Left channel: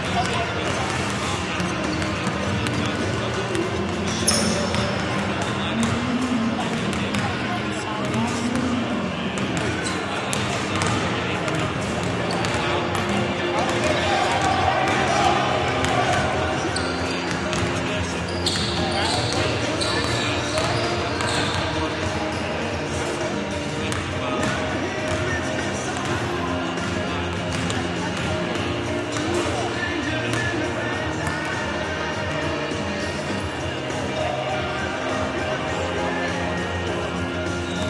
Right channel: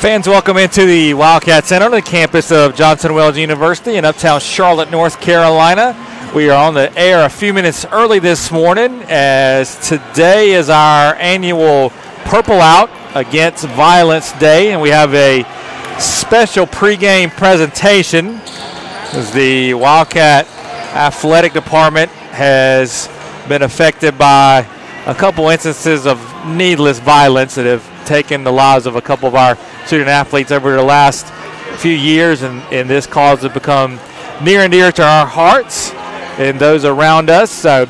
Fans, welcome into the Wildcat Center on the campus of Johnson Wales University in uptown Charlotte, North Carolina. We are on the air a few minutes early this morning, as today is our annual Purple Out Against Violence Day, and we have a special pregame presentation as the Wildcat Athletic Department has been affected by a couple instances of needless violence that have taken the lives of a couple of our student athletes over the last few years, and this cause has become near and dear to our hearts and those around us. So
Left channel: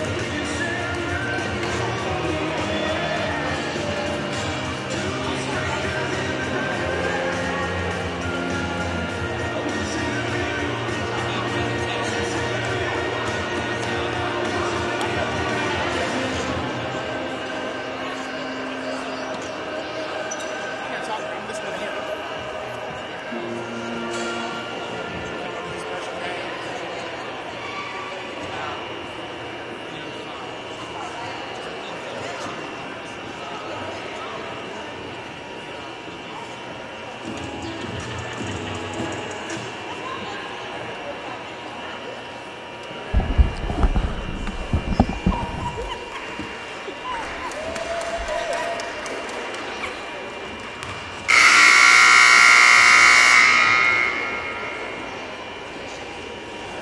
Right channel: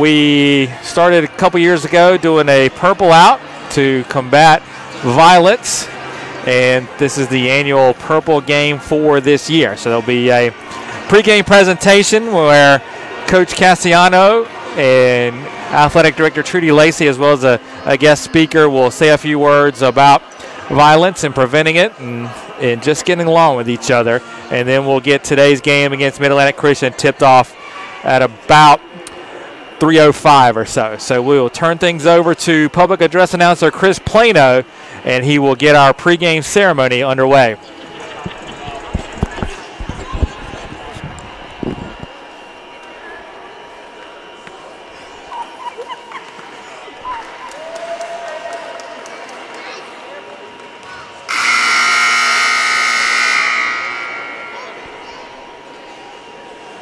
we started a couple years ago doing a Purple Out to combat violence, and this is the annual Purple game for this year. So there'll be a pregame presentation where Coach Cassiano and Athletic Director Trudy Lacey, as well as a guest speaker, will say a few words about violence and preventing it and just getting along with each other. And then we'll get today's game against Mid-Atlantic Christian tipped off at about 3:05 or so. So we will turn things over to public address announcer Chris Plano, and he will get our pregame ceremony underway.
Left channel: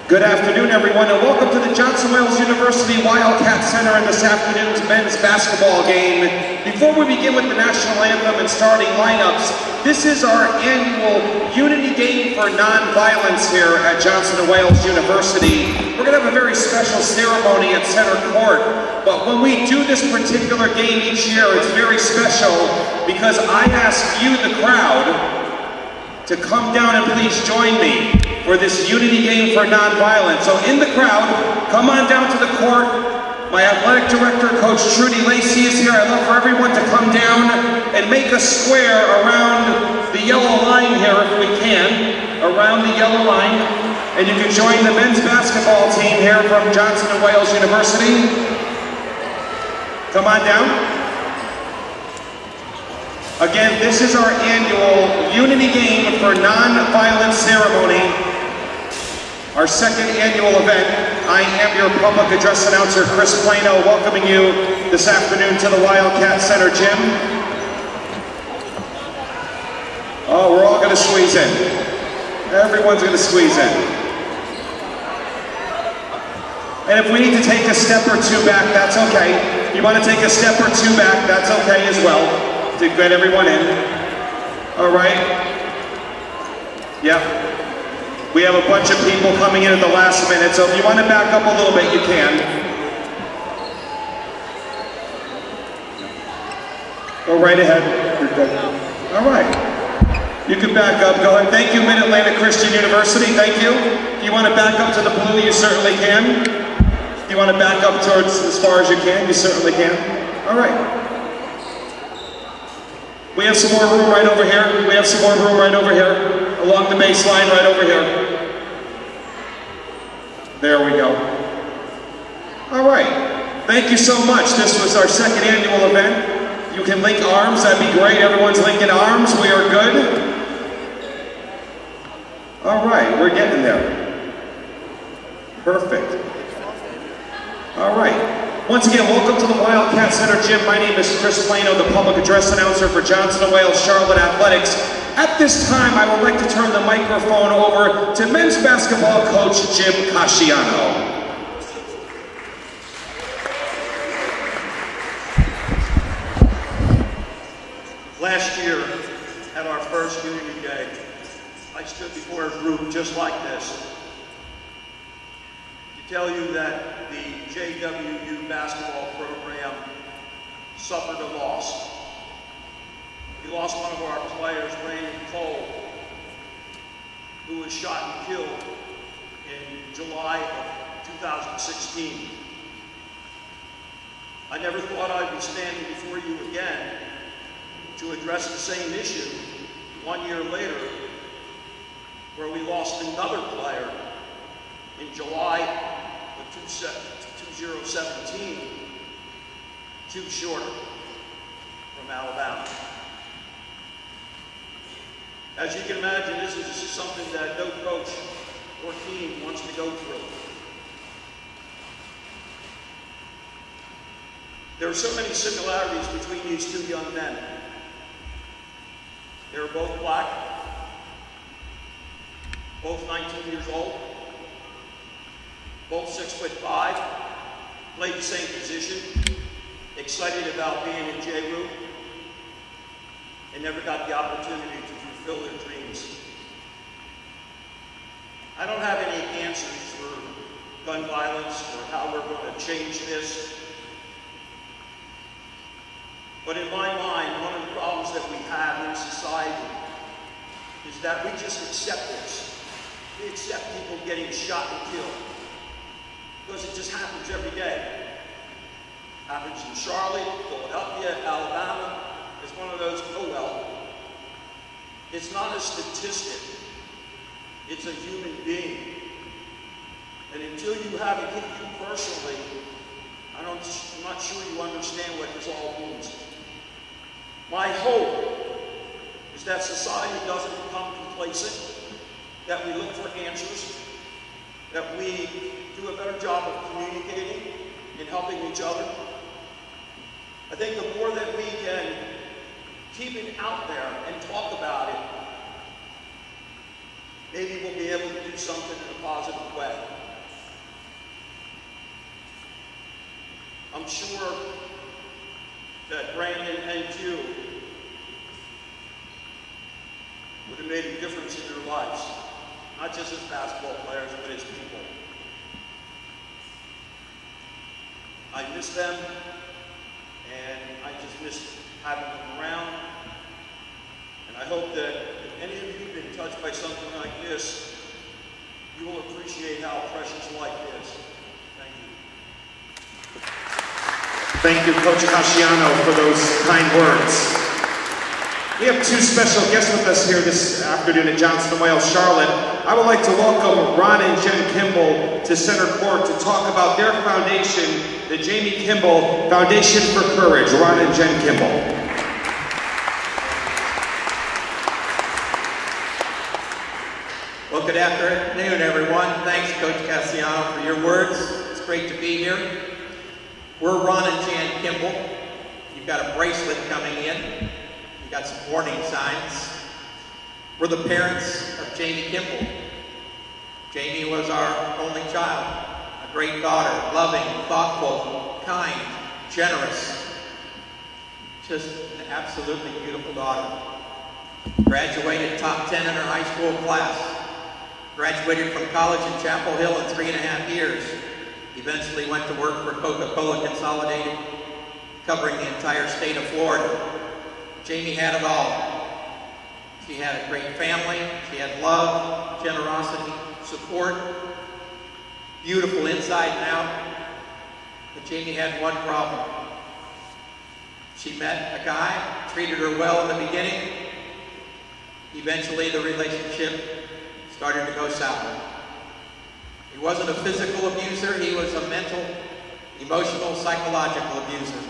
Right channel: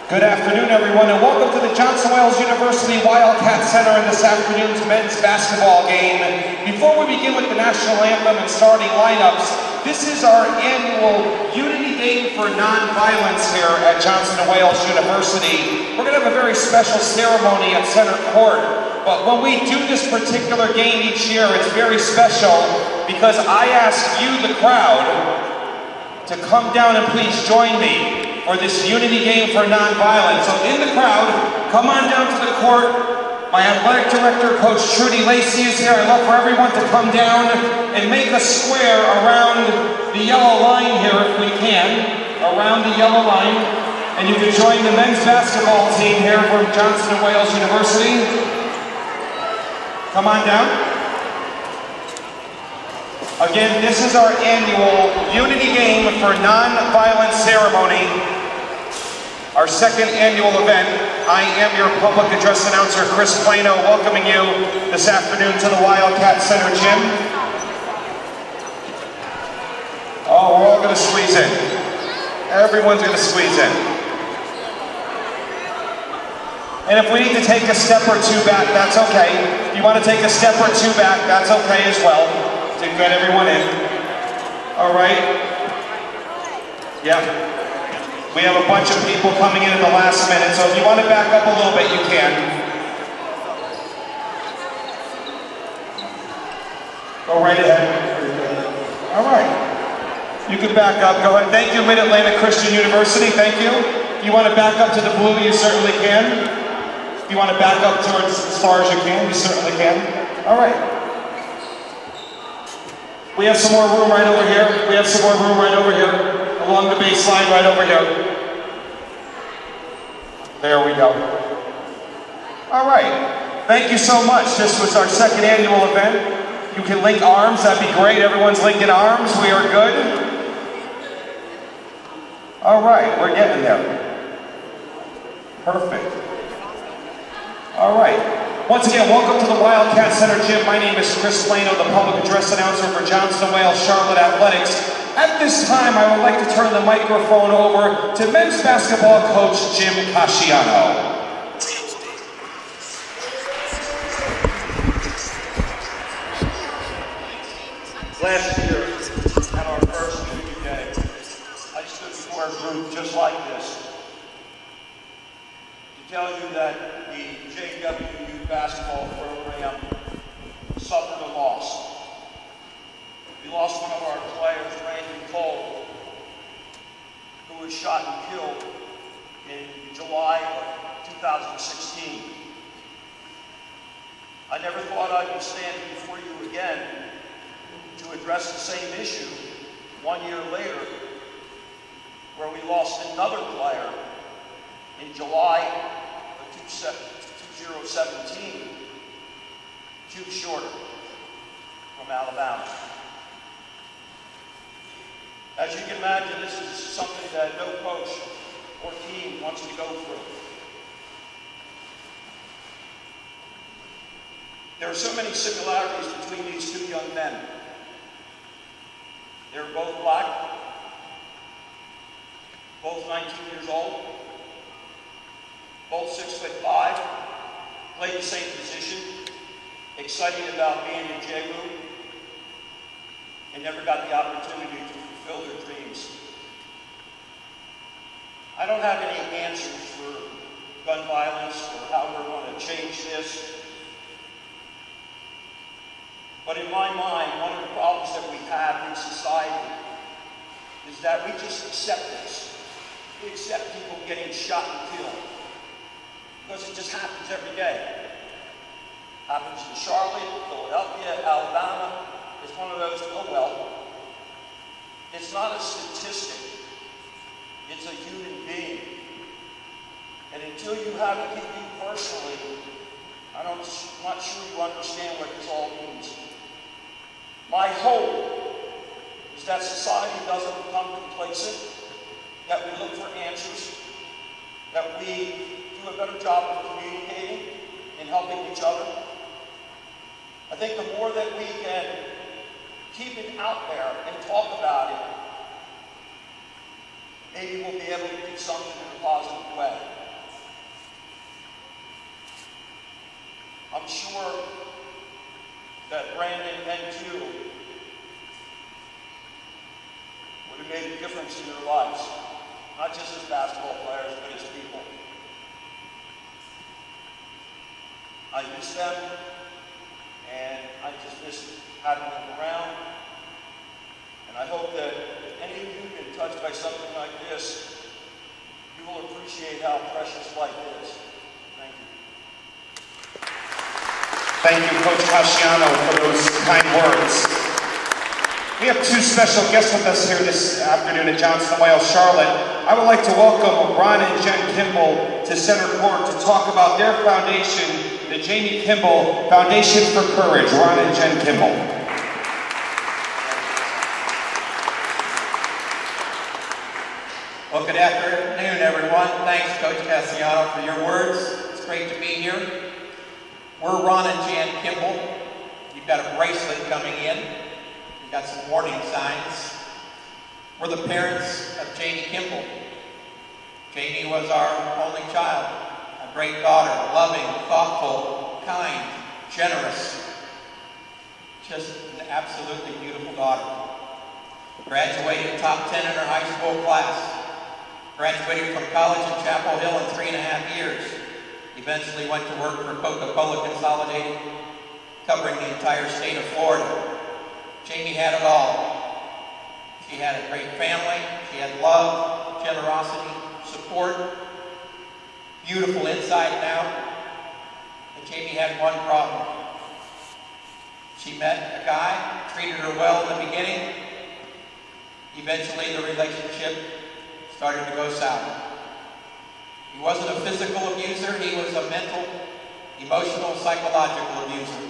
Good afternoon, everyone, and welcome to the Johnson Wales University Wildcat Center in this afternoon's men's basketball game. Before we begin with the national anthem and starting lineups, this is our annual Unity Day for Nonviolence here at Johnson Wales University. We're going to have a very special ceremony at center court, but when we do this particular game each year, it's very special because I ask you, the crowd, to come down and please join me for this Unity Game for Nonviolence. So in the crowd, come on down to the court. My athletic director, Coach Trudy Lacey, is here. I'd love for everyone to come down and make a square around the yellow line here, if we can, around the yellow line. And you can join the men's basketball team here from Johnson & Wales University. Come on down. Again, this is our annual Unity Game for Nonviolence ceremony, our second annual event. I am your public address announcer, Chris Plano, welcoming you this afternoon to the Wildcat Center gym. Oh, we're all going to squeeze in. Everyone's going to squeeze in. And if we need to take a step or two back, that's okay. If you want to take a step or two back, that's okay as well, to get everyone in. All right. Yeah. We have a bunch of people coming in at the last minute, so if you want to back up a little bit, you can. Go right ahead. All right. You can back up. Go ahead. Thank you, Mid-Atlantic Christian University. Thank you. If you want to back up to the blue, you certainly can. If you want to back up towards as far as you can, you certainly can. All right. We have some more room right over here. We have some more room right over here. Along the baseline, right over here. There we go. All right. Thank you so much. This was our second annual event. You can link arms. That'd be great. Everyone's linking arms. We are good. All right. We're getting there. Perfect. All right. Once again, welcome to the Wildcat Center gym. My name is Chris Plano, the public address announcer for Johnson & Wales Charlotte Athletics. At this time, I would like to turn the microphone over to men's basketball coach Jim Casciano. Last year, at our first Unity Day, I stood before a group just like this to tell you that the JWU basketball program suffered a loss. We lost one of our players, Randy Cole, who was shot and killed in July of 2016. I never thought I'd be standing before you again to address the same issue 1 year later, where we lost another player in July of 2017, Jude Shorter from Alabama. As you can imagine, this is something that no coach or team wants to go through. There are so many similarities between these two young men. They were both black, both 19 years old, both 6'5", played the same position, excited about being in JWU, and never got the opportunity to fulfill their dreams. I don't have any answers for gun violence or how we're going to change this. But in my mind, one of the problems that we have in society is that we just accept this. We accept people getting shot and killed because it just happens every day. Happens in Charlotte, Philadelphia, Alabama. It's one of those, oh well. It's not a statistic. It's a human being. And until you have it hit you personally, I'm not sure you understand what this all means. My hope is that society doesn't become complacent, that we look for answers, that we do a better job of communicating and helping each other. I think the more that we can keep it out there and talk about it, maybe we'll be able to do something in a positive way. I'm sure that Brandon and Q would have made a difference in their lives, not just as basketball players, but as people. I miss them, and I just miss having them around. And I hope that if any of you have been touched by something like this, you will appreciate how precious life is. Thank you. Thank you, Coach Casciano, for those kind words. We have two special guests with us here this afternoon at Johnson & Wales Charlotte. I would like to welcome Ron and Jen Kimball to center court to talk about their foundation, the Jamie Kimball Foundation for Courage. Ron and Jen Kimball. Well, good afternoon, everyone. Thanks, Coach Casciano, for your words. It's great to be here. We're Ron and Jan Kimball. You've got a bracelet coming in. You've got some warning signs. We're the parents of Jamie Kimball. Jamie was our only child, a great daughter, loving, thoughtful, kind, generous. Just an absolutely beautiful daughter. Graduated top 10 in her high school class. Graduated from college in Chapel Hill in 3.5 years. Eventually went to work for Coca-Cola Consolidated, covering the entire state of Florida. Jamie had it all. She had a great family. She had love, generosity, support, beautiful inside and out. But Jamie had one problem. She met a guy, treated her well in the beginning. Eventually the relationship started to go south. He wasn't a physical abuser, he was a mental, emotional, psychological abuser.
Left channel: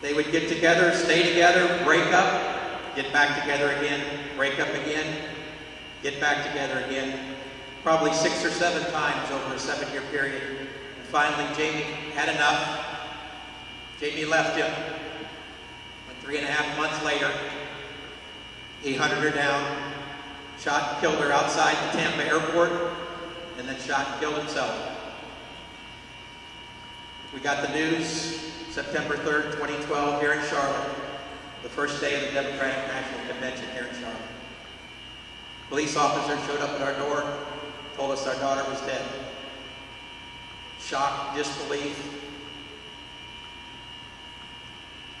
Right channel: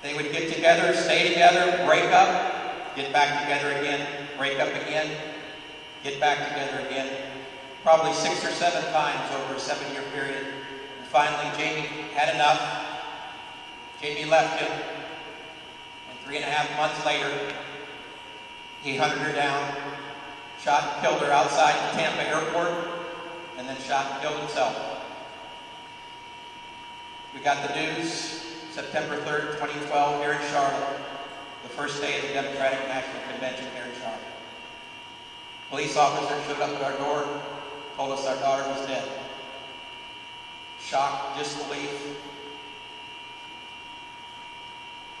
They would get together, stay together, break up, get back together again, break up again, get back together again. Probably 6 or 7 times over a 7-year period. And finally, Jamie had enough. Jamie left him. And 3.5 months later, he hunted her down, shot and killed her outside the Tampa airport, and then shot and killed himself. We got the news September 3rd, 2012 here in Charlotte, the first day of the Democratic National Convention here in Charlotte. Police officers showed up at our door, told us our daughter was dead. Shock, disbelief,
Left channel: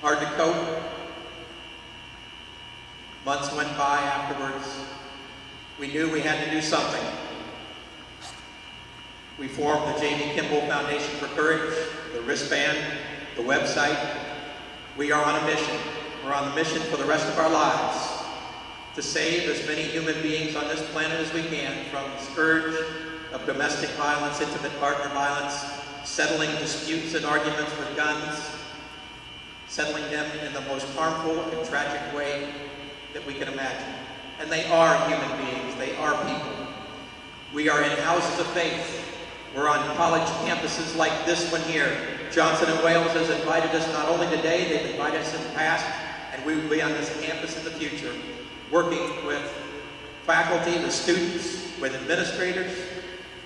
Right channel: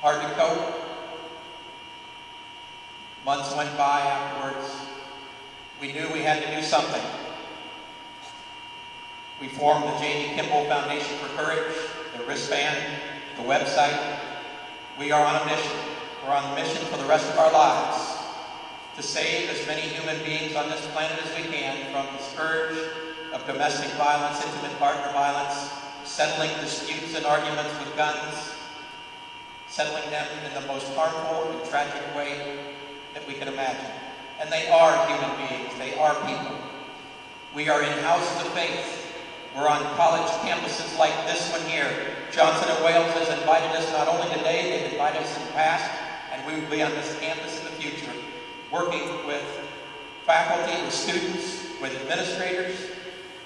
hard to cope. Months went by afterwards. We knew we had to do something. We formed the Jamie Kimball Foundation for Courage, the wristband, the website. We are on a mission. We're on a mission for the rest of our lives to save as many human beings on this planet as we can from the scourge of domestic violence, intimate partner violence, settling disputes and arguments with guns, settling them in the most harmful and tragic way that we can imagine. and they are human beings. They are people. We are in houses of faith. We're on college campuses like this one here. Johnson & Wales has invited us not only today, they've invited us in the past, and we will be on this campus in the future, working with faculty, with students, with administrators,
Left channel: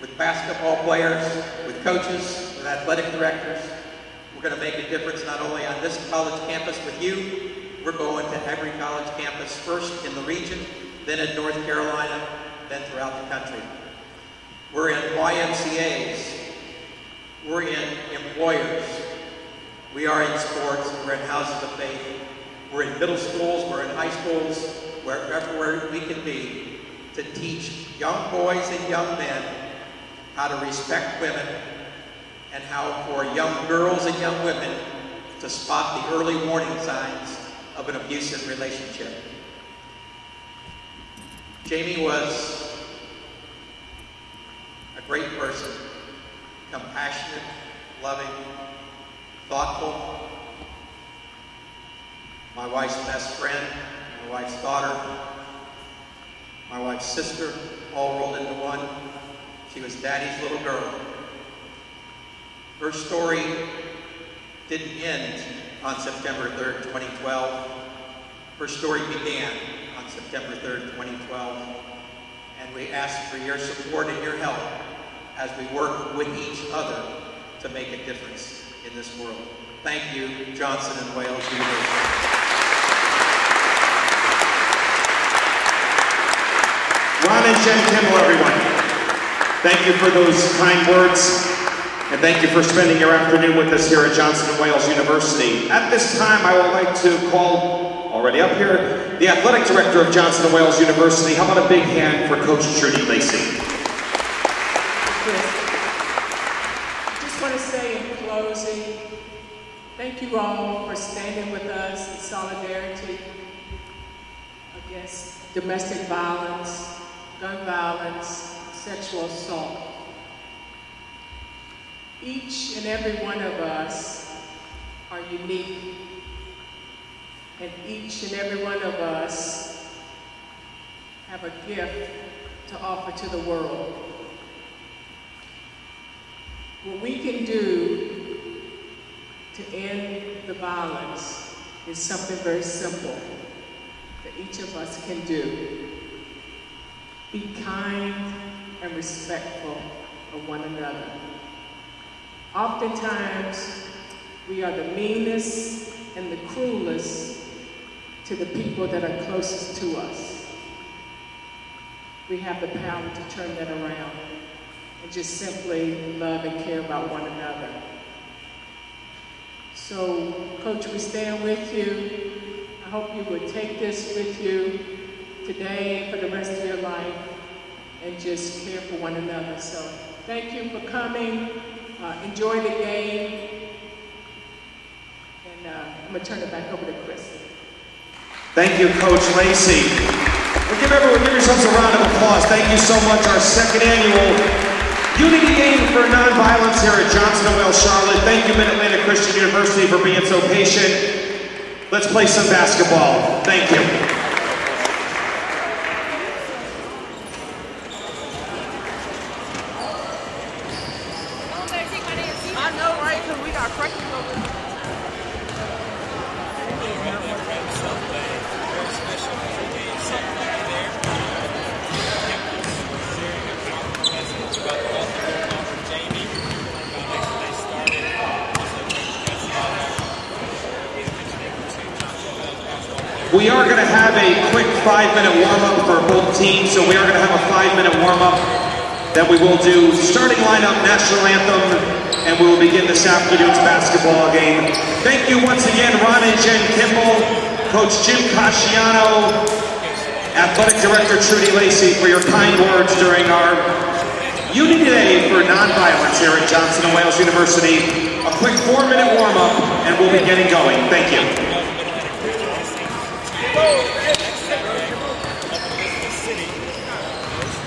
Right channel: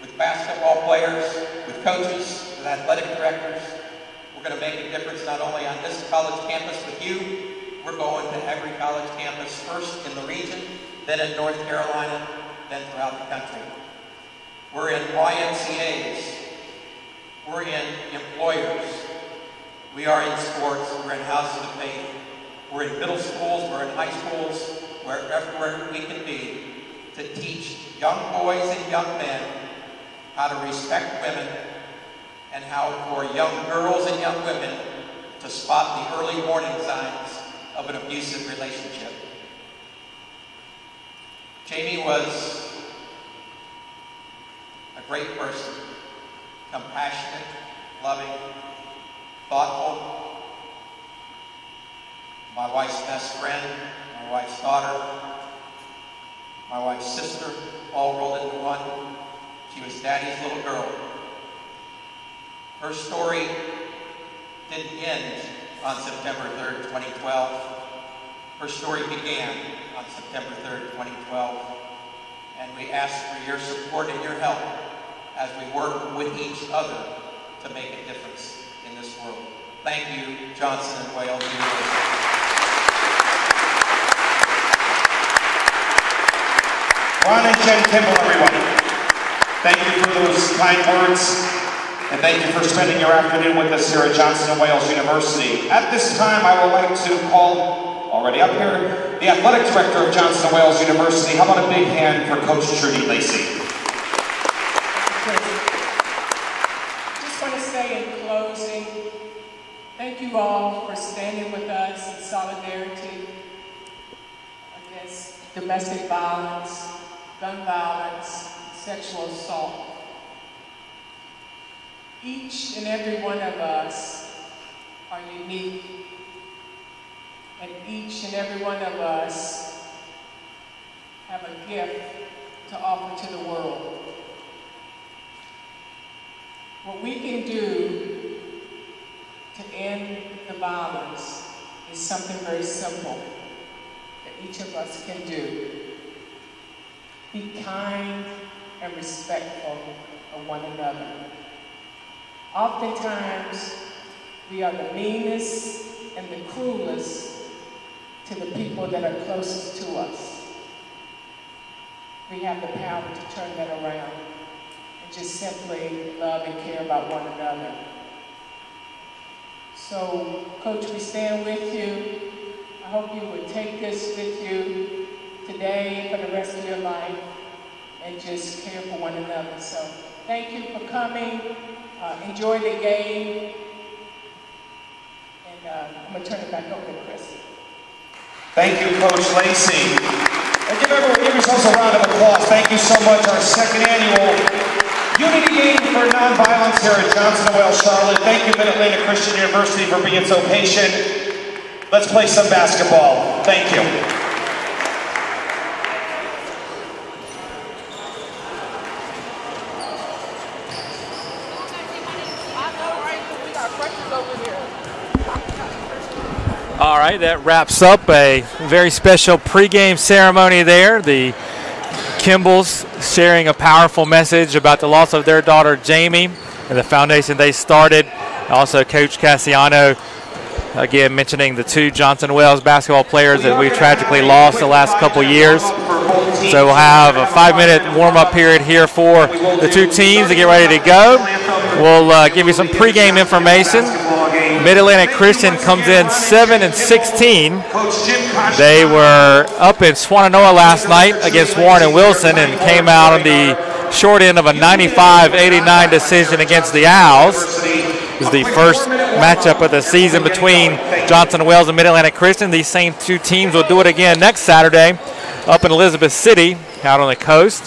with basketball players, with coaches, with athletic directors. We're going to make a difference not only on this college campus with you, we're going to every college campus, first in the region, then in North Carolina, then throughout the country. We're in YMCAs. We're in employers. We are in sports. We're in houses of faith. We're in middle schools. We're in high schools. Wherever we can be to teach young boys and young men how to respect women and how for young girls and young women to spot the early warning signs of an abusive relationship. Jamie was a great person, compassionate, loving, thoughtful, my wife's best friend, my wife's daughter, my wife's sister, all rolled into one. She was Daddy's little girl. Her story didn't end on September 3rd, 2012. Her story began on September 3rd, 2012. And we ask for your support and your help as we work with each other to make a difference in this world. Thank you, Johnson & Wales University. Ron and Jen Kimball, everyone. Thank you for those kind words, and thank you for spending your afternoon with us here at Johnson & Wales University. At this time, I would like to call, already up here, the Athletic Director of Johnson & Wales University. How about a big hand for Coach Trudy Lacey? Just want to say in closing, thank you all for standing with us in solidarity against domestic violence, gun violence, sexual assault. Each and every one of us are unique, and each and every one of us have a gift to offer to the world. What we can do to end the violence is something very simple that each of us can do. Be kind and respectful of one another. Oftentimes, we are the meanest and the cruelest to the people that are closest to us. We have the power to turn that around and just simply love and care about one another. So, Coach, we stand with you. I hope you would take this with you today for the rest of your life and just care for one another. So thank you for coming. Enjoy the game. And I'm going to turn it back over to Chris. Thank you, Coach Lacey. Well, give yourselves a round of applause. Thank you so much. Our second annual Unity Game for Nonviolence here at Johnson & Wales Charlotte. Thank you, Mid-Atlantic Christian University, for being so patient. Let's play some basketball. Thank you. All right, that wraps up a very special pregame ceremony there. The Kimbells sharing a powerful message about the loss of their daughter, Jamie, and the foundation they started. Also, Coach Cassiano, again, mentioning the two Johnson & Wales basketball players that we tragically lost the last couple of years. So we'll have a 5-minute warm-up period here for the two teams to get ready to go. We'll give you some pregame information. Mid-Atlantic Christian comes in 7-16. They were up in Swannanoa last night against Warren and Wilson and came out on the short end of a 95-89 decision against the Owls. It was the first matchup of the season between Johnson & Wales and Mid-Atlantic Christian. These same two teams will do it again next Saturday up in Elizabeth City out on the coast.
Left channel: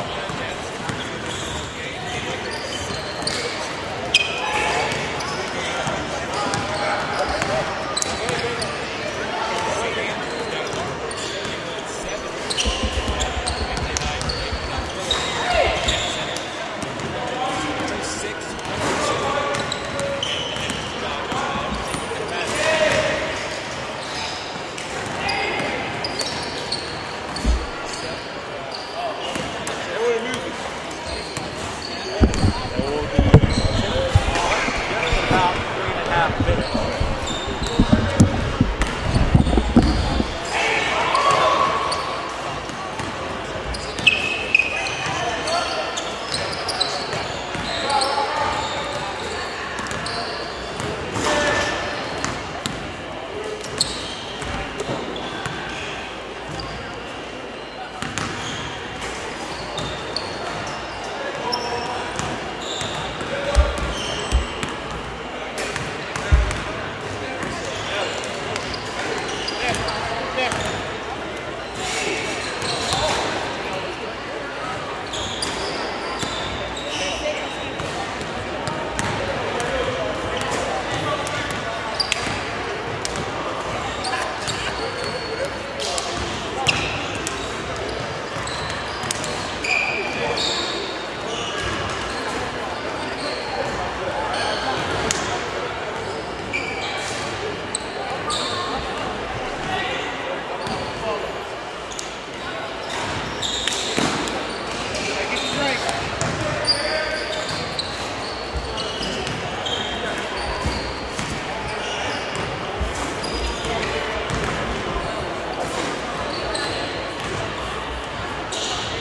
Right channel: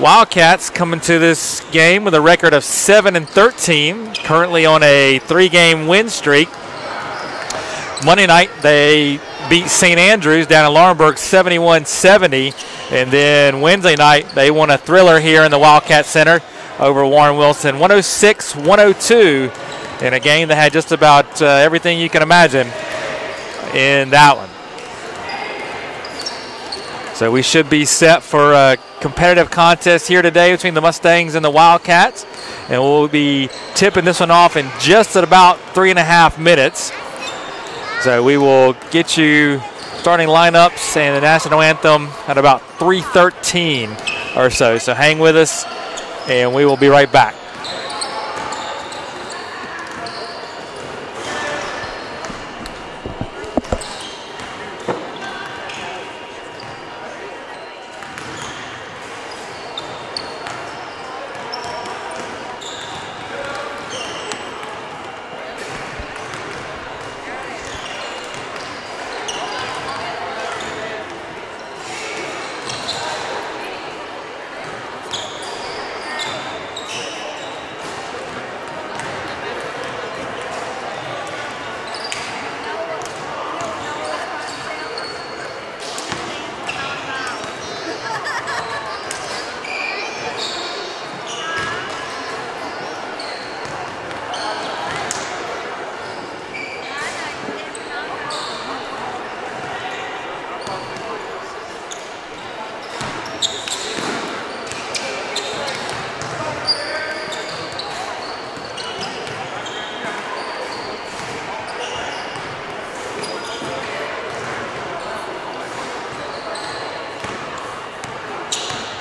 Wildcats coming to this game with a record of 7-13, currently on a 3-game win streak. Monday night they beat St. Andrews down in Laurinburg 71-70. And then Wednesday night, they won a thriller here in the Wildcat Center over Warren Wilson, 106-102, in a game that had just about everything you can imagine in that one. So we should be set for a competitive contest here today between the Mustangs and the Wildcats. And we'll be tipping this one off in just at about 3.5 minutes. So we will get you starting lineups and the national anthem at about 3:13 or so. So hang with us, and we will be right back.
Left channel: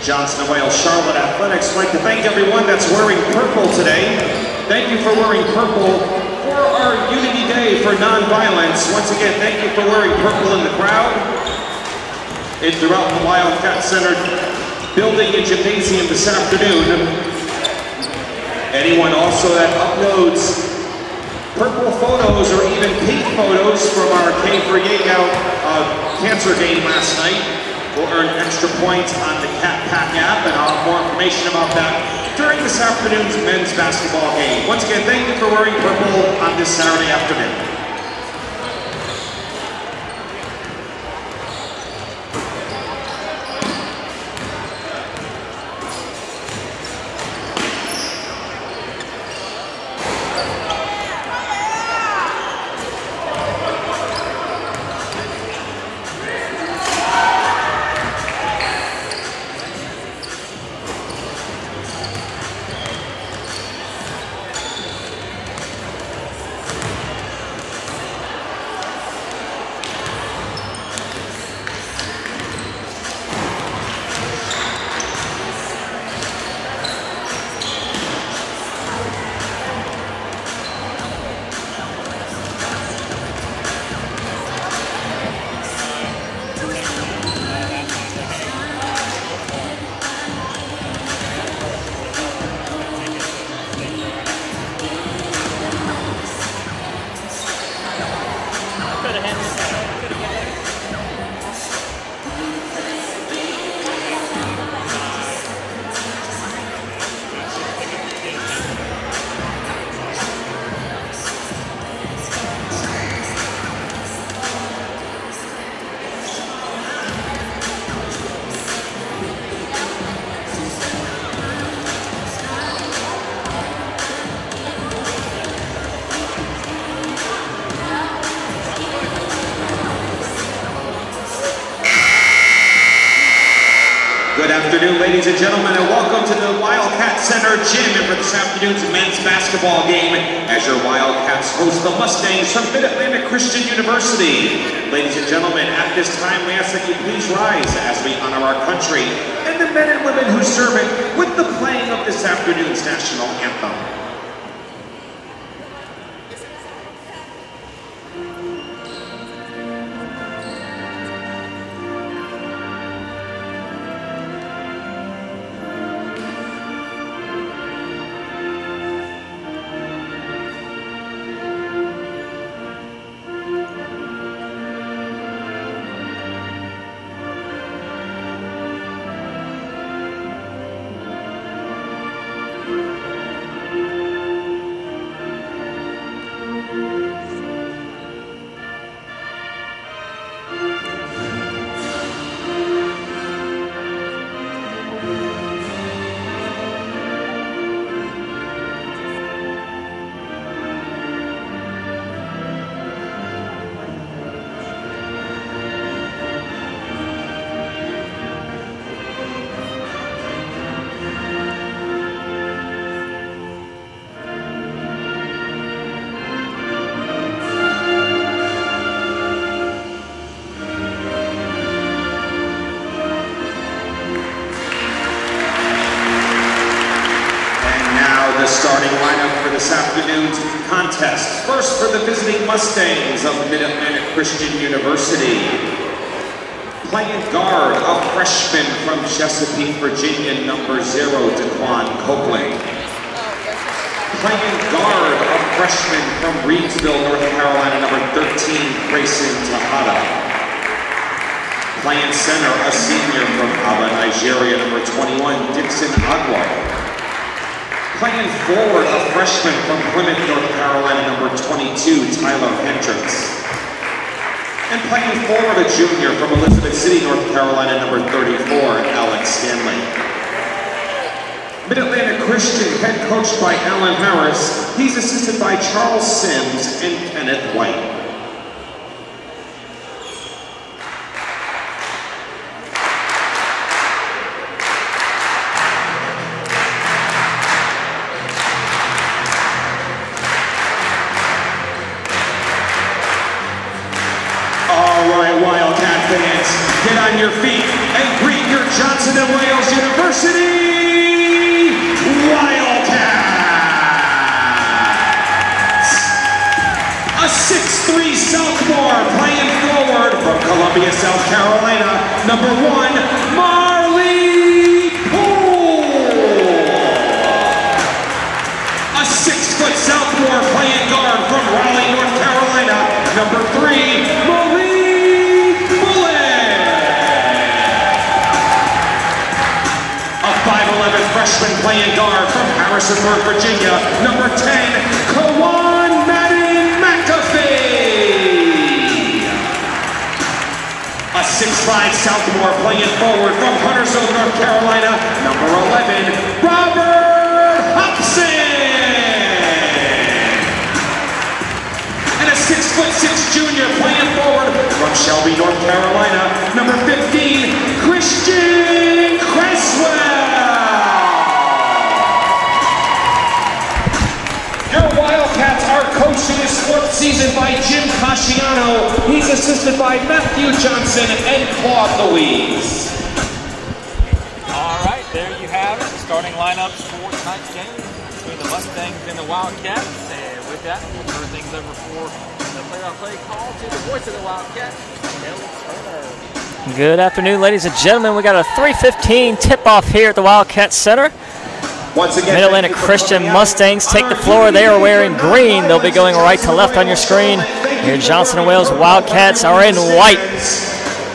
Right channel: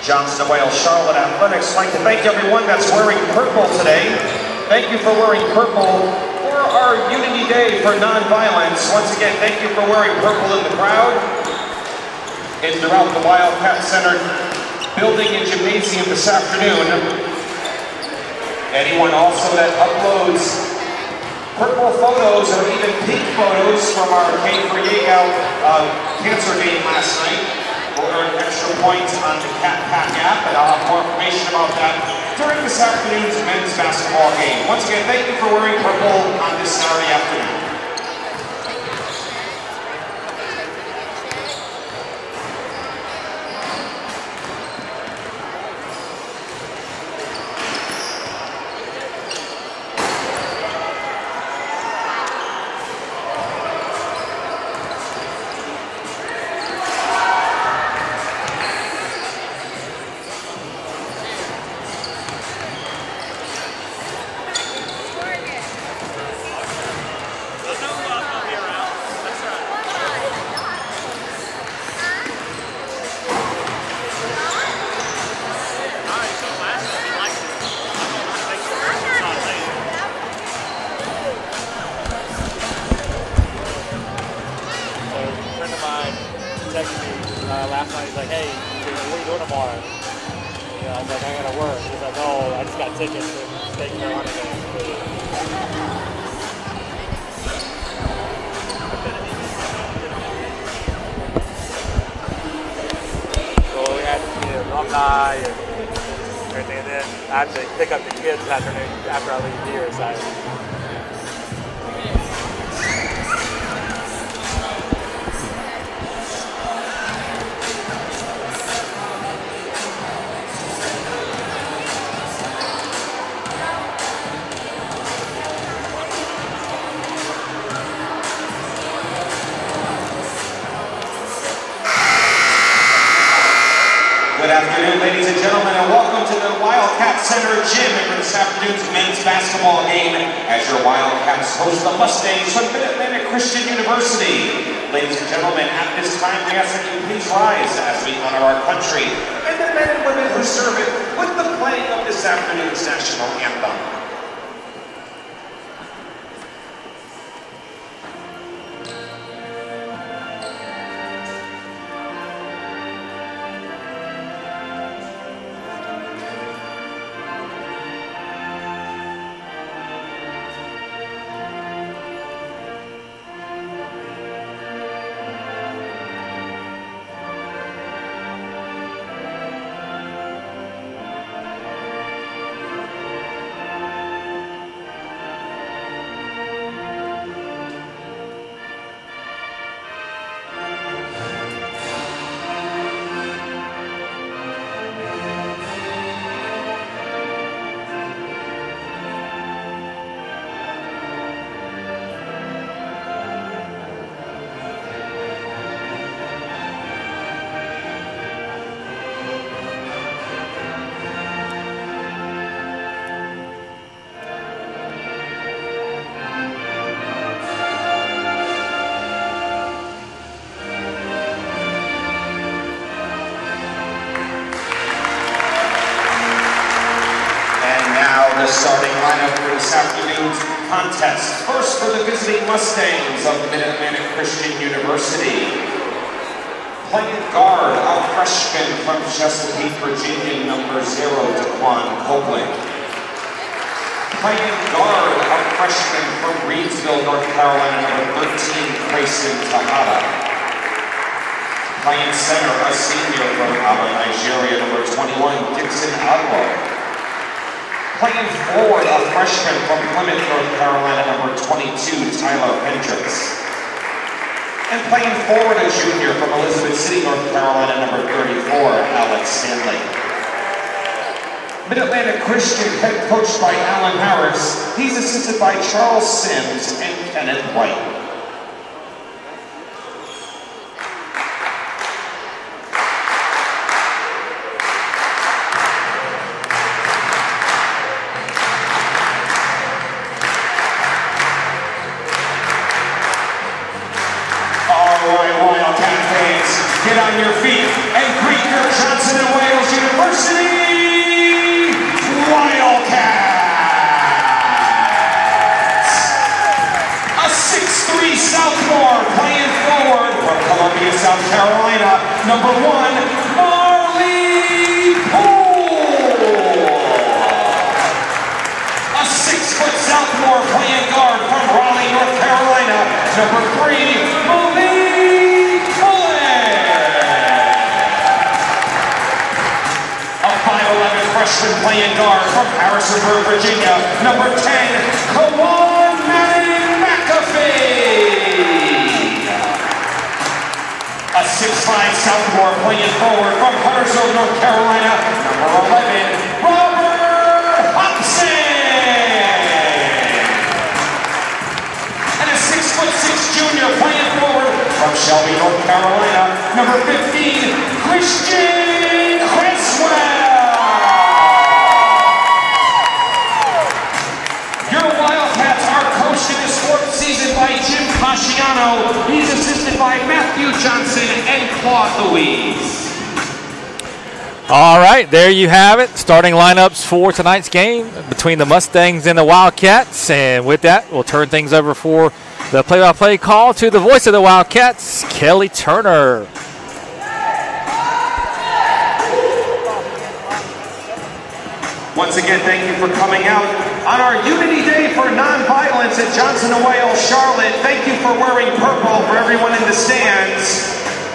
Johnson & Wales Charlotte Athletics would like to thank everyone that's wearing purple today. Thank you for wearing purple for our Unity Day for Nonviolence. Once again, thank you for wearing purple in the crowd and throughout the Wildcat Center building and gymnasium this afternoon. Anyone also that uploads purple photos or even pink photos from our K for Yale cancer game last night will earn extra points on the Cat Pack app, and I'll have more information about that during this afternoon's men's basketball game. Once again, thank you for wearing purple on this Saturday afternoon. last night, he's like, hey, we're going tomorrow. I was like, I got to work. He's like, oh, I just got tickets to State Carolina. Well, we had to do the alumni and then actually pick up the kids after all these deals. Good afternoon, ladies and gentlemen, and welcome to the Wildcat Center Gym for this afternoon's men's basketball game as your Wildcats host the Mustangs from Mid-Atlantic Christian University. Ladies and gentlemen, at this time, we ask that you please rise as we honor our country and the men and women who serve it with the playing of this afternoon's national anthem. starting lineup for this afternoon's contest. First for the visiting Mustangs of Mid-Atlantic Christian University. Playing guard, a freshman from Chesapeake, Virginia, number 0, Daquan Copeland. Playing guard, a freshman from Reedsville, North Carolina, number 13, Grayson Tejada. Playing center, a senior from Aba, Nigeria, number 21, Dixon Agua. Playing forward, a freshman from Plymouth, North Carolina, number 22, Tyler Hendricks. And playing forward, a junior from Elizabeth City, North Carolina, number 34, Alex Stanley. Mid-Atlantic Christian, head coached by Alan Harris. He's assisted by Charles Sims and Kenneth White. Get on your feet and greet your Johnson & Wales University Wildcats! A 6'3" sophomore playing forward from Columbia, South Carolina, number 1, Marley Poole. A 6-foot sophomore playing guard from Raleigh, North Carolina, number 3, playing guard from Harrisonburg, Virginia, number 10, Kawan McAfee. A 6'5" sophomore playing forward from Huntersville, North Carolina, number 11, Robert Hobson. And a 6'6" junior playing forward from Shelby, North Carolina, number 15, Christian Creswell. Coaching his 4th season by Jim Casciano. He's assisted by Matthew Johnson and Claude Louise. All right, there you have it. Starting lineups for tonight's game between the Mustangs and the Wildcats. And with that, we'll turn things over for the play-by-play call to the voice of the Wildcats, Kelly Turner. Good afternoon, ladies and gentlemen. We got a 3:15 tip-off here at the Wildcat Center. Once again, Mid-Atlantic Christian Mustangs take the floor. They are wearing green. They'll be going right to left on your screen. Your Johnson & Wales Wildcats are in white.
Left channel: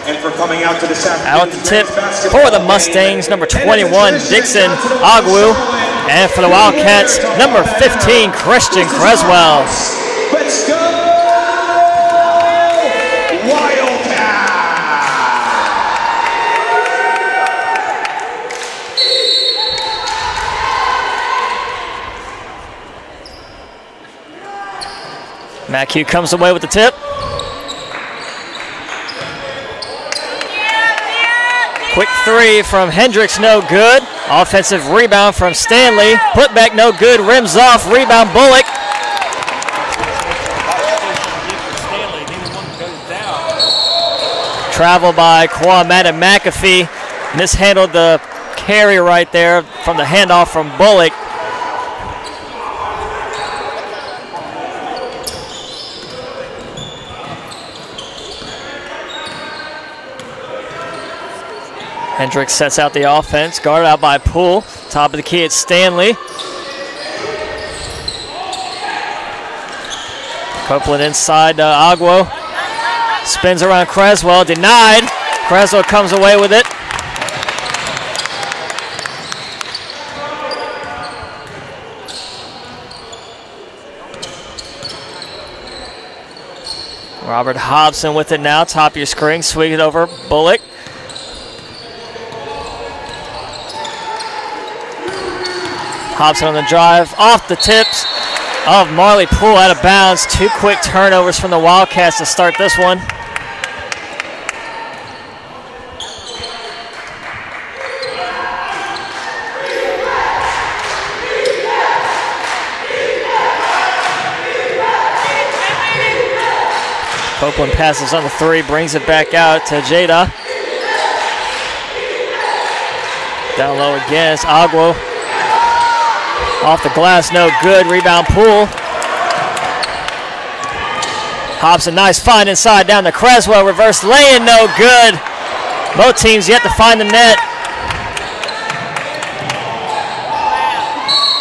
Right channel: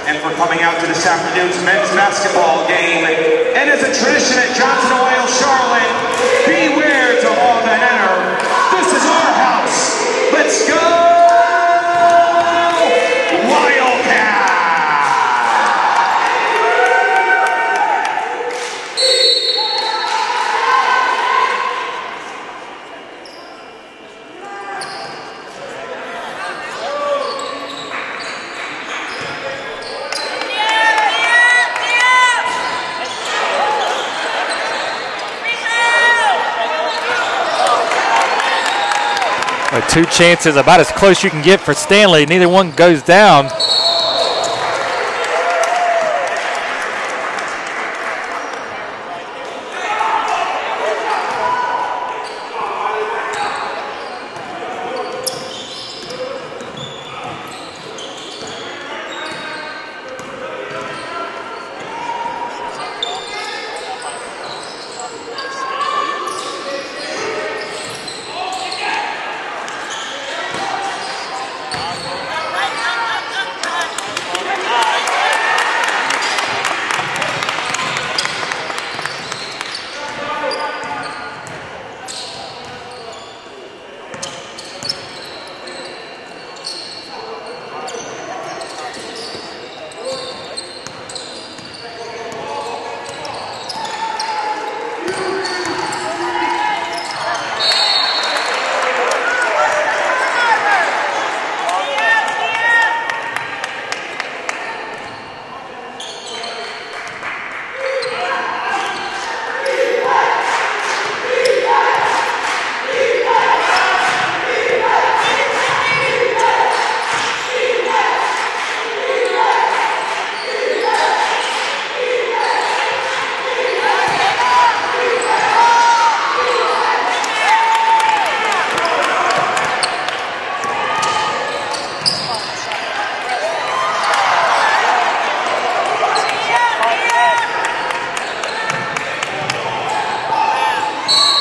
And for coming out to this out the tip for the Mustangs, number 21, Dixon Agwu. And for the Wildcats, number 15, Christian Creswell. Let's go! Wildcats! McHugh comes away with the tip. Quick 3 from Hendricks, no good. Offensive rebound from Stanley. Put back, no good. Rims off. Rebound, Bullock. 2 chances, about as close you can get for Stanley. Neither one goes down. Travel by Kwame and McAfee. Mishandled the carry right there from the handoff from Bullock. Hendricks sets out the offense, guarded out by Poole. Top of the key, it's Stanley. Copeland inside Agwo. Spins around Creswell, denied. Creswell comes away with it. Robert Hobson with it now, top of your screen, swing it over Bullock. Hobson on the drive, off the tips of Marley Poole, out of bounds. 2 quick turnovers from the Wildcats to start this one. Copeland passes on the 3, brings it back out to Jada. Down low again, it's Agwo. Off the glass, no good. Rebound Poole. Hobson, nice find inside down to Creswell. Reverse lay-in, no good. Both teams yet to find the net.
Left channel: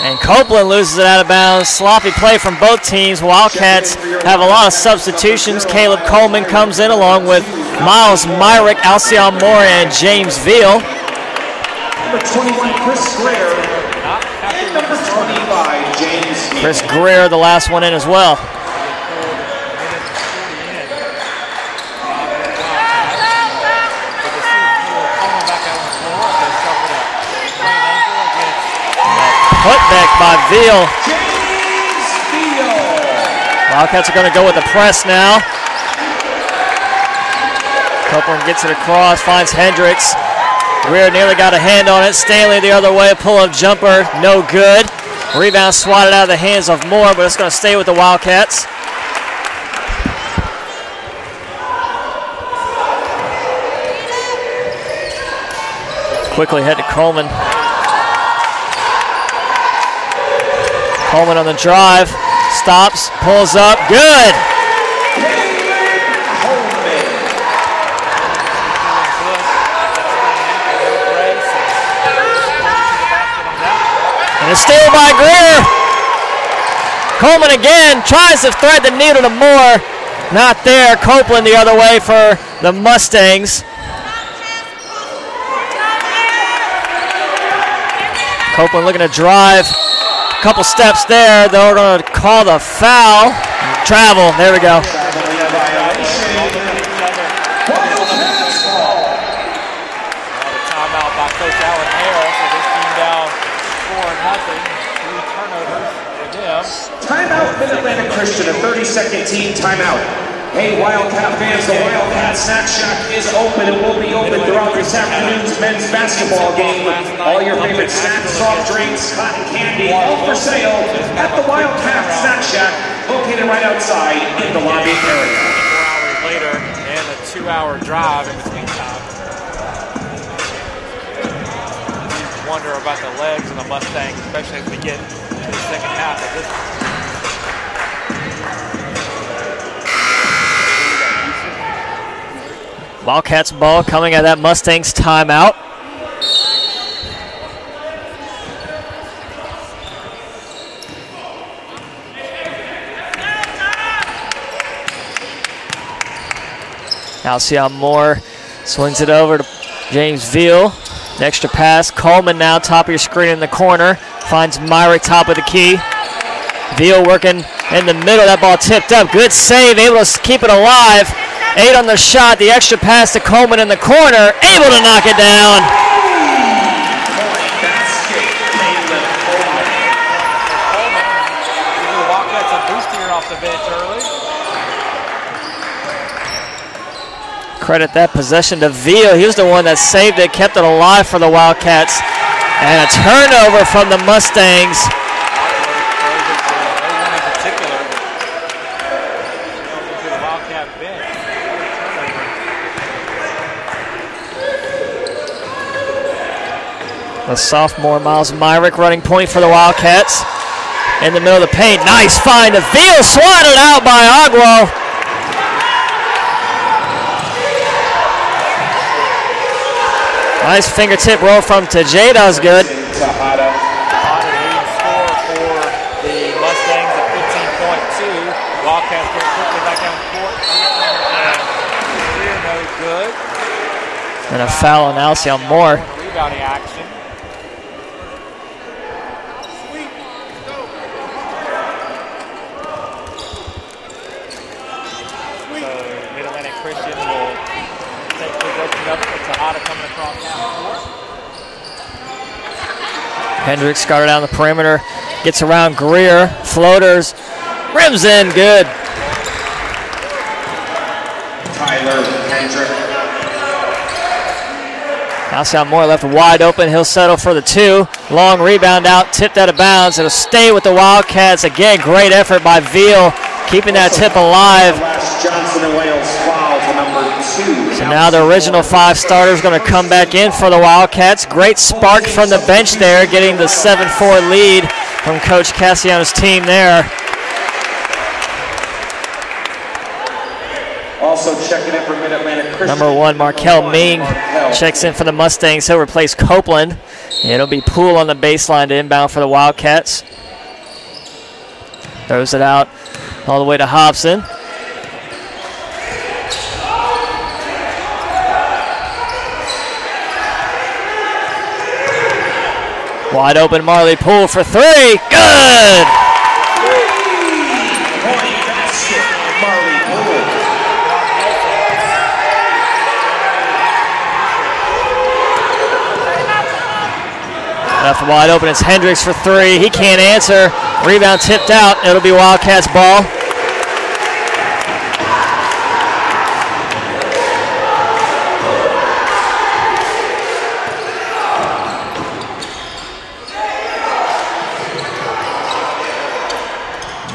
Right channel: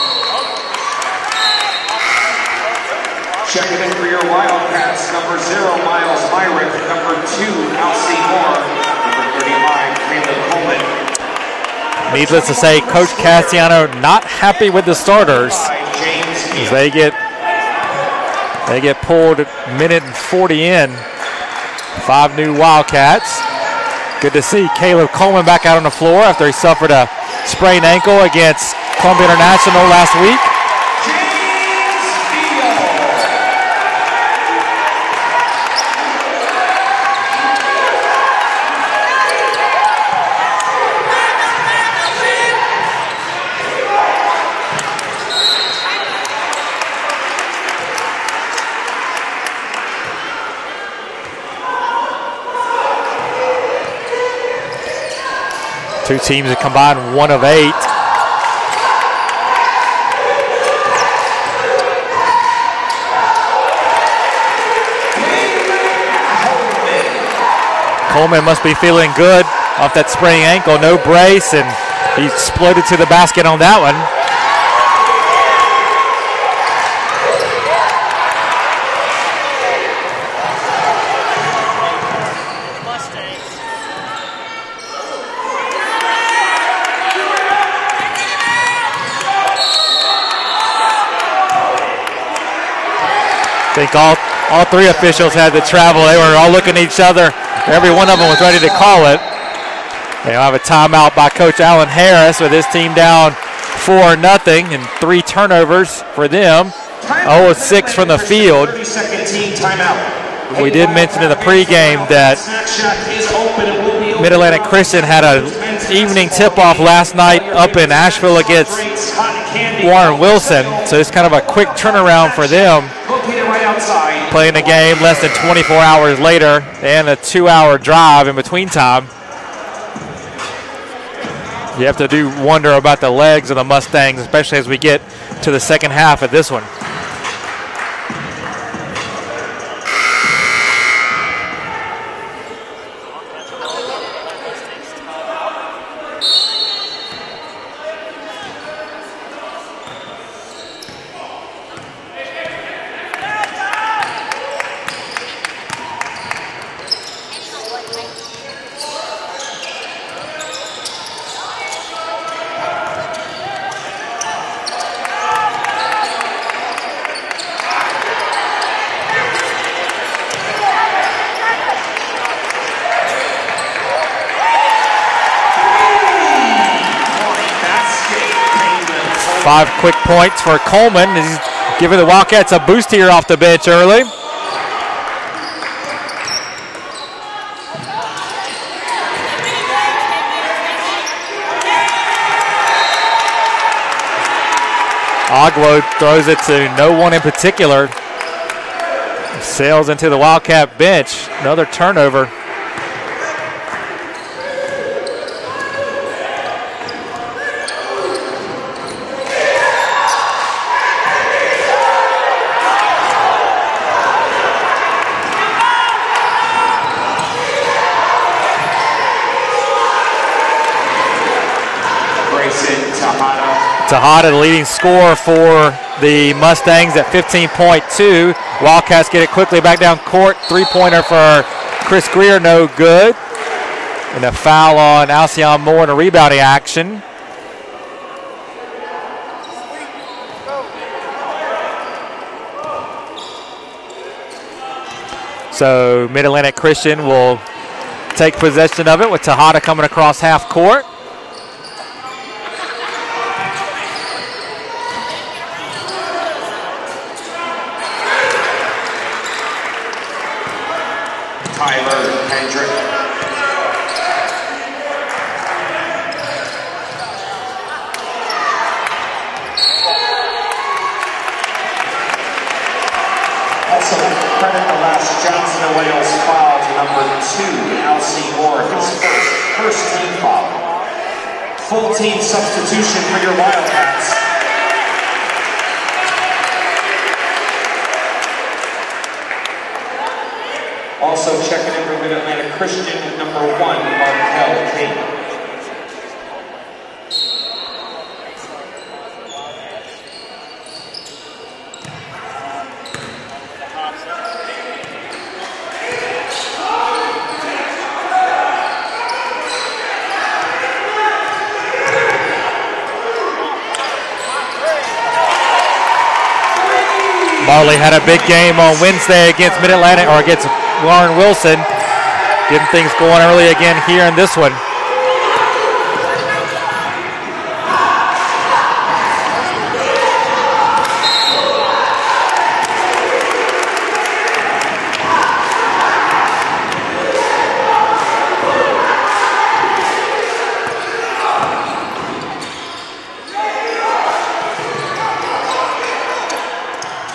And Copeland loses it out of bounds. Sloppy play from both teams. Wildcats have a lot of substitutions. Caleb Coleman comes in along with Miles Myrick, Alcion Moore, and James Veal. Needless to say, Coach Cassiano not happy with the starters. Chris Greer, the last one in as well. They get pulled minute and 40 in. 5 new Wildcats. Good to see Caleb Coleman back out on the floor after he suffered a sprained ankle against Columbia International last week. Veal. Wildcats are going to go with the press now. Copeland gets it across, finds Hendricks. Greer nearly got a hand on it. Stanley the other way, pull-up jumper, no good. Rebound swatted out of the hands of Moore, but it's going to stay with the Wildcats. Two teams that combined 1 of 8. Coleman on the drive, stops, pulls up, good! Coleman must be feeling good off that sprained ankle, no brace, and he exploded to the basket on that one. And a steal by Greer. Coleman again tries to thread the needle to Moore. Not there. Copeland the other way for the Mustangs. Copeland looking to drive. A couple steps there. They're going to call the foul. Travel. There we go. All 3 officials had to travel. They were all looking at each other. Every one of them was ready to call it. They'll have a timeout by Coach Alan Harris with his team down 4-0 and 3 turnovers for them. 0-6 from the field. We did mention in the pregame that Mid-Atlantic Christian had an evening tip-off last night up in Asheville against Warren Wilson. So it's kind of a quick turnaround for them. Playing the game less than 24 hours later and a 2-hour drive in between time. You have to do wonder about the legs of the Mustangs, especially as we get to the second half of this one. Wildcats ball coming out of that Mustangs timeout. Alcion Moore swings it over to James Veal. An extra pass. Coleman now top of your screen in the corner. Finds Myrick top of the key. Veal working in the middle. That ball tipped up. Good save. Able to keep it alive. 8 on the shot. The extra pass to Coleman in the corner. Able to knock it down. 5 quick points for Coleman. This is giving the Wildcats a boost here off the bench early. Credit that possession to Veal. He was the one that saved it, kept it alive for the Wildcats. And a turnover from the Mustangs. Oglo throws it to no one in particular. Sails into the Wildcat bench. Another turnover. The sophomore Miles Myrick running point for the Wildcats. In the middle of the paint. Nice find to Veal. Swatted out by Oglo. Nice fingertip roll from Tejeda is good. Tejeda, the leading scorer for the Mustangs at 15.2. Wildcats get it quickly back down court. 3-pointer for Chris Greer, no good. And a foul on Alcion Moore in a rebounding action. So Mid-Atlantic Christian will take possession of it with Tejeda coming across half court. Hendricks started down the perimeter, gets around Greer, floaters, rims in, good. Tyler Hendrick. Alcion Moore left wide open, he'll settle for the 2. Long rebound out, tipped out of bounds. It'll stay with the Wildcats. Again, great effort by Veal, keeping that tip alive. So now the original 5 starters going to come back in for the Wildcats. Great spark from the bench there, getting the 7-4 lead from Coach Cassiano's team there. Also checking in for Mid-Atlantic Christian. Number 1, Markel Ming checks in for the Mustangs. He'll replace Copeland. It'll be Poole on the baseline to inbound for the Wildcats. Throws it out all the way to Hobson. Wide open Marley Poole for 3. Good! Marley had a big game on Wednesday against Mid-Atlantic, or against Warren Wilson. Getting things going early again here in this one. Left wide open is Hendricks for 3. He can't answer. Rebound tipped out. It'll be Wildcats ball.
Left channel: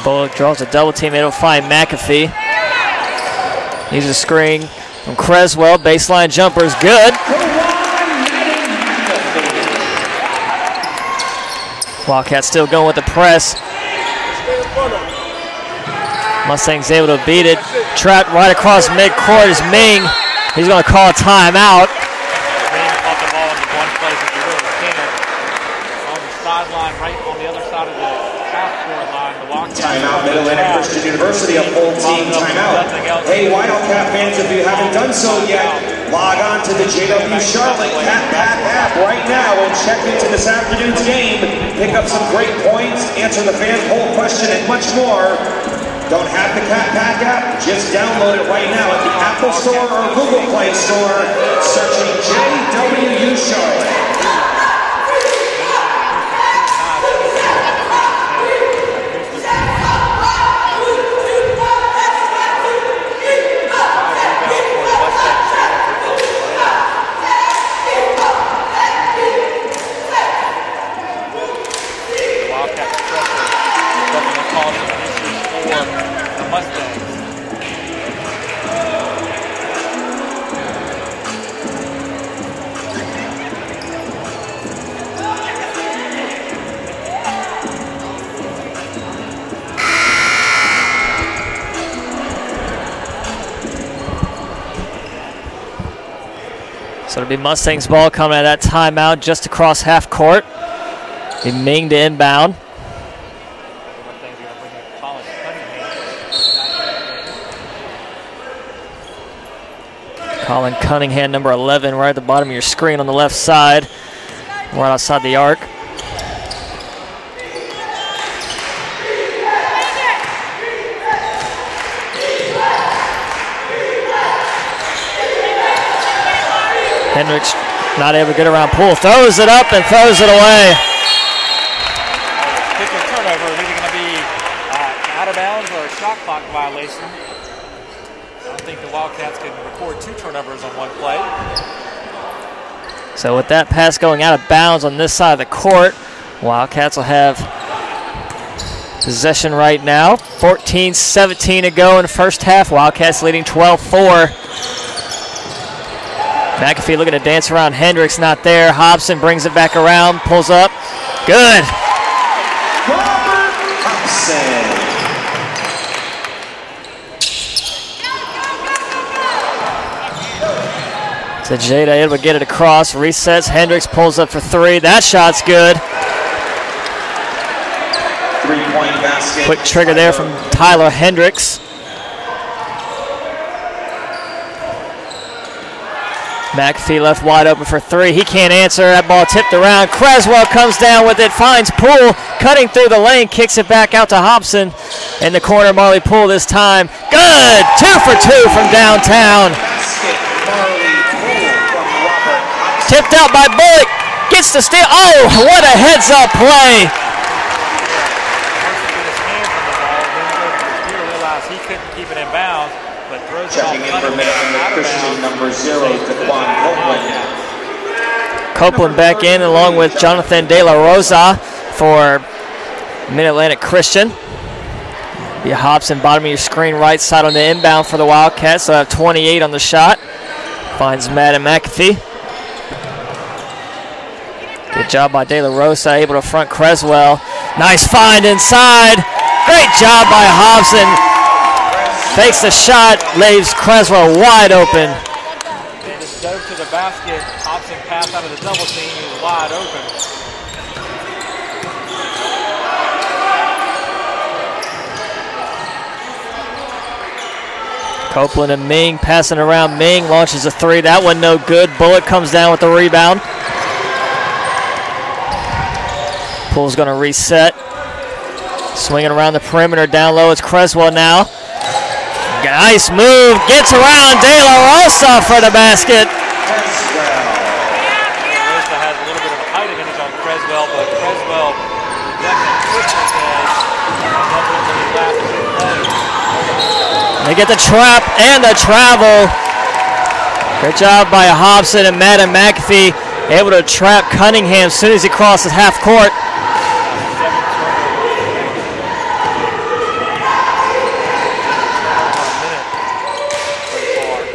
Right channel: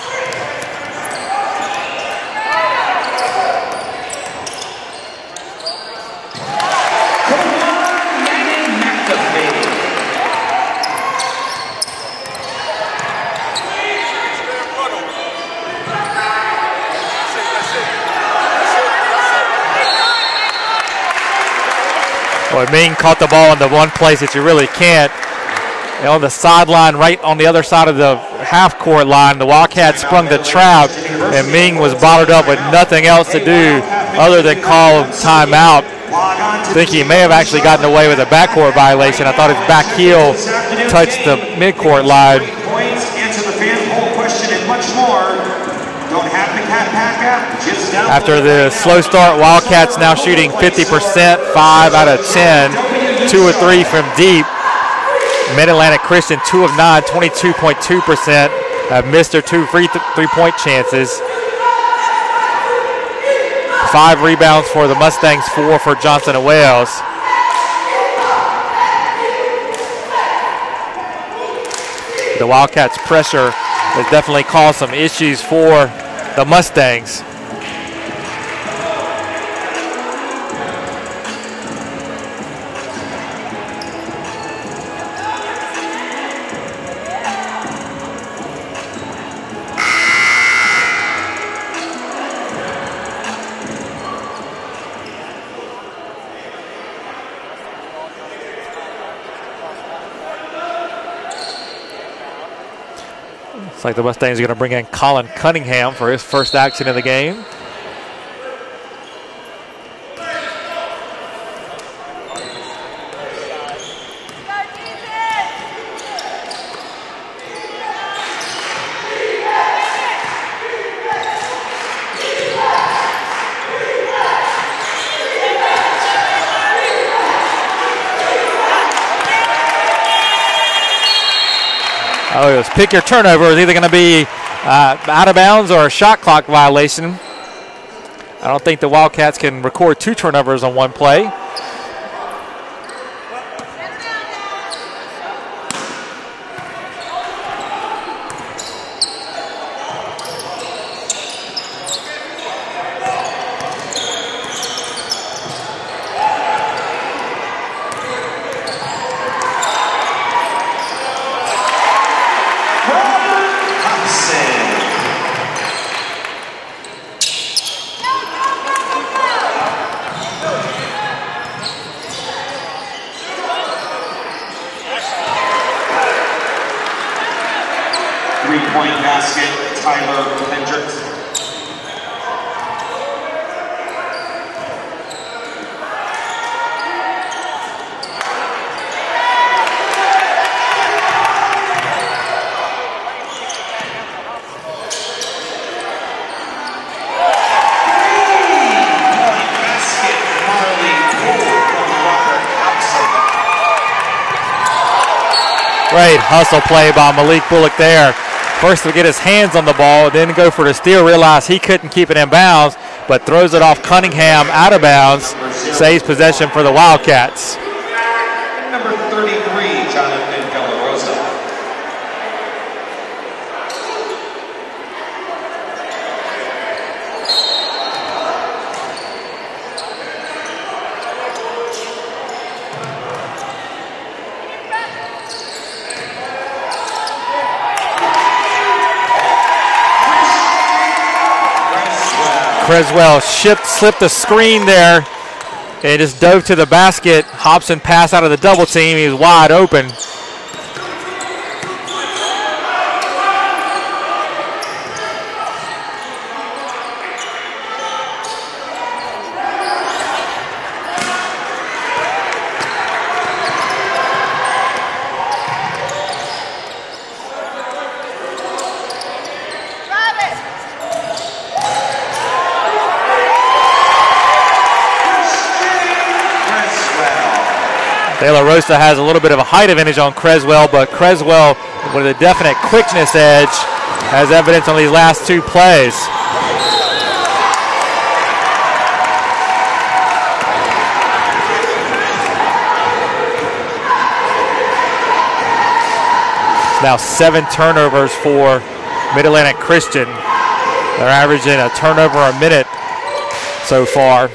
Bullock draws a double team. It'll find McAfee. He's a screen from Creswell. Baseline jumper is good. Wildcats still going with the press. Mustangs able to beat it. Trapped right across midcourt is Ming. He's going to call a timeout. Boy, Ming caught the ball in the one place that you really can't. And on the sideline, right on the other side of the half-court line, the Wildcats sprung the trap, and Ming was bottled up with nothing else to do other than call a timeout. I think he may have actually gotten away with a backcourt violation. I thought his back heel touched the midcourt line. Answer the fan poll question and much more. Don't have the cat pack app. Just download After the slow start, Wildcats now shooting 50%, 5 out of 10, 2 or 3 from deep. Mid-Atlantic Christian 2 of 9, 22.2%. Missed their 2 three-point chances. 5 rebounds for the Mustangs, 4 for Johnson and Wales. The Wildcats' pressure has definitely caused some issues for the Mustangs. So it'll be Mustangs ball coming out of that timeout just across half court. Be Ming to inbound. Looks like the Mustangs are going to bring in Colin Cunningham for his first action of the game. Colin Cunningham, number 11, right at the bottom of your screen on the left side, right outside the arc. Hendricks not able to get around Poole. Throws it up and throws it away. Oh, it was pick your turnover. It's either going to be out of bounds or a shot clock violation. I don't think the Wildcats can record 2 turnovers on one play. So with that pass going out of bounds on this side of the court, Wildcats will have possession right now. 14-17 to go in the first half. Wildcats leading 12-4. McAfee looking to dance around Hendricks, not there. Hobson brings it back around, pulls up. Good. So Jada able to get it across, resets. Hendricks pulls up for 3. That shot's good. 3-point basket. Quick trigger there from Tyler Hendricks. McAfee left wide open for 3. He can't answer. That ball tipped around. Creswell comes down with it, finds Poole, cutting through the lane, kicks it back out to Hobson. In the corner, Marley Poole this time. Good! 2 for 2 from downtown. Tipped out by Bullock. Gets the steal. Oh, what a heads-up play by Malik Bullock there. First to get his hands on the ball, then go for the steal. Realized he couldn't keep it in bounds, but throws it off Cunningham out of bounds. Saves possession for the Wildcats. Copeland back in along with Jonathan De La Rosa for Mid-Atlantic Christian. Be Hobson, bottom of your screen, right side on the inbound for the Wildcats. So have 28 on the shot. Finds Madden McAfee. Good job by De La Rosa, able to front Creswell. Nice find inside. Great job by Hobson. Takes the shot, leaves Creswell wide open. There. It just dove to the basket. Hobson passed out of the double team. He was wide open. Copeland and Ming passing around. Ming launches a three. That one no good. Bullock comes down with the rebound. Poole's going to reset. Swinging around the perimeter. Down low, it's Creswell now. Nice move. Gets around De La Rosa for the basket. De La Rosa has a little bit of a height advantage on Creswell, but Creswell, with a definite quickness edge, has evidence on these last two plays. They get the trap and the travel. Good job by Hobson and Madden McAfee, able to trap Cunningham as soon as he crosses half court. Now 7 turnovers for Mid-Atlantic Christian. They're averaging a turnover a minute so far.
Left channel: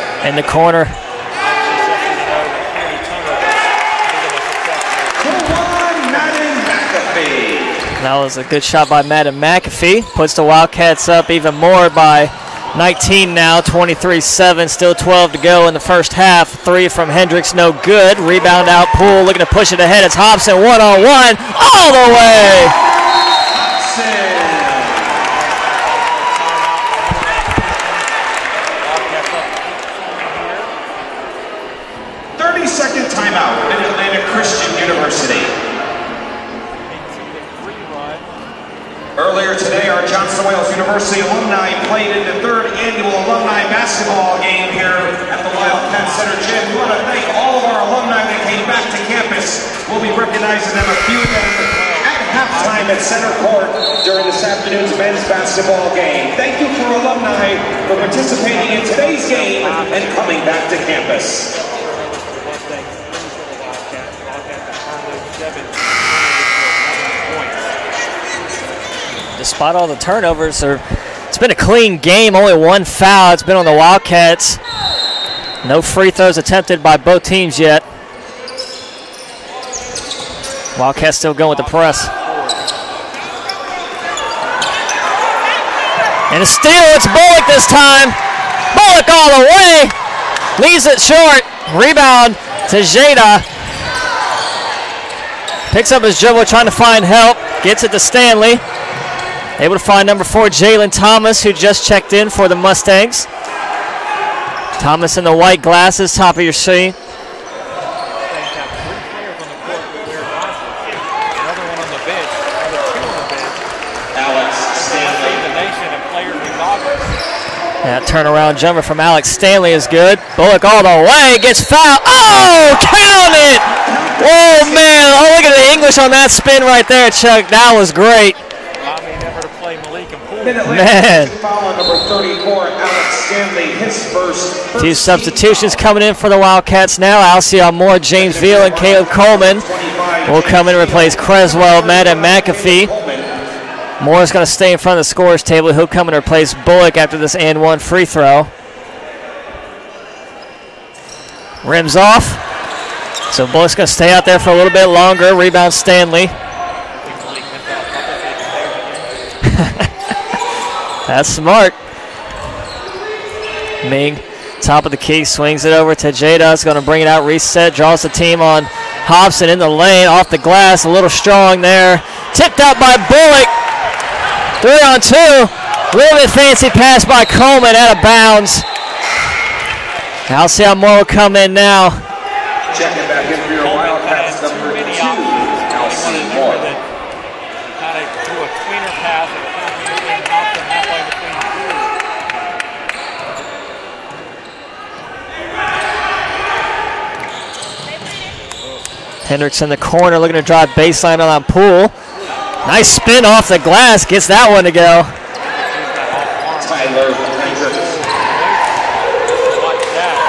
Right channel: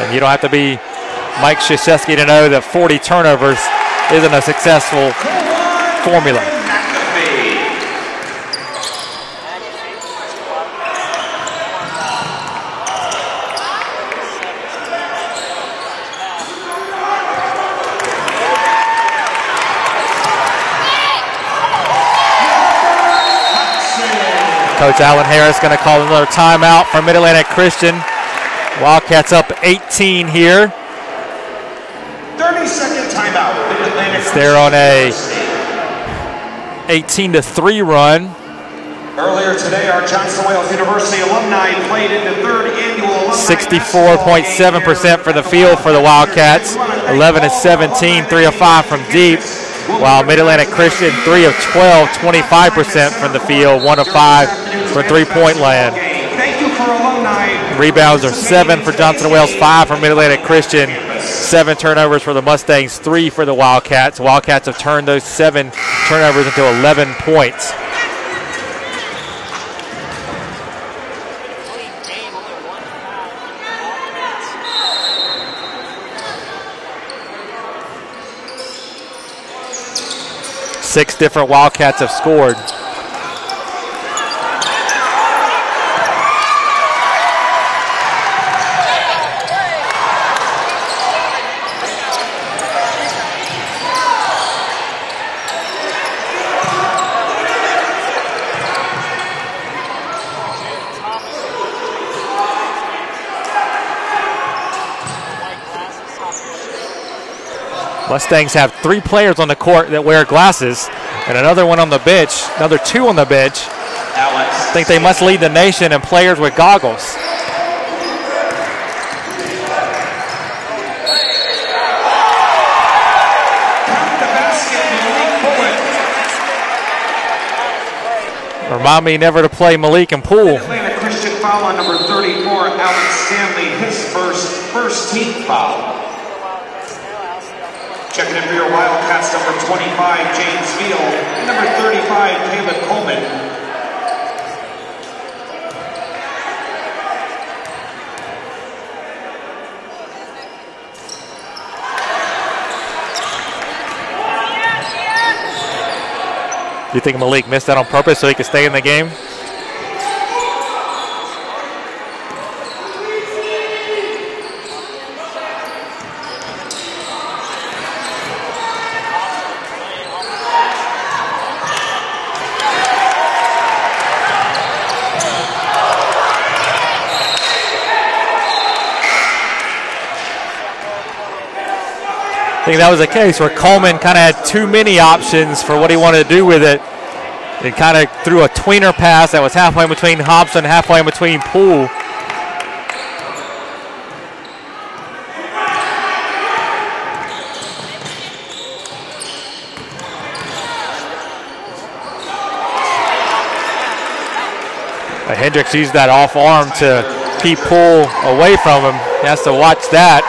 And you don't have to be Mike Krzyzewski to know that 40 turnovers isn't a successful formula. That was a good shot by Madden McAfee. Puts the Wildcats up even more by 19 now, 23-7, still 12 to go in the first half. 3 from Hendricks, no good. Rebound out, Poole looking to push it ahead. It's Hobson one-on-one, all the way. Coach Alan Harris going to call another timeout for Mid-Atlantic Christian. Wildcats up 18 here. 30-second timeout. They're on a 18-3 run. Earlier today, our Johnson Wales University alumni played in the 3rd annual alumni 64.7% for the field for the Wildcats. 11 of 17, 3 of 5 from deep. While Mid-Atlantic Christian 3 of 12, 25% from the field, 1 of 5 from three-point land. Rebounds are 7 for Johnson Wales, 5 for Mid-Atlantic Christian. 7 turnovers for the Mustangs, 3 for the Wildcats. Wildcats have turned those 7 turnovers into 11 points. Despite all the turnovers, it's been a clean game, only 1 foul. It's been on the Wildcats. No free throws attempted by both teams yet. Wildcats 6 different Wildcats have scored. And a steal, it's Bullock this time. Bullock all the way. Leaves it short. Rebound to Jada. Picks up his dribble, trying to find help. Gets it to Stanley. Able to find number 4, Jalen Thomas, who just checked in for the Mustangs. Thomas in the white glasses, top of your screen. Mustangs have 3 players on the court that wear glasses and another one on the bench, another 2 on the bench. I think they must lead the nation in players with goggles. That turnaround jumper from Alex Stanley is good. Bullock all the way, gets fouled. Oh, count it! Oh, man, oh, look at the English on that spin right there, Chuck. That was great. Remind me never to play Malik and Poole. Man. Number 34, Alex Stanley, his first 2 substitutions coming in for the Wildcats now. Alcion Moore, James Veal, and Caleb Coleman will come in and replace Creswell, Madden McAfee. Moore's going to stay in front of the scorer's table. He'll come and replace Bullock after this and 1 free throw. Rims off. So Bullock's going to stay out there for a little bit longer. Rebound Stanley. Do you think Malik missed that on purpose so he could stay in the game? That's smart. Ming, top of the key, swings it over to Jada. It's going to bring it out, reset, draws the team on Hobson in the lane, off the glass, a little strong there. Tipped out by Bullock. 3-on-2. A little bit fancy pass by Coleman, out of bounds. Alcion Moore will come in now. I think that was the case where Coleman kind of had too many options for what he wanted to do with it. He kind of threw a tweener pass that was halfway between Hobson, halfway between Poole. Hendricks in the corner looking to drive baseline on Poole. Nice spin off the glass, gets that one to go. Hendricks used that off arm to keep Poole away from him. He has to watch that.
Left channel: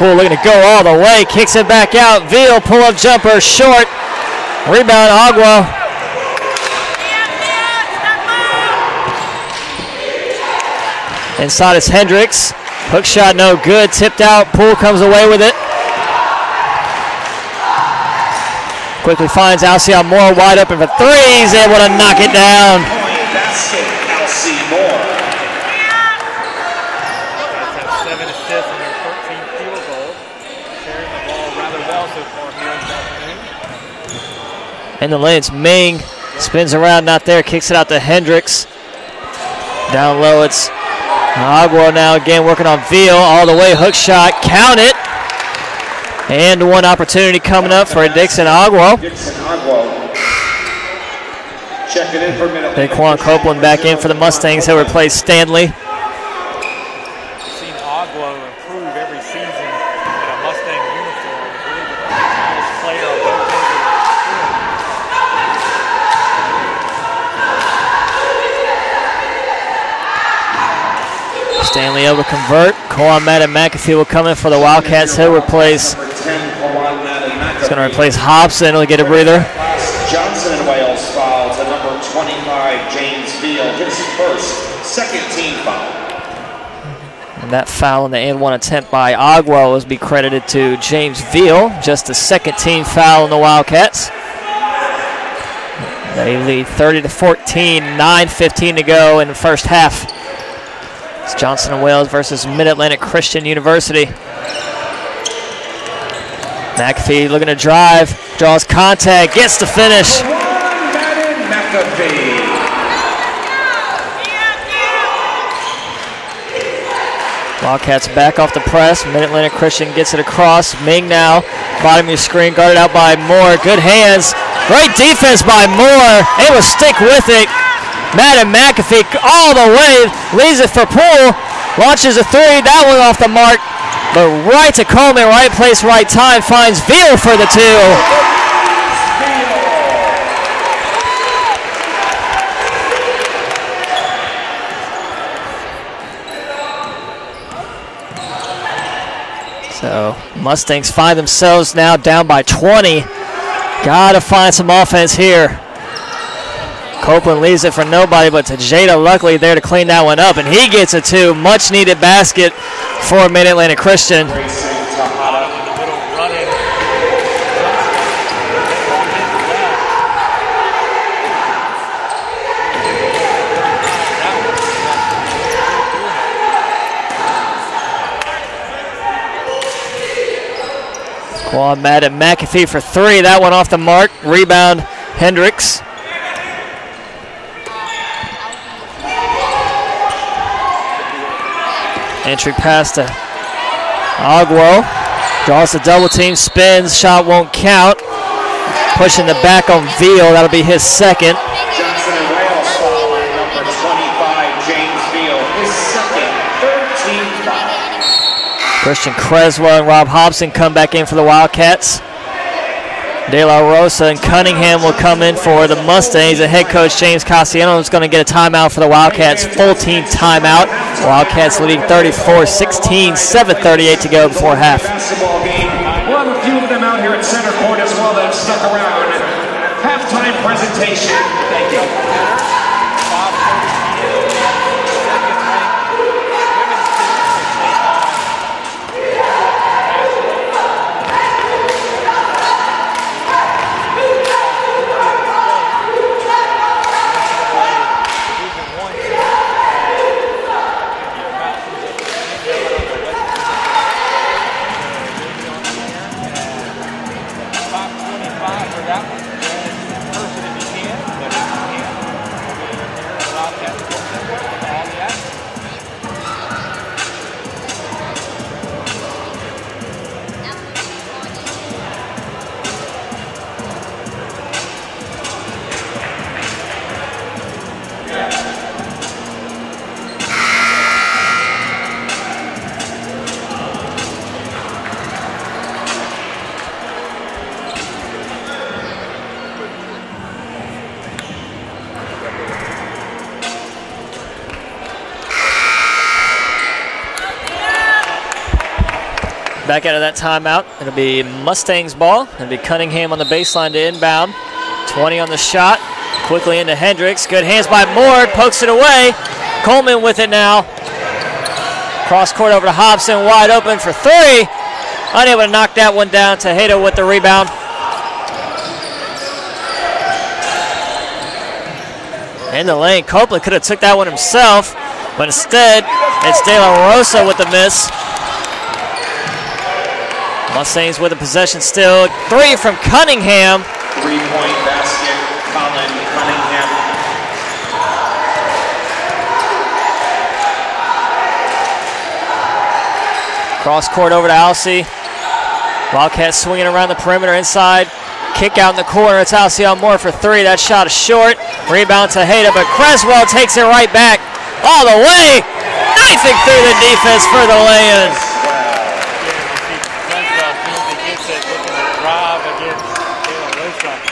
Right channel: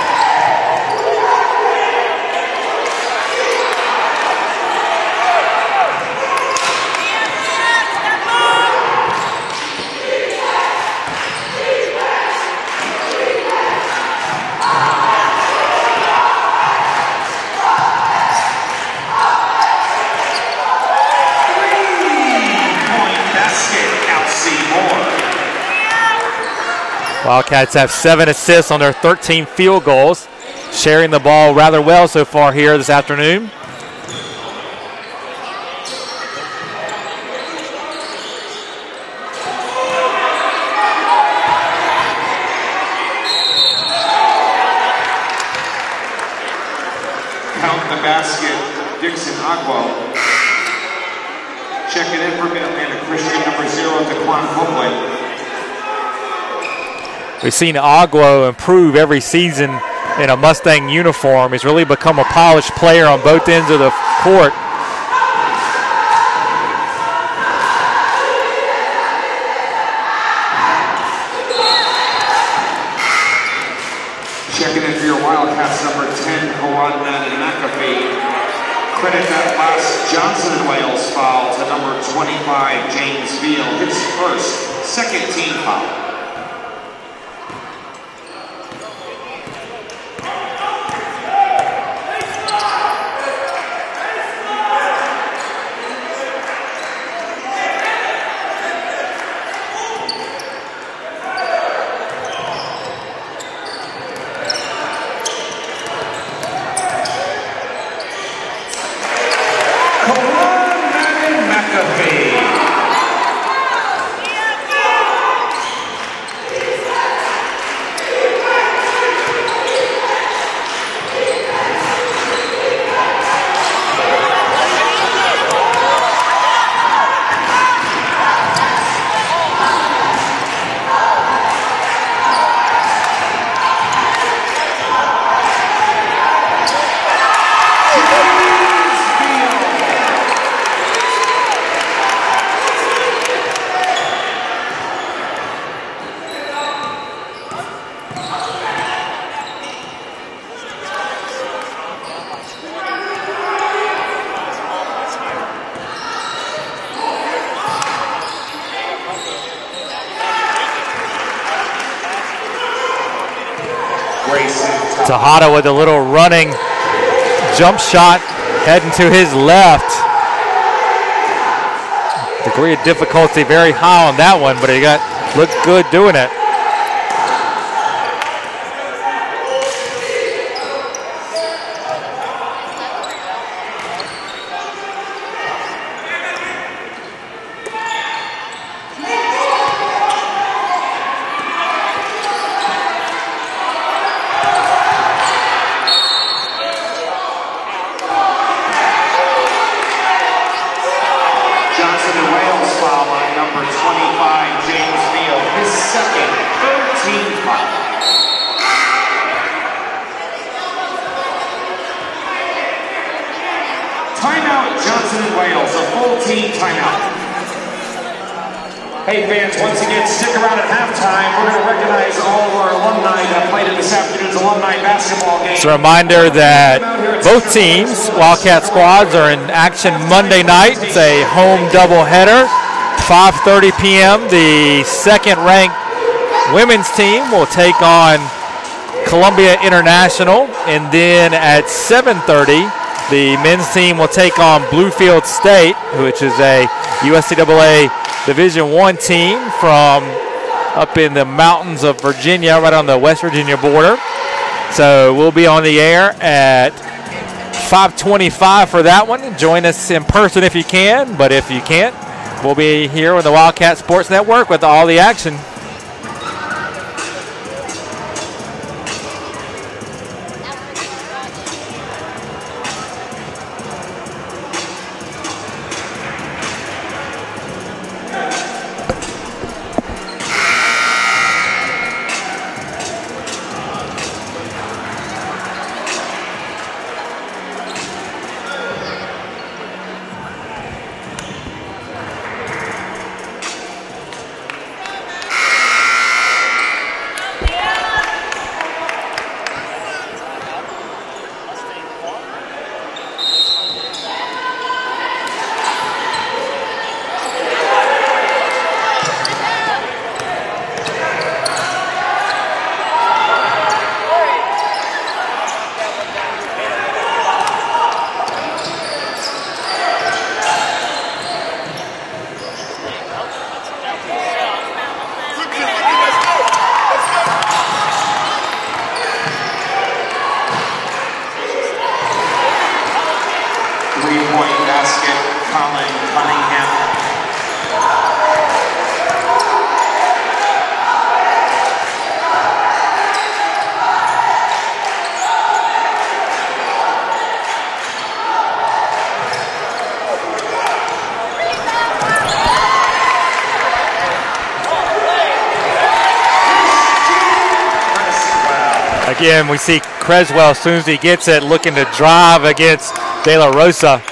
Poole looking to go all the way, kicks it back out. Veal, pull-up jumper, short. Rebound, Agua. Inside is Hendricks. Hook shot no good. Tipped out. Poole comes away with it. Quickly finds Alcyon Moore wide open for three. He's able to knock it down. Wildcats have 7 assists on their 13 field goals, sharing the ball rather well so far here this afternoon. In the lane, it's Ming. Spins around, not there. Kicks it out to Hendricks. Down low, it's Agua now again working on Veal. All the way, hook shot. Count it. And one opportunity coming up for Dixon Agua. Then Quan Copeland back in for the Mustangs. He'll replace Stanley. We've seen Agua improve every season in a Mustang uniform. He's really become a polished player on both ends of the court. Stanley able to convert. Quan Madden McAfee will come in for the Wildcats. He'll replace. He's going to replace Hobson. He'll get a breather. Johnson and Wales foul to number 25, James Veal. His first, second team foul. And that foul in the and-one attempt by Agua was be credited to James Veal. Just the second team foul on the Wildcats. They lead 30-14, 9:15 to go in the first half. It's Johnson and Wales versus Mid-Atlantic Christian University. McAfee looking to drive, draws contact, gets to finish. Wildcats back off the press. Mid-Atlantic Christian gets it across. Ming now, bottom of your screen, guarded out by Moore. Good hands. Great defense by Moore. Able to stick with it. Madden McAfee all the way, leaves it for Poole. Launches a three. That one off the mark. But right to Coleman, right place, right time. Finds Veal for the two. So Mustangs find themselves now down by 20. Gotta find some offense here. Copeland leaves it for nobody but to Jada Luckley there to clean that one up, and he gets a two. Much needed basket for Mid-Atlantic Christian. Tejada with a little running jump shot heading to his left. Degree of difficulty very high on that one, but he looked good doing it. Quan Madden McAfee for three. That one off the mark. Rebound, Hendricks. Entry pass to Agua. Draws the double team, spins, shot won't count. Pushing the back on Veal. That'll be his second. Johnson and Wales foul on number 25, James Veal. His second, 13th foul. Christian Creswell and Rob Hobson come back in for the Wildcats. De La Rosa and Cunningham will come in for the Mustangs. And head coach James Cassiano is going to get a timeout for the Wildcats. Full team timeout. Wildcats leading 34-16, 7:38 to go before half. It's a reminder that both teams, Wildcat squads, are in action Monday night. It's a home doubleheader. 5:30 p.m. The second-ranked women's team will take on Columbia International, and then at 7:30, the men's team will take on Bluefield State, which is a USCAA Division I team from up in the mountains of Virginia, right on the West Virginia border. So we'll be on the air at 5:25 for that one. Join us in person if you can, but if you can't, we'll be here with the Wildcat Sports Network with all the action. Back out of that timeout, it'll be Mustangs ball. It'll be Cunningham on the baseline to inbound. 20 on the shot, quickly into Hendricks. Good hands by Moore, pokes it away. Coleman with it now. Cross court over to Hobson, wide open for three. Unable to knock that one down. Tejeda with the rebound. In the lane, Copeland could have took that one himself, but instead, it's De La Rosa with the miss. Mustangs with the possession still. Three from Cunningham. 3-point basket, Colin Cunningham. Cross court over to Alcee. Wildcats swinging around the perimeter inside. Kick out in the corner. It's Alcee on Moore for three. That shot is short. Rebound to Hayda, but Creswell takes it right back all the way. Knifing through the defense for the lay-in. Again, we see Creswell, as soon as he gets it, looking to drive against De La Rosa.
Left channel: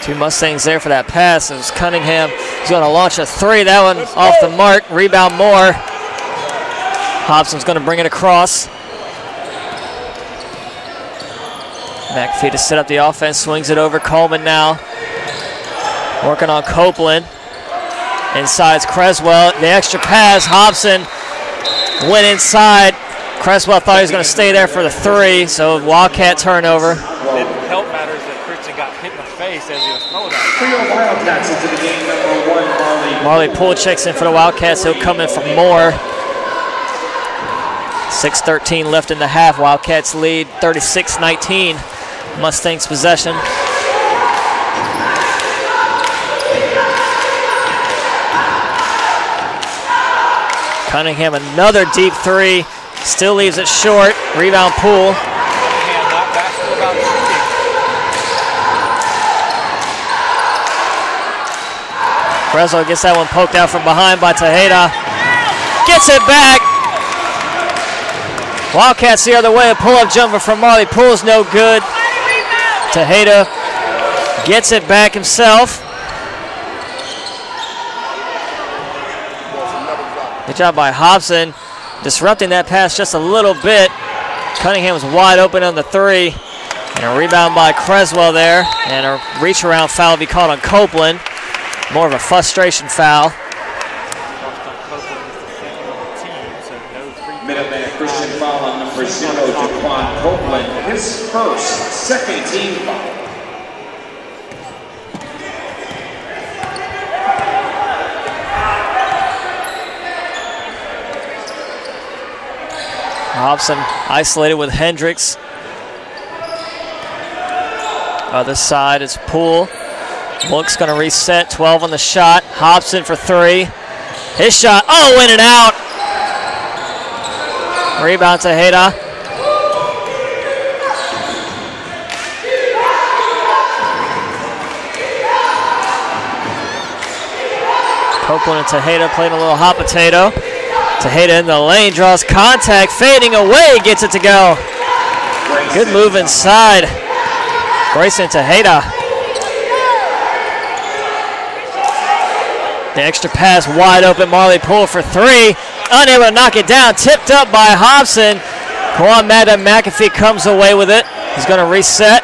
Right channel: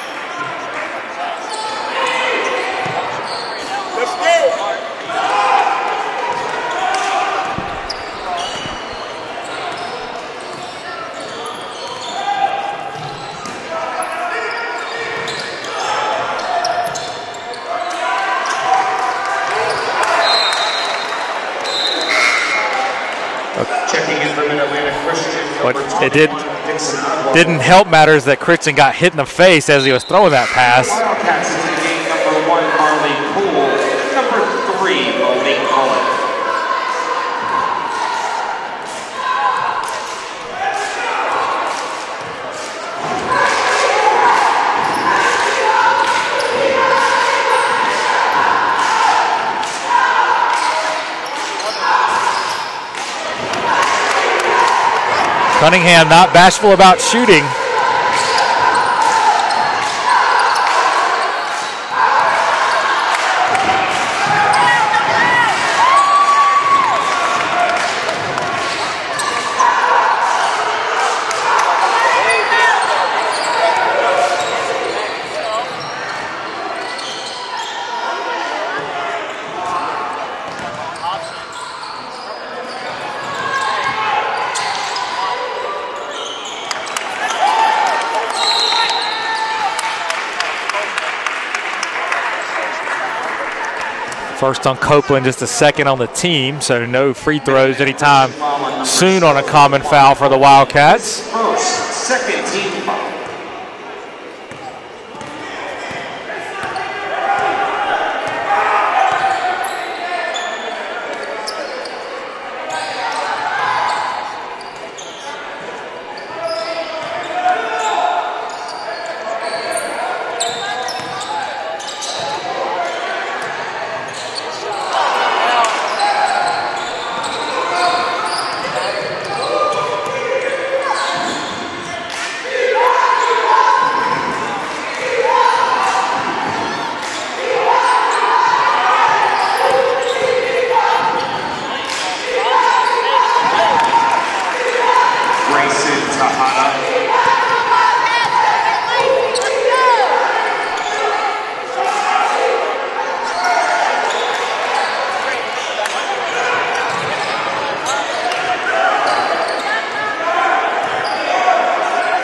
Two Mustangs there for that pass. It was Cunningham. He's going to launch a three. That one off the mark. Rebound Moore. Hobson's going to bring it across. McAfee to set up the offense. Swings it over. Coleman now. Working on Copeland. Inside's Creswell. The extra pass. Hobson went inside. Creswell thought he was going to stay there for the three, so Wildcat turnover. Didn't help matters that Christian got hit in the face as he was throwing that pass. Marley Poole checks in for the Wildcats. They come in for more. 6:13 left in the half. Wildcats lead 36-19. Mustangs possession. Cunningham another deep three. Still leaves it short. Rebound Poole. Cunningham not bashful about shooting. Creswell gets that one poked out from behind by Tejeda. Gets it back. Wildcats the other way. A pull-up jumper from Marley Poole's no good. Tejeda gets it back himself. Good job by Hobson, disrupting that pass just a little bit. Cunningham was wide open on the three. And a rebound by Creswell there. And a reach around foul will be called on Copeland. More of a frustration foul. First on Copeland, just the second on the team, so no free throws anytime soon on a common foul for the Wildcats. First, second team foul. Hobson isolated with Hendricks. Other side is Poole. Book's going to reset, 12 on the shot. Hobson for three. His shot, oh, in and out. Rebound to Hayda. Copeland and Tejeda playing a little hot potato. Tejeda in the lane, draws contact, fading away, gets it to go. Good move inside. Grayson Tejeda. The extra pass wide open, Marley Poole for three. Unable to knock it down, tipped up by Hobson. Kawhi McAfee comes away with it. He's going to reset.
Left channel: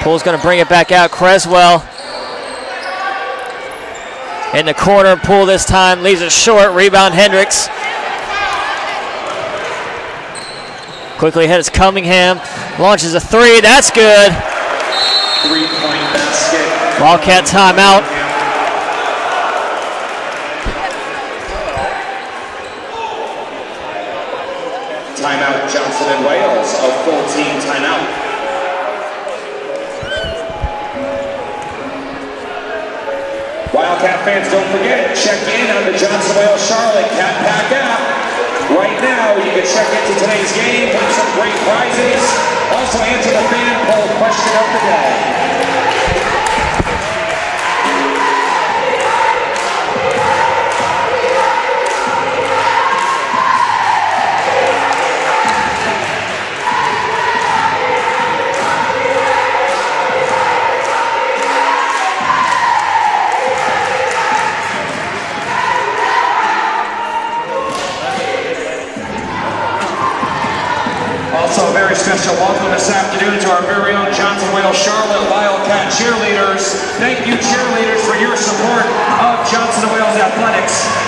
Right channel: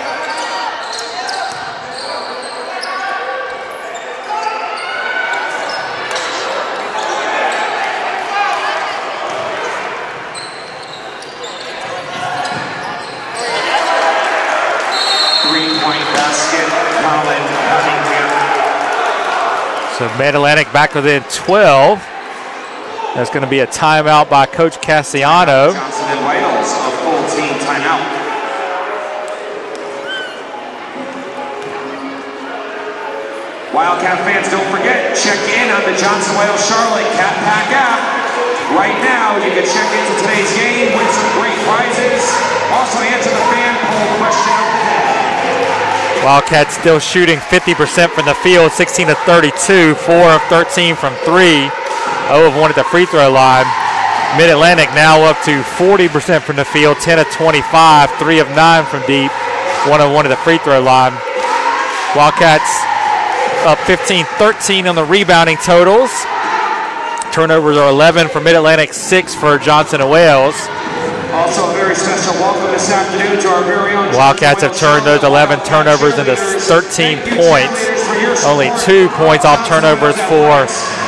Poole's going to bring it back out. Creswell in the corner. Poole this time leaves it short. Rebound Hendricks. Quickly ahead is Cunningham. Launches a three. That's good. 3-point basket. Wildcat timeout. So Mid-Atlantic back within 12. There's going to be a timeout by Coach Cassiano. Johnson and Wales, a full team timeout. Wildcat fans, don't forget, check in on the Johnson Wales Charlotte Cat Pack app. Right now, you can check into today's game, win some great prizes. Also answer the fan poll question of the day. Wildcats still shooting 50% from the field, 16 of 32, 4 of 13 from 3, 0 of 1 at the free throw line. Mid-Atlantic now up to 40% from the field, 10 of 25, 3 of 9 from deep, 1 of 1 at the free throw line. Wildcats up 15-13 on the rebounding totals. Turnovers are 11 for Mid-Atlantic, 6 for Johnson and Wales. Also, a very special welcome this afternoon to our very own Wildcats have turned those 11 turnovers into 13 points. Only 2 points off turnovers for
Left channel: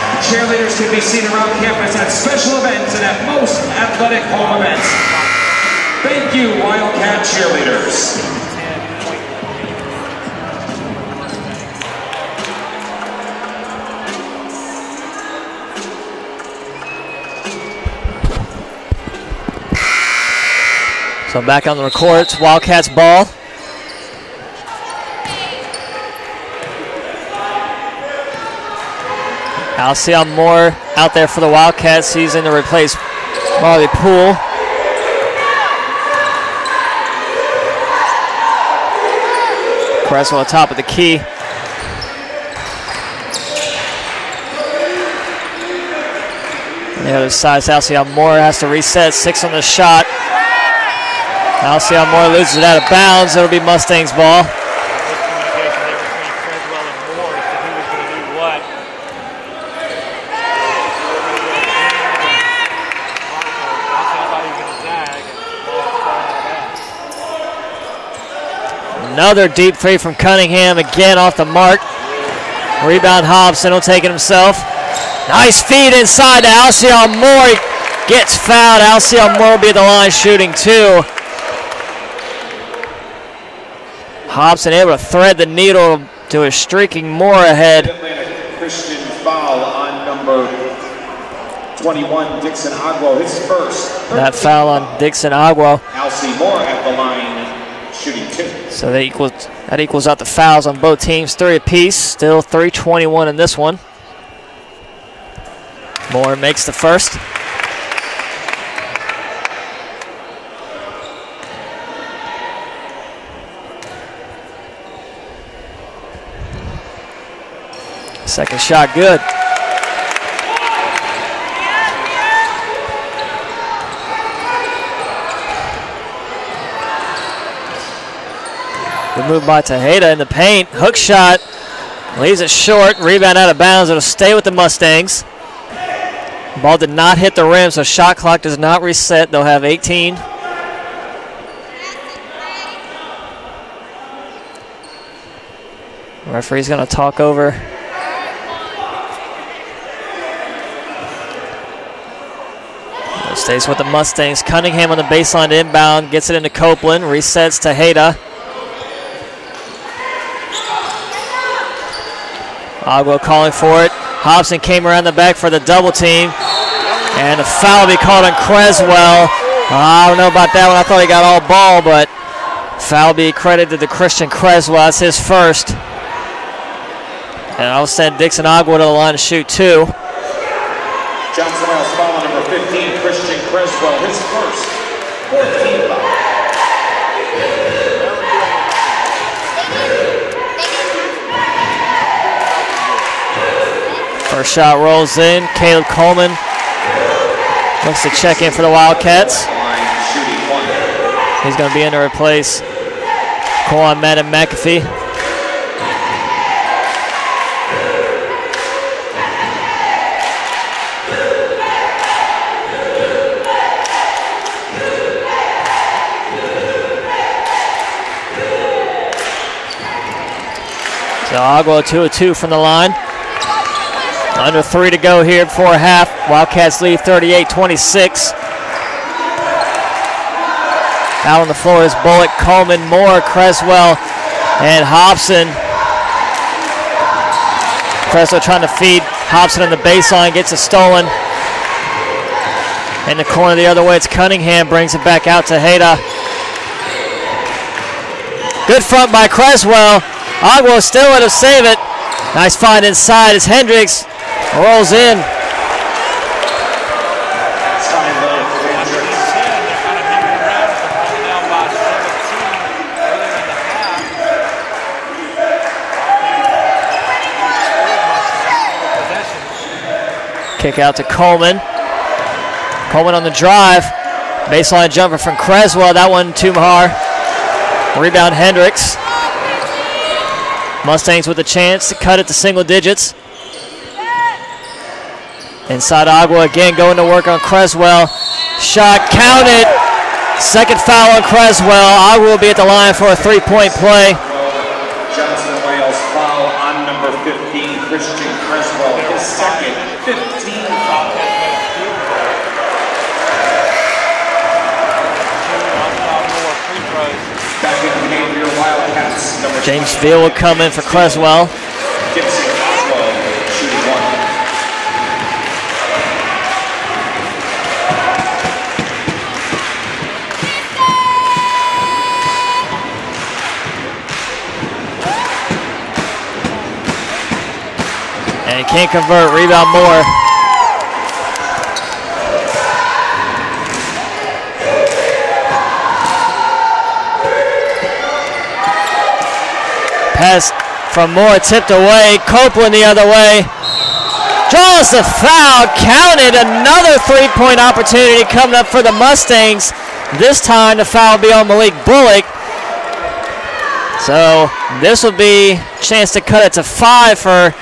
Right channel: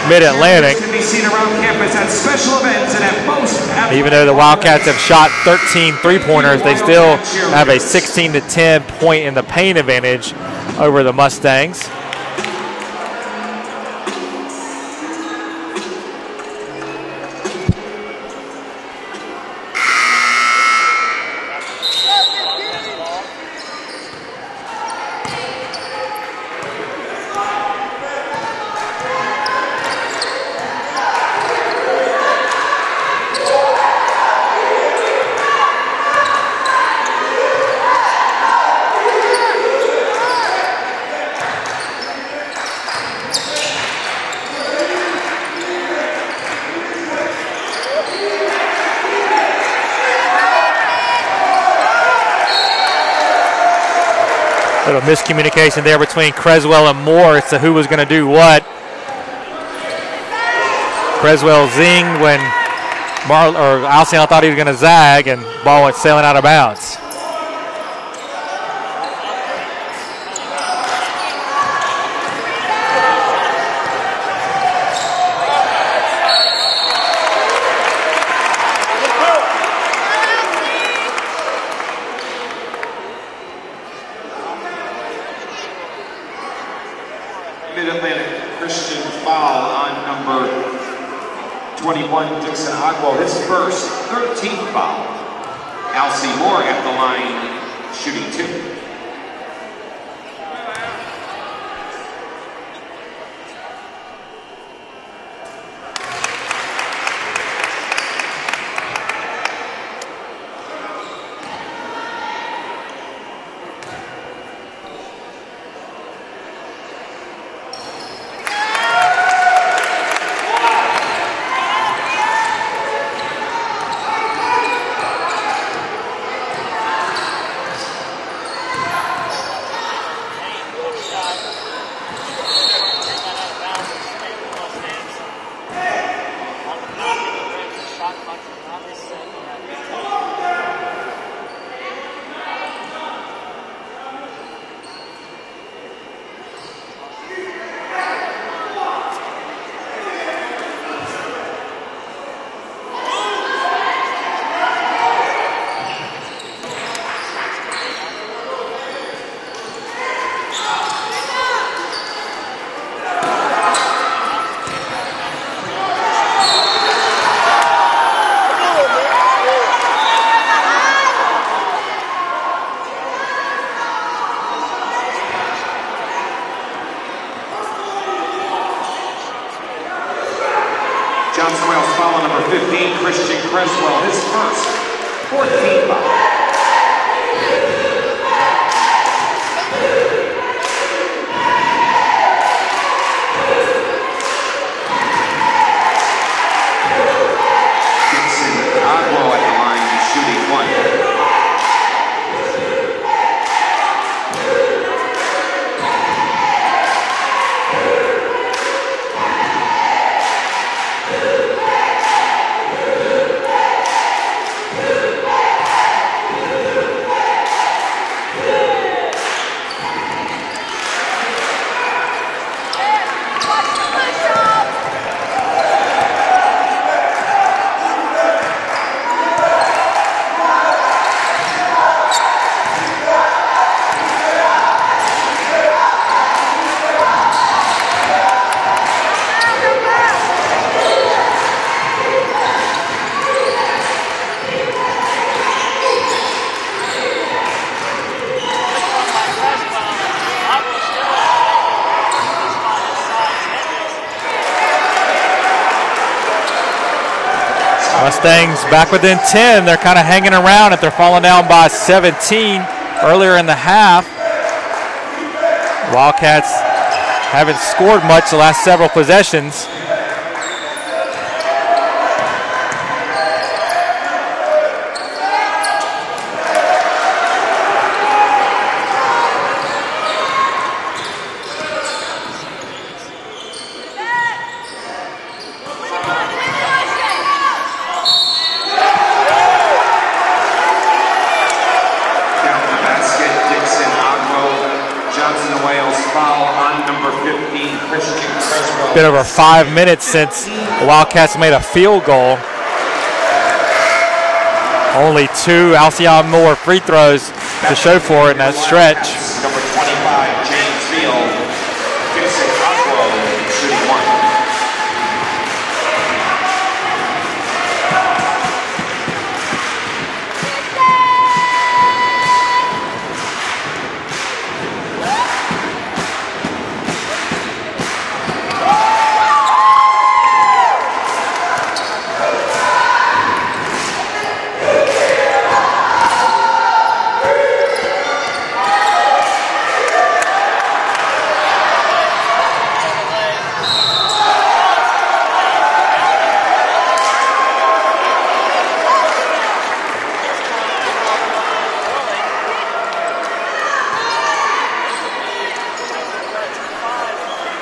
Mid-Atlantic. Even though the Wildcats have shot 13 three-pointers, they still have a 16-10 point in the paint advantage over the Mustangs. So back on the court, it's Wildcats ball. Alcyon Moore out there for the Wildcats. He's in to replace Marley Poole. Press on the top of the key. The other side, Alcyon Moore has to reset. 6 on the shot. Alcyon Moore loses it out of bounds. It'll be Mustangs ball. A little miscommunication there between Creswell and Moore as to who was going to do what. Creswell zinged when Alcyon thought he was going to zag, and ball went sailing out of bounds. Another deep three from Cunningham, again off the mark. Rebound, Hobson will take it himself. Nice feed inside to Alcyon Moore. He gets fouled. Alcyon Moore will be at the line shooting 2. Hobson able to thread the needle to a streaking Moore ahead. Christian foul on number 21, Dixon Agwo, his first. That foul on Dixon Agwo. Alcyon Moore at the line, shooting 2. So that equals out the fouls on both teams, 3 apiece. Still 3:21 in this one. Moore makes the first. Second shot good. Good move by Tejeda in the paint. Hook shot. Leaves it short. Rebound out of bounds. It'll stay with the Mustangs. Ball did not hit the rim, so shot clock does not reset. They'll have 18. Referee's going to talk over. Stays with the Mustangs. Cunningham on the baseline inbound. Gets it into Copeland. Resets to Hayda. Agua calling for it. Hobson came around the back for the double team. And the foul will be called on Creswell. I don't know about that one. I thought he got all ball, but foul be credited to Christian Creswell. That's his first. And I'll send Dixon Agua to the line to shoot 2. Johnson Miles foul on number 15, Christian Creswell, his first. 14 foul. First shot rolls in. Caleb Coleman makes the check in for the Wildcats. He's going to be in to replace Cohen Madden McAfee. So Agua 2 of 2 from the line. Under 3 to go here before half. Wildcats lead 38-26. Out on the floor is Bullock, Coleman, Moore, Creswell, and Hobson. Creswell trying to feed Hobson in the baseline, gets it stolen. In the corner the other way, it's Cunningham, brings it back out to Hayda. Good front by Creswell. Agua still able to save it. Nice find inside as Hendricks rolls in. Mustangs back within 10. They're kind of hanging around if they're falling down by 17 earlier in the half. Wildcats haven't scored much the last several possessions. Kick out to Coleman. Coleman on the drive. Baseline jumper from Creswell. That one to Mahar. Rebound Hendricks. Mustangs with a chance to cut it to single digits. Inside Agua again, going to work on Creswell. Shot counted. Second foul on Creswell. I will be at the line for a three-point play. Johnson Wales foul on number 15, Christian Creswell. Bit over 5 minutes since the Wildcats made a field goal. Only 2 Alcyon Moore free throws to show for it in that stretch. James Veal will come in for Creswell. And he can't convert. Rebound Moore. Pass from Moore, tipped away. Copeland the other way. Draws the foul, counted. Another three-point opportunity coming up for the Mustangs. This time the foul will be on Malik Bullock. So this will be a chance to cut it to 5 for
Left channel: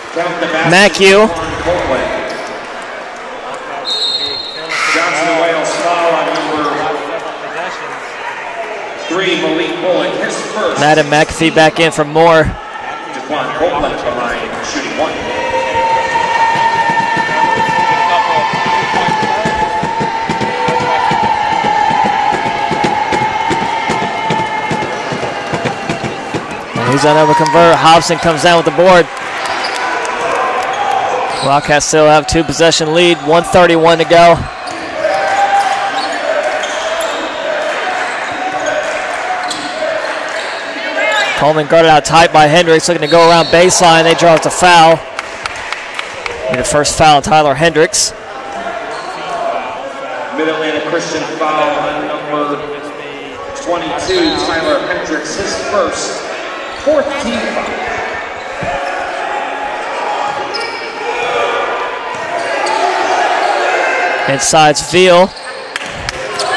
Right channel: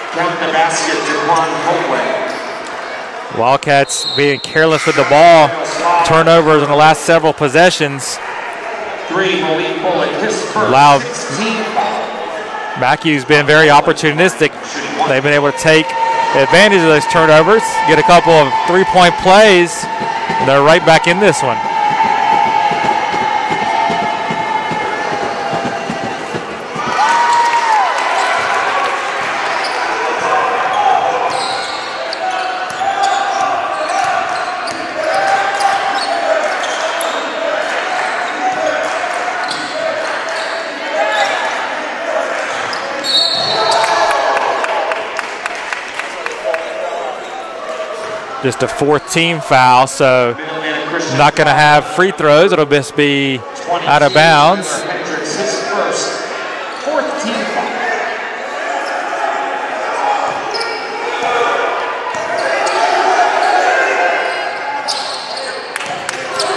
MacU. Wildcats being careless with the ball. Turnovers in the last several possessions. Ladd and McAfee back in for Moore. MacU's been very opportunistic. They've been able to take advantage of those turnovers, get a couple of three-point plays. They're right back in this one. He's unable to convert. Hobson comes down with the board. Wildcats still have 2-possession lead, 1:31 to go. Coleman guarded out tight by Hendricks, looking to go around baseline. They draw it to foul. And the first foul on Tyler Hendricks. Just a 14 foul, so not going to have free throws. It'll just be out of bounds. Inside's Veal.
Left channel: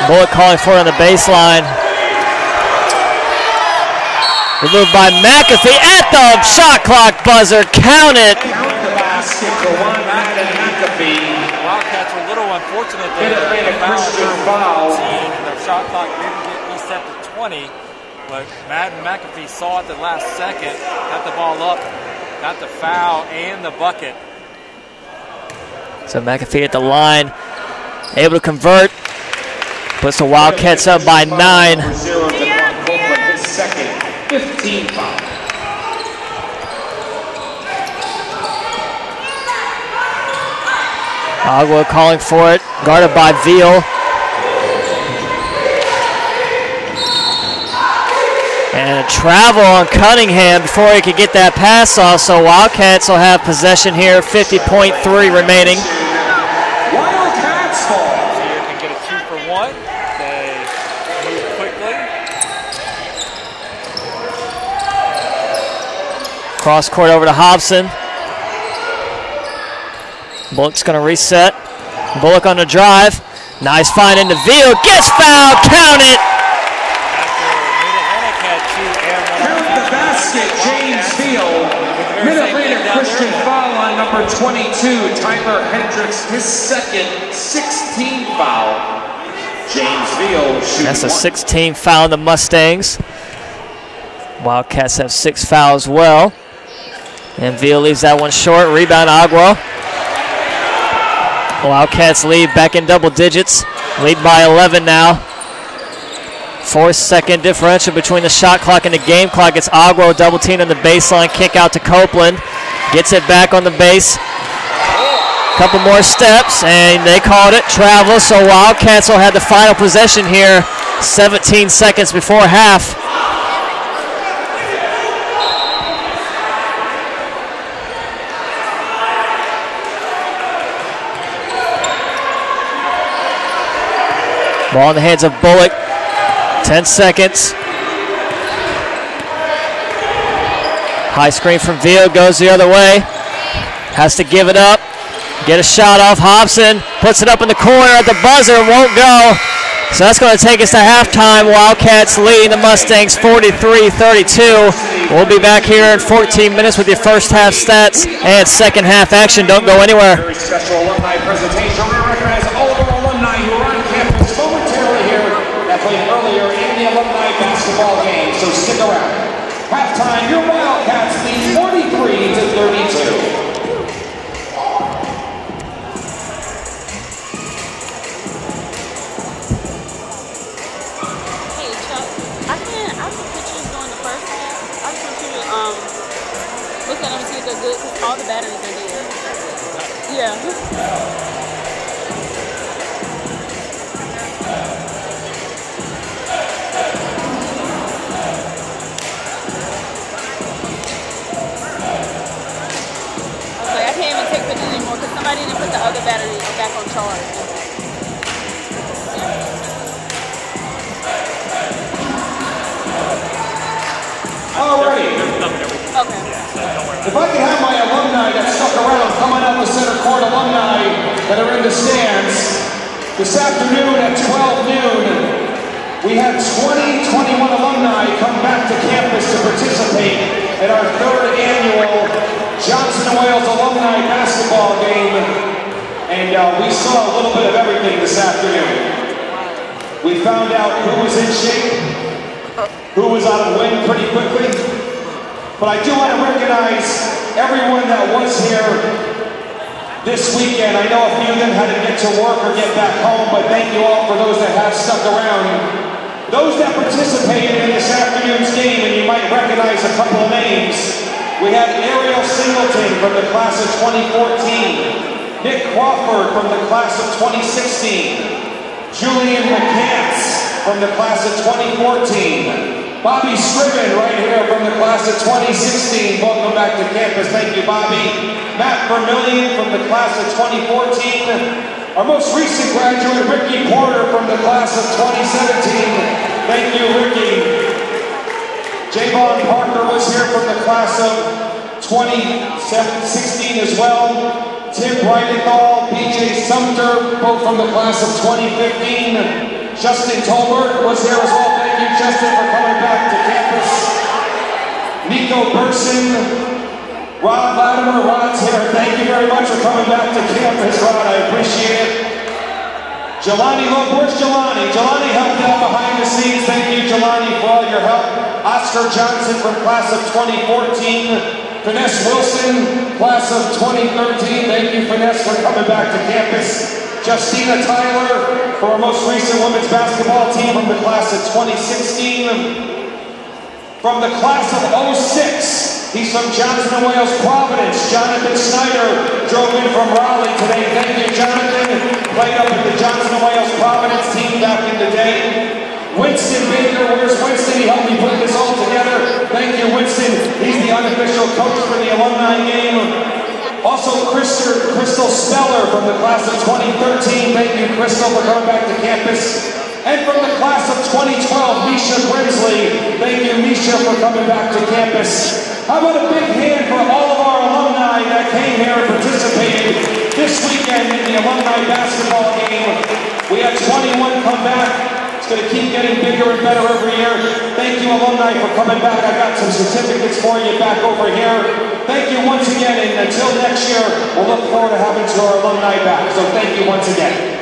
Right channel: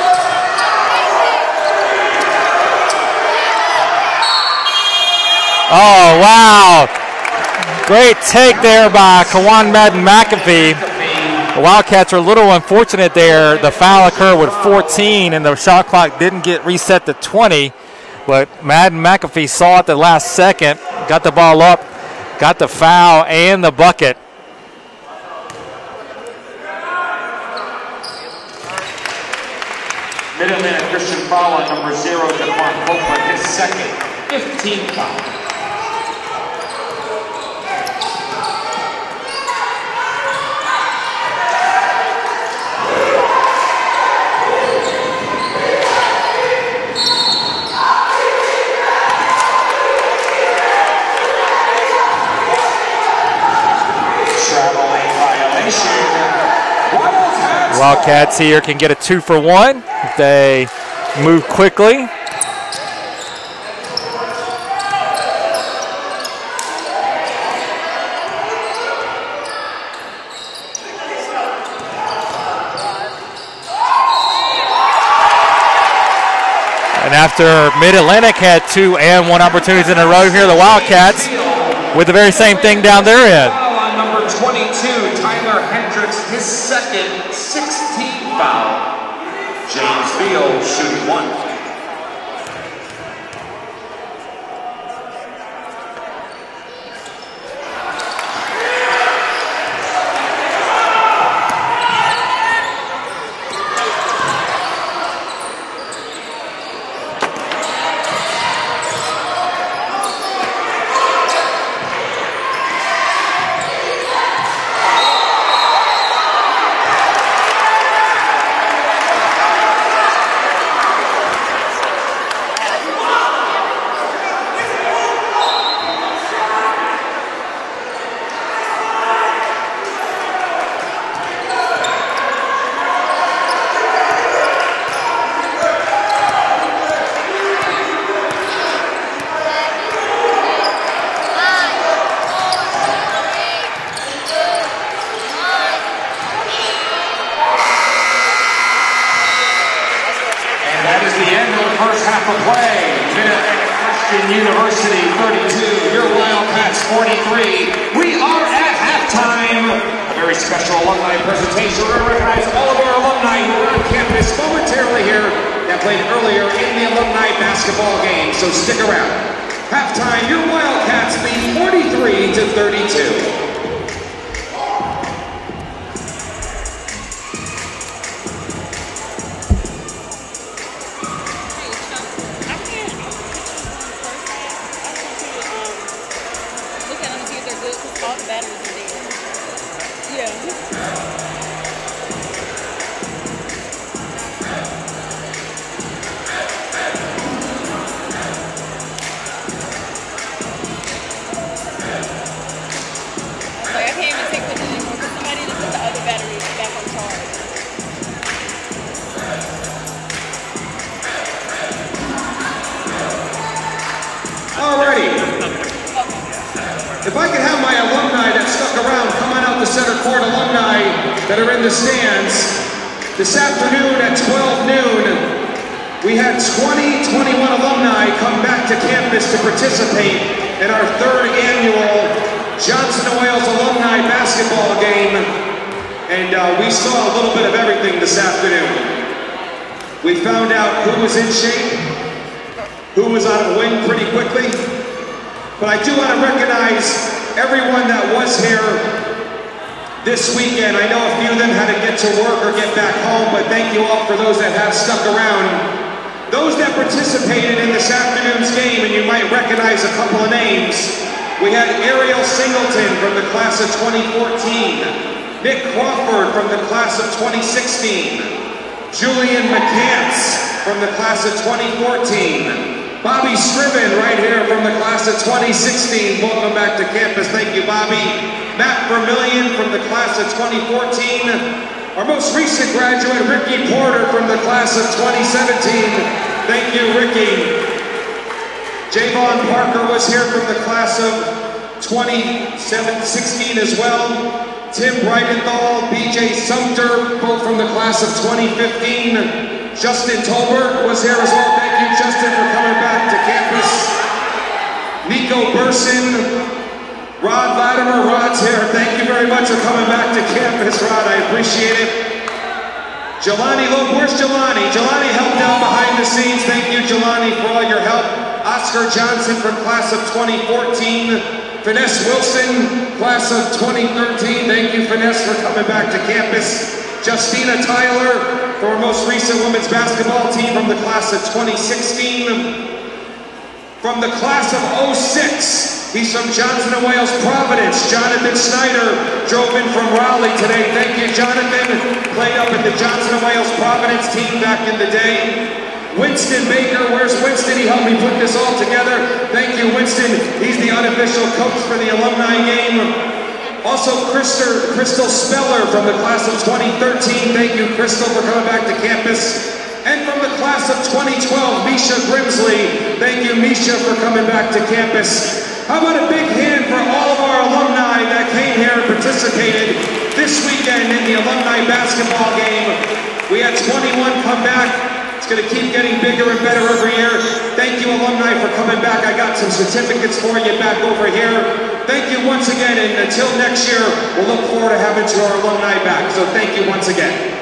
Bullock calling for it on the baseline. Removed by McAfee at the shot clock buzzer. Counted. Great take there by Kawan Madden McAfee. The Wildcats are a little unfortunate there. The foul occurred with 14, and the shot clock didn't get reset to 20. But Madden McAfee saw it the last second, got the ball up, got the foul and the bucket. So McAfee at the line, able to convert. Puts the Wildcats up by 9. Agua calling for it, guarded by Veal. And a travel on Cunningham before he could get that pass off, so Wildcats will have possession here, 50.3 remaining. Wildcats here can get a 2-for-1 if they move quickly. Cross court over to Hobson. Bullock's going to reset. Bullock on the drive. Nice find into Veal. Gets fouled. Count it. And after Mid-Atlantic had 2 and 1 opportunities in a row here, the Wildcats with the very same thing down their end. Number 22, Tyler Hendricks, his second 16 foul. James Veal. That's a 16 foul in the Mustangs. Wildcats have 6 fouls as well. And Veal leaves that one short. Rebound Agua. Wildcats lead back in double digits. Lead by 11 now. 4-second differential between the shot clock and the game clock. It's Agua double team on the baseline. Kick out to Copeland. Gets it back on the base. Couple more steps, and they called it travel. So Wildcats will have the final possession here. 17 seconds before half. Ball in the hands of Bullock. 10 seconds. High screen from Veal, goes the other way. Has to give it up. Get a shot off. Hobson puts it up in the corner at the buzzer, won't go. So that's going to take us to halftime. Wildcats leading the Mustangs 43-32. We'll be back here in 14 minutes with your first half stats and second half action. Don't go anywhere. Very special alumni presentation. We recognize all of our alumni who are on campus momentarily here that played earlier in the alumni basketball game, so stick around. Halftime, your Wildcats lead 43-32. All the batteries are there. Yeah. I can't even take pictures anymore because somebody didn't put the other battery back on charge. Alrighty. Okay. If I could have my alumni that stuck around coming out the center court, alumni that are in the stands, this afternoon at 12 noon, we had 21 alumni come back to campus to participate in our third annual Johnson & Wales alumni basketball game, and we saw a little bit of everything this afternoon. We found out who was in shape, who was out of wind pretty quickly. But I do want to recognize everyone that was here this weekend. I know a few of them had to get to work or get back home, but thank you all for those that have stuck around. Those that participated in this afternoon's game, and you might recognize a couple of names. We had Ariel Singleton from the class of 2014, Nick Crawford from the class of 2016, Julian McCants from the class of 2014, Bobby Scriven right here from the class of 2016. Welcome back to campus. Thank you, Bobby. Matt Vermillion from the class of 2014. Our most recent graduate, Ricky Porter from the class of 2017. Thank you, Ricky. Javon Parker was here from the class of 2016 as well. Tim Brightenthal, BJ Sumter, both from the class of 2015. Justin Tolbert was here as well. Thank you, Justin, for coming back to campus. Nico Burson, Rod Latimer, Rod's here. Thank you very much for coming back to campus, Rod. I appreciate it. Jelani Loeb, where's Jelani? Jelani helped out behind the scenes. Thank you, Jelani, for all your help. Oscar Johnson from class of 2014. Finesse Wilson, class of 2013. Thank you, Finesse, for coming back to campus. Justina Tyler for our most recent women's basketball team from the class of 2016. From the class of 06, he's from Johnson & Wales Providence. Jonathan Snyder drove in from Raleigh today. Thank you, Jonathan. Played up at the Johnson & Wales Providence team back in the day. Winston Baker, where's Winston? He helped me put this all together. Thank you, Winston. He's the unofficial coach for the alumni game. Also, Crystal Speller from the class of 2013. Thank you, Crystal, for coming back to campus. And from the class of 2012, Misha Grimsley. Thank you, Misha, for coming back to campus. How about a big hand for all of our alumni that came here and participated this weekend in the alumni basketball game. We had 21 come back. It's going to keep getting bigger and better every year. Thank you, alumni, for coming back. I got some certificates for you back over here. Thank you once again, and until next year, we'll look forward to having our alumni back. So thank you once again.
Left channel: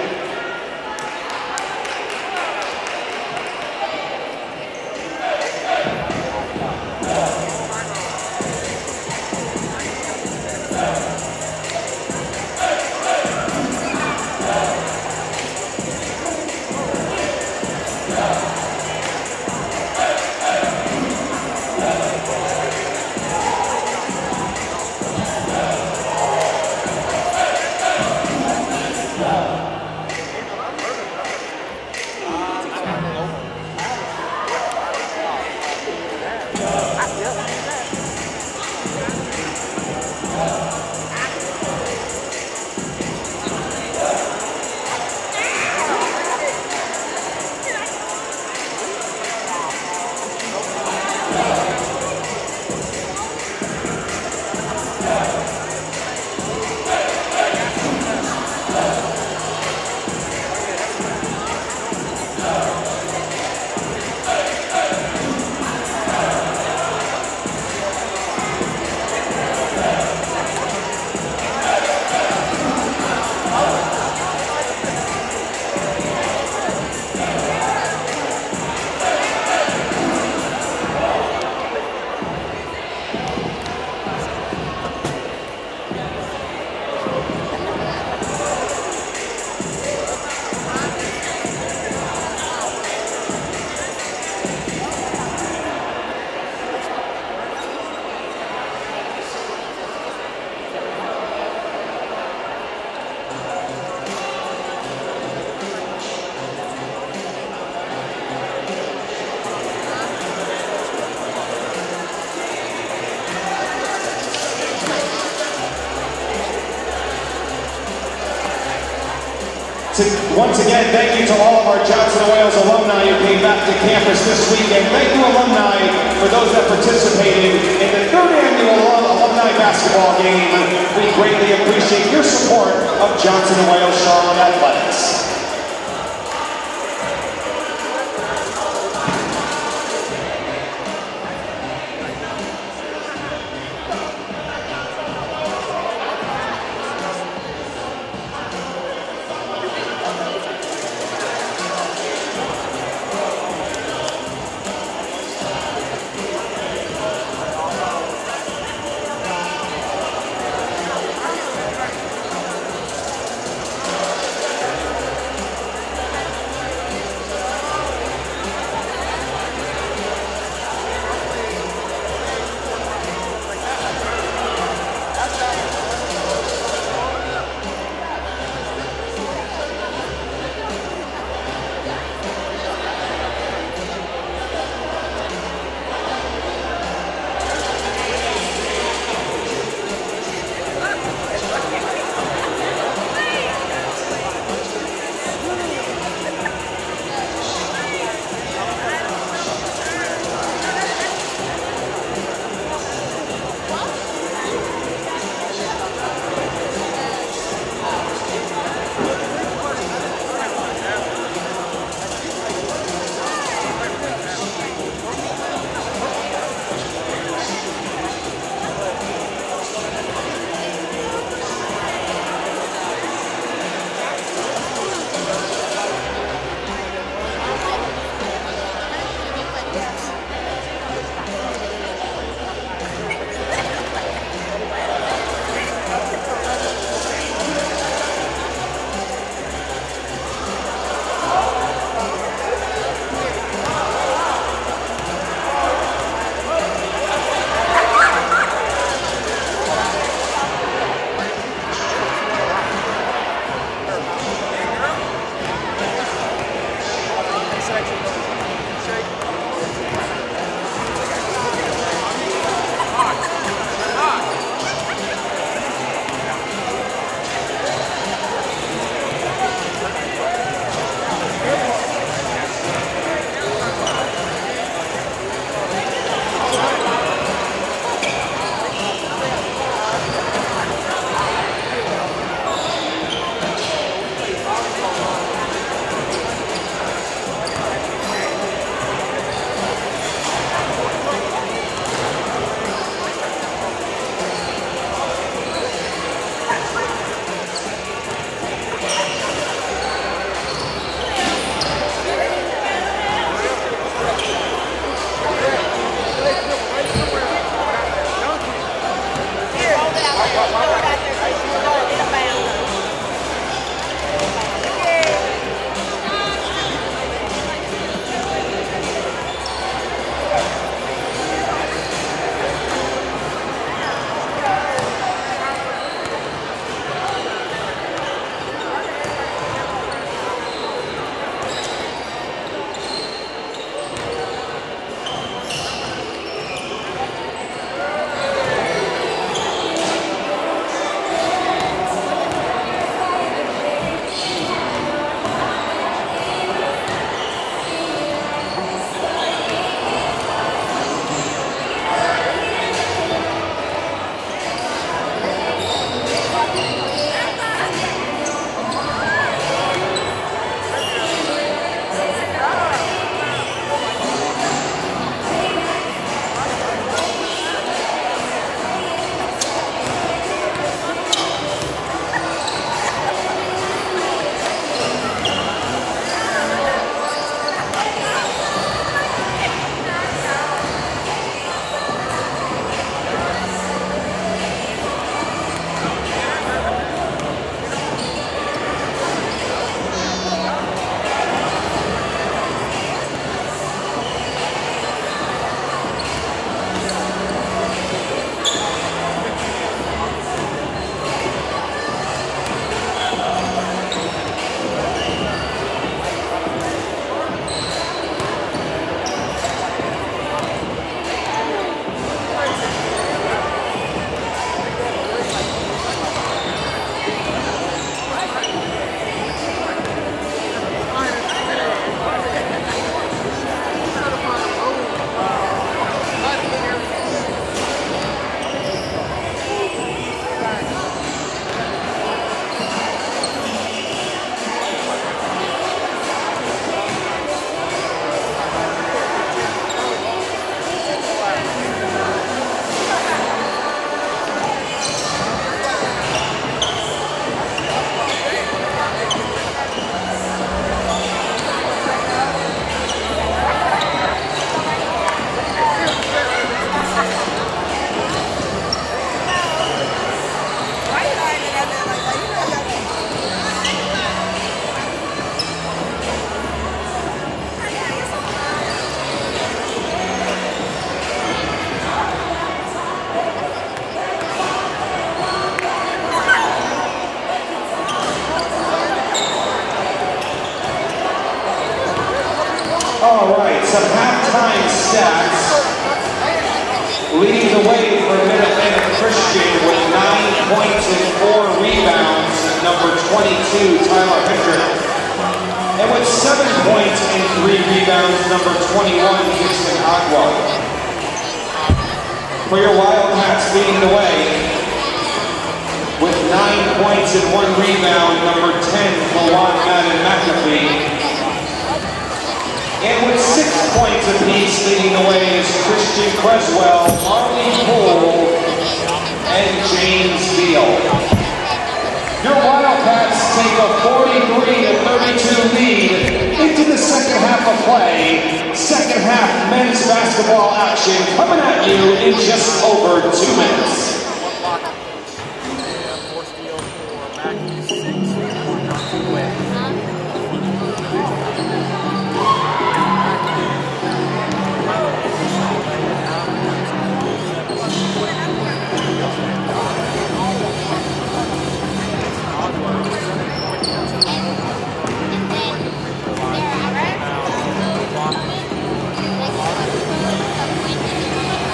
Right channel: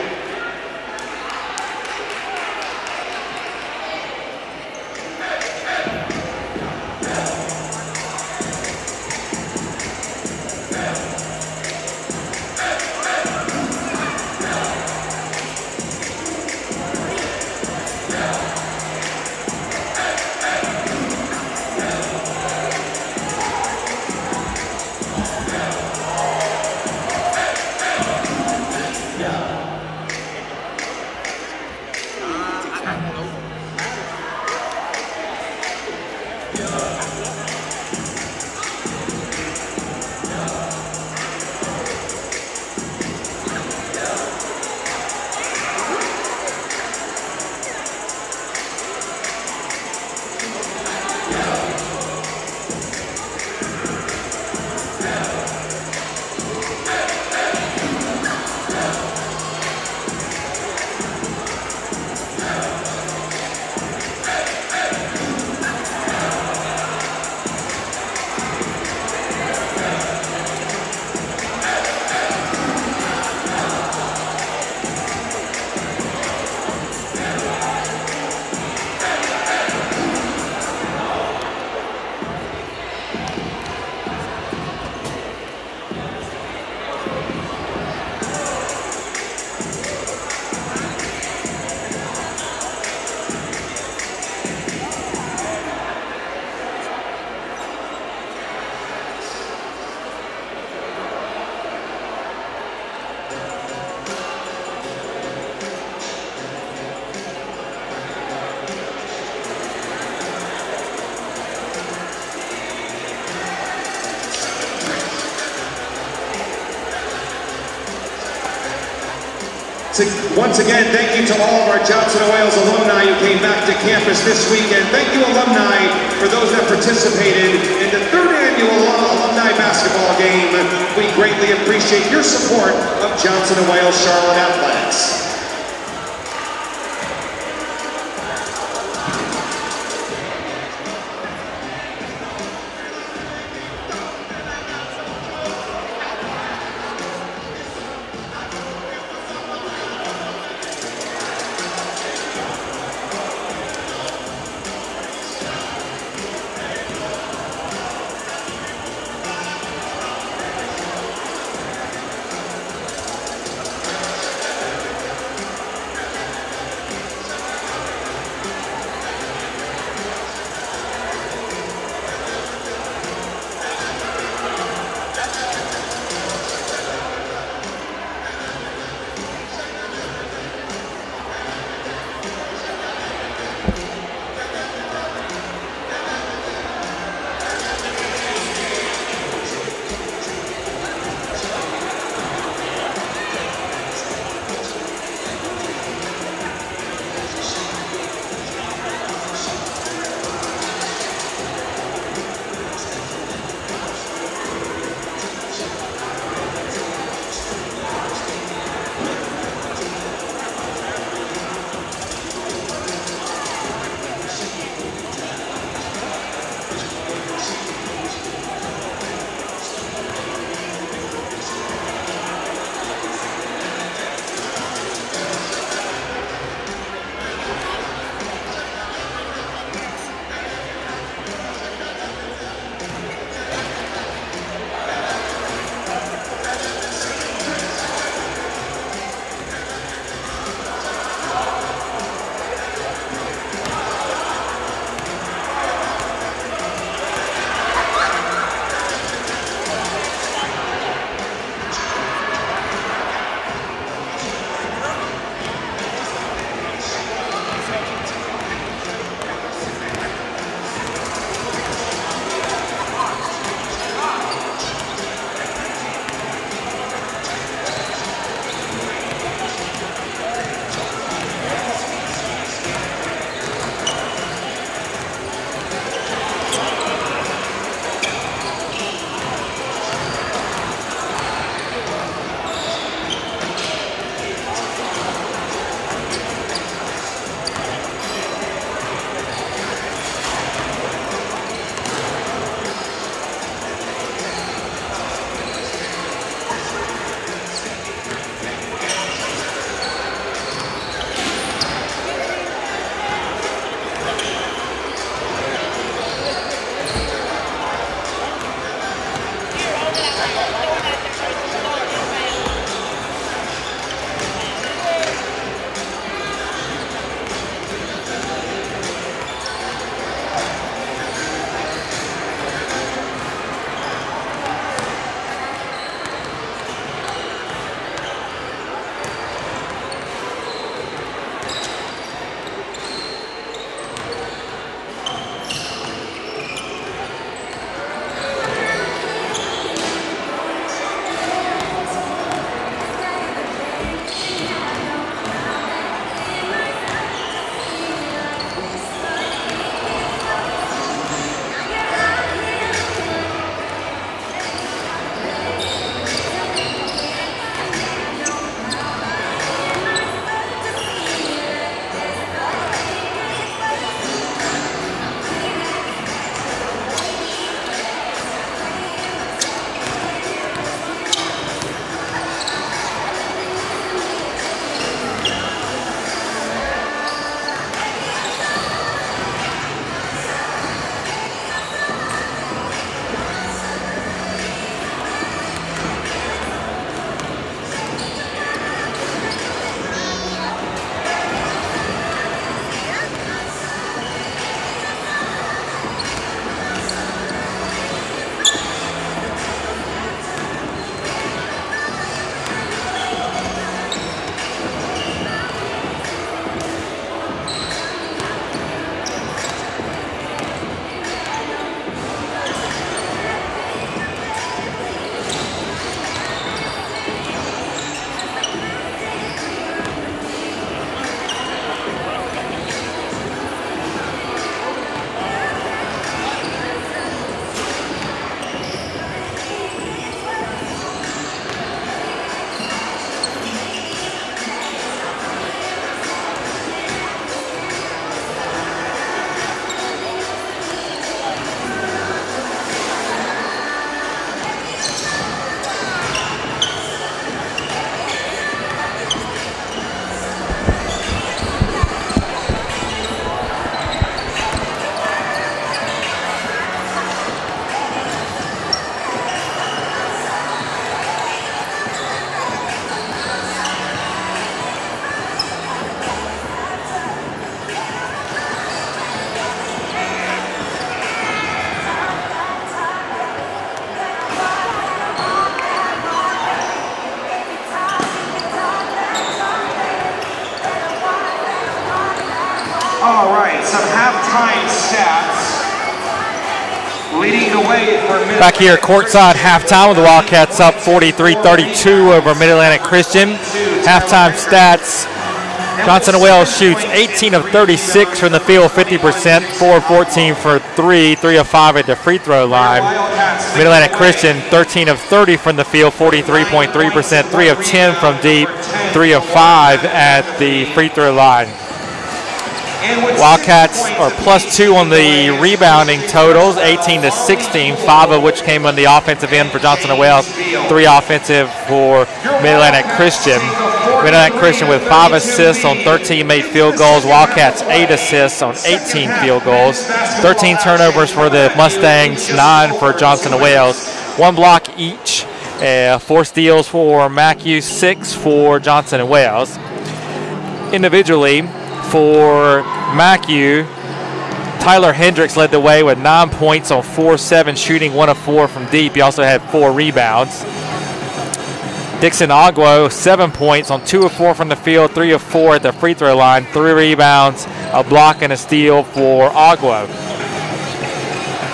Once again, thank you to all of our Johnson & Wales alumni who came back to campus this weekend. Thank you, alumni, for those that participated in the 3rd annual alumni basketball game. We greatly appreciate your support of Johnson & Wales Charlotte Athletics. All right, some halftime stats. Leading the way for Back here at courtside halftime, the Wildcats up 43-32 over Mid-Atlantic Christian. Halftime stats. Johnson Wells shoots 18 of 36 from the field, 50%, 4 of 14 for 3, 3 of 5 at the free throw line. Mid-Atlantic Christian 13 of 30 from the field, 43.3%, 3 of 10 from deep, 3 of 5 at the free throw line. Wildcats are +2 on the rebounding totals, 18 to 16, 5 of which came on the offensive end for Johnson & Wales, 3 offensive for Mid-Atlantic Christian. Mid-Atlantic Christian with 5 assists on 13 made field goals. Wildcats 8 assists on 18 field goals. 13 turnovers for the Mustangs, 9 for Johnson & Wales. 1 block each, 4 steals for MacU, 6 for Johnson & Wales. Individually, for MacU, Tyler Hendricks led the way with 9 points on 4-7 shooting, 1 of 4 from deep. He also had 4 rebounds. Dixon Agwo, 7 points on 2 of 4 from the field, 3 of 4 at the free throw line, 3 rebounds, a block and a steal for Agwo.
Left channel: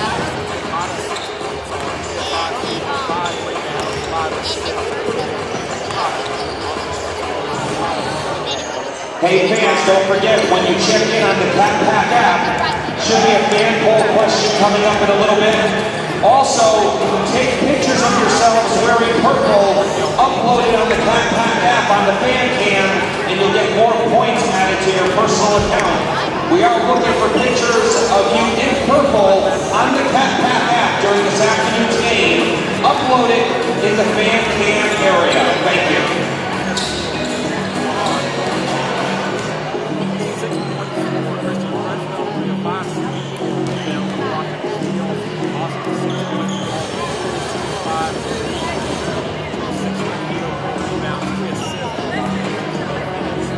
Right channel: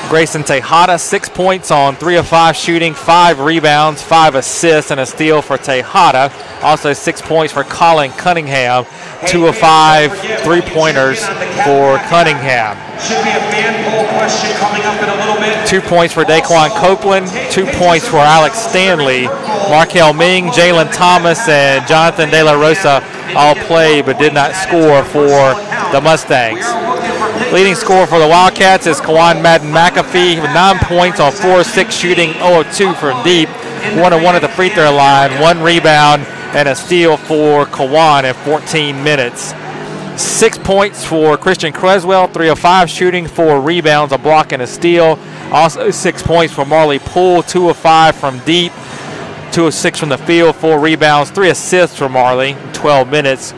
Grayson Tejada, 6 points on 3 of 5 shooting, 5 rebounds, 5 assists, and a steal for Tejada. Also 6 points for Colin Cunningham. 2 of 5 3-pointers for Cunningham. Should be a fan poll question coming up in a little bit. 2 points for Daquan Copeland, 2 points for Alex Stanley. Markel Ming, Jalen Thomas, and Jonathan De La Rosa all played but did not score for the Mustangs. Leading scorer for the Wildcats is Kawan Madden McAfee, 9 points on 4 of 6 shooting, 0 of 2 from deep, 1 of 1 at the free throw line, 1 rebound, and a steal for Kawan at 14 minutes. 6 points for Christian Creswell, 3 of 5 shooting, 4 rebounds, a block, and a steal. Also 6 points for Marley Poole, 2 of 5 from deep, 2 of 6 from the field, 4 rebounds, 3 assists for Marley, 12 minutes.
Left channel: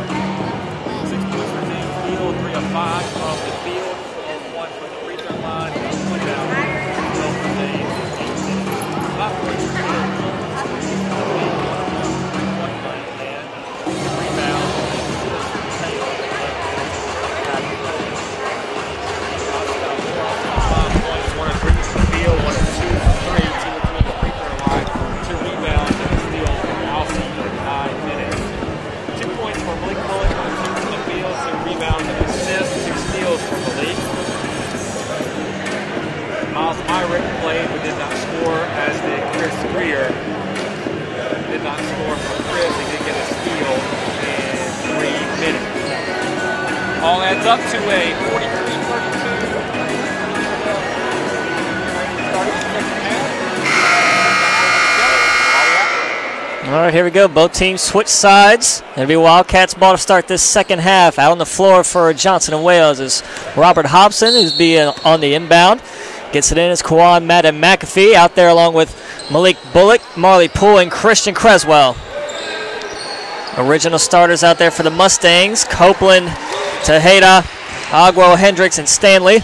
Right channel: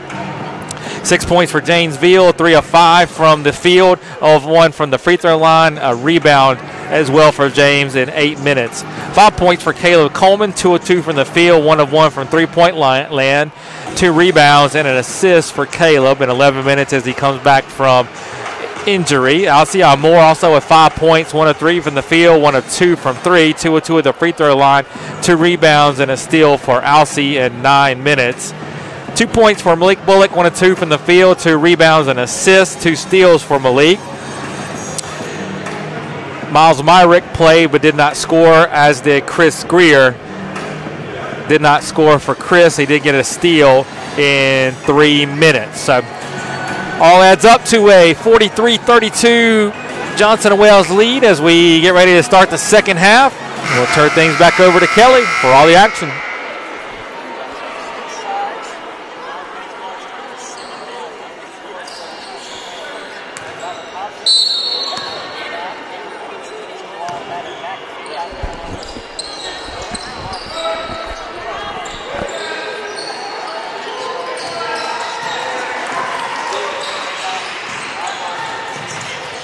6 points for James Veal, 3 of 5 from the field, 0 of 1 from the free throw line, a rebound as well for James in 8 minutes. 5 points for Caleb Coleman, 2 of 2 from the field, 1 of 1 from three-point land, 2 rebounds and an assist for Caleb in 11 minutes as he comes back from injury. Alcia Moore also with 5 points, 1 of 3 from the field, 1 of 2 from 3, 2 of 2 at the free throw line, 2 rebounds and a steal for Alcie in 9 minutes. 2 points for Malik Bullock, 1 of 2 from the field, 2 rebounds and assists, 2 steals for Malik. Miles Myrick played but did not score, as did Chris Greer. Did not score for Chris. He did get a steal in 3 minutes. So all adds up to a 43-32 Johnson & Wales lead as we get ready to start the second half. We'll turn things back over to Kelly for all the action. All right, here we go. Both teams switch sides. It'll be Wildcats ball to start this second half. Out on the floor for Johnson & Wales is Robert Hobson, who's being on the inbound. Gets it in as Kawan Madden McAfee out there along with Malik Bullock, Marley Poole, and Christian Creswell. Original starters out there for the Mustangs. Copeland, Tejada, Agwo, Hendricks, and Stanley.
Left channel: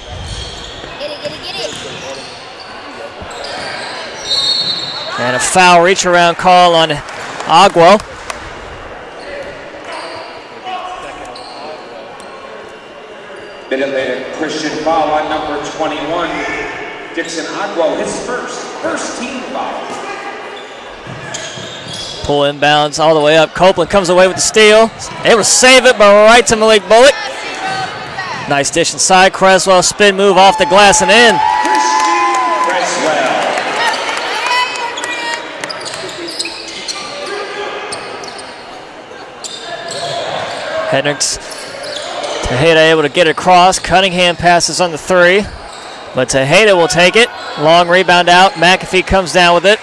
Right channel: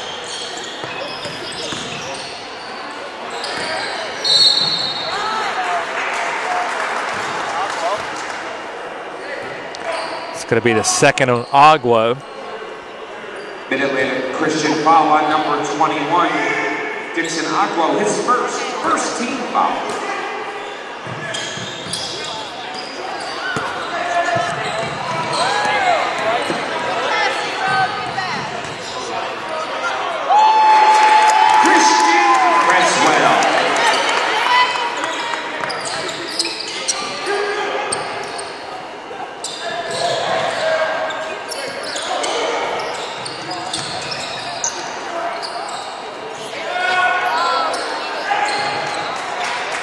And a foul reach around call on Agwo. It's going to be the second of Agwo. Mid-Atlantic Christian foul on number 21. Dixon Agwo, his first team foul. Pull inbounds all the way up. Copeland comes away with the steal. Able to save it, but right to Malik Bullock. Nice dish inside. Creswell spin move off the glass and in. Hendricks, Tejada able to get it across. Cunningham passes on the 3, but Tejada will take it. Long rebound out. McAfee comes down with it.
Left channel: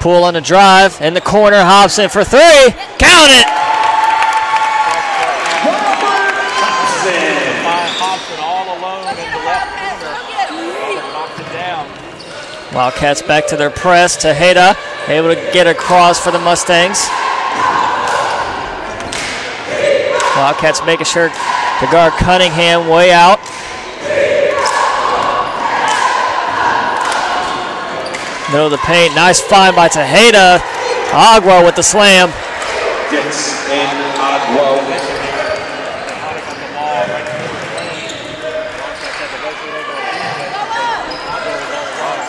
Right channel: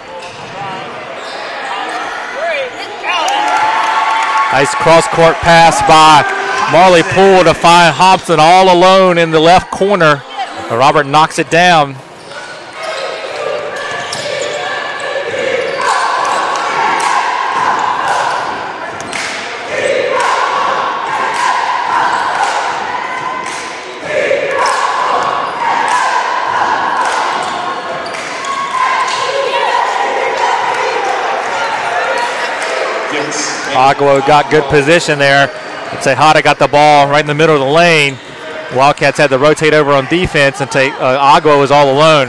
Poole on the drive in the corner. Hobson for 3. Count it! Nice cross-court pass by Marley Poole to find Hobson all alone in the left corner. Robert knocks it down. Wildcats back to their press. Tejada able to get across for the Mustangs. Wildcats making sure to guard Cunningham way out. Middle of the paint. Nice find by Tejada. Agwo with the slam. Agua got good position there. Tejada got the ball right in the middle of the lane. Wildcats had to rotate over on defense, and Agua was all alone.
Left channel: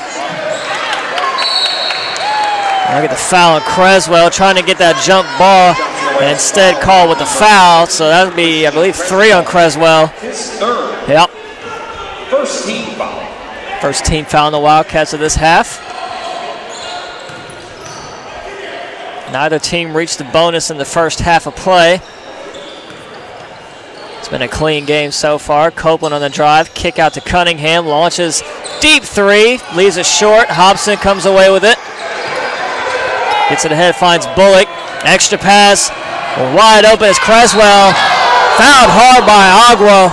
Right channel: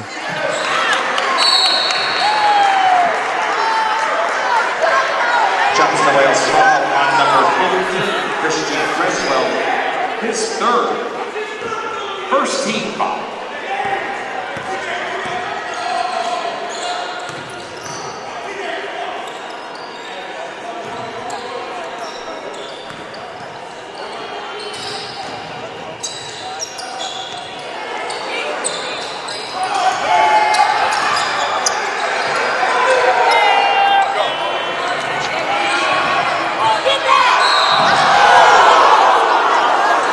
Look at the foul on Creswell, trying to get that jump ball, and instead called with the foul. So that would be, I believe, 3 on Creswell. Yep. First team foul. First team foul on the Wildcats of this half. Neither team reached the bonus in the first half of play. It's been a clean game so far. Copeland on the drive, kick out to Cunningham, launches deep 3, leaves it short. Hobson comes away with it. Gets it ahead, finds Bullock. Extra pass, wide open is Creswell. Fouled hard by Agua.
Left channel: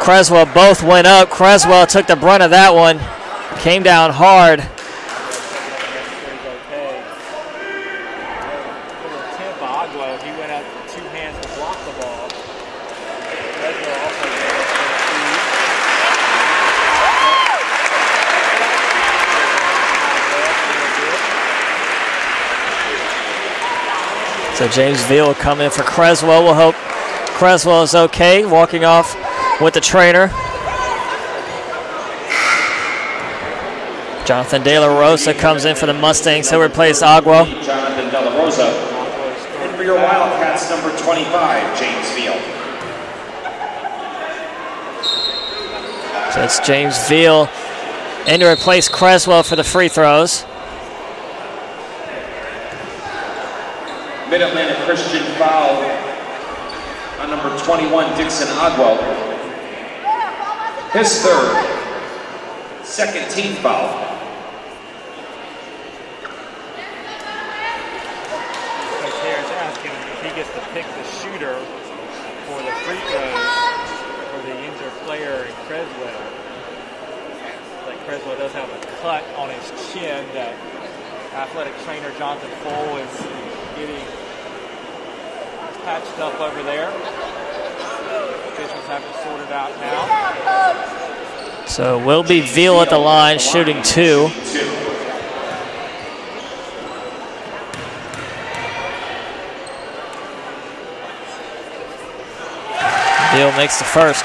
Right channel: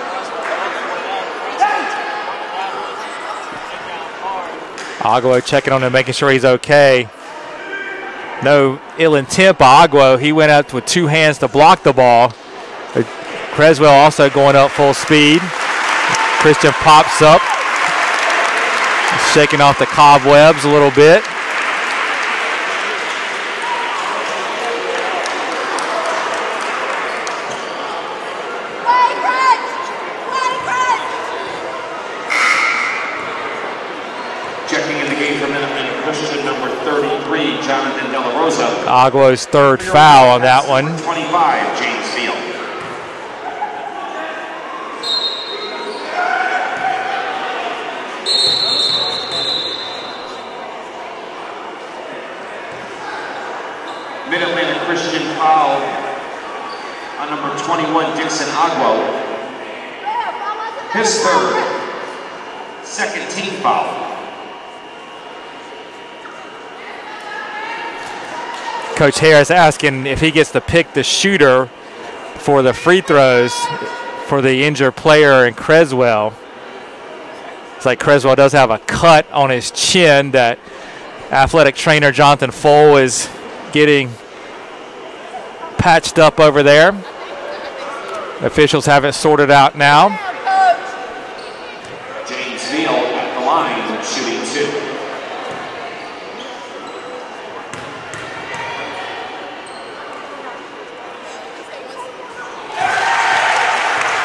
Creswell both went up. Creswell took the brunt of that one. Came down hard. Agua checking on him, making sure he's okay. No ill intent by Agua. He went up with 2 hands to block the ball. But Creswell also going up full speed. Christian pops up, shaking off the cobwebs a little bit. So James Veal will come in for Creswell. We'll hope Creswell is okay, walking off with the trainer. Jonathan De La Rosa comes in for the Mustangs. He'll replace Agua. Agua's 3rd foul on that one. 25, James Veal. So it's James Veal in to replace Creswell for the free throws. Mid-Atlantic Christian foul on number 21, Dixon Agua. His 3rd. Second team foul. Coach Harris asking if he gets to pick the shooter for the free throws for the injured player in Creswell. It's like Creswell does have a cut on his chin that athletic trainer Jonathan Foll is getting patched up over there. Officials have it sorted out now. So will be Veal at the line, shooting 2. Veal makes the first.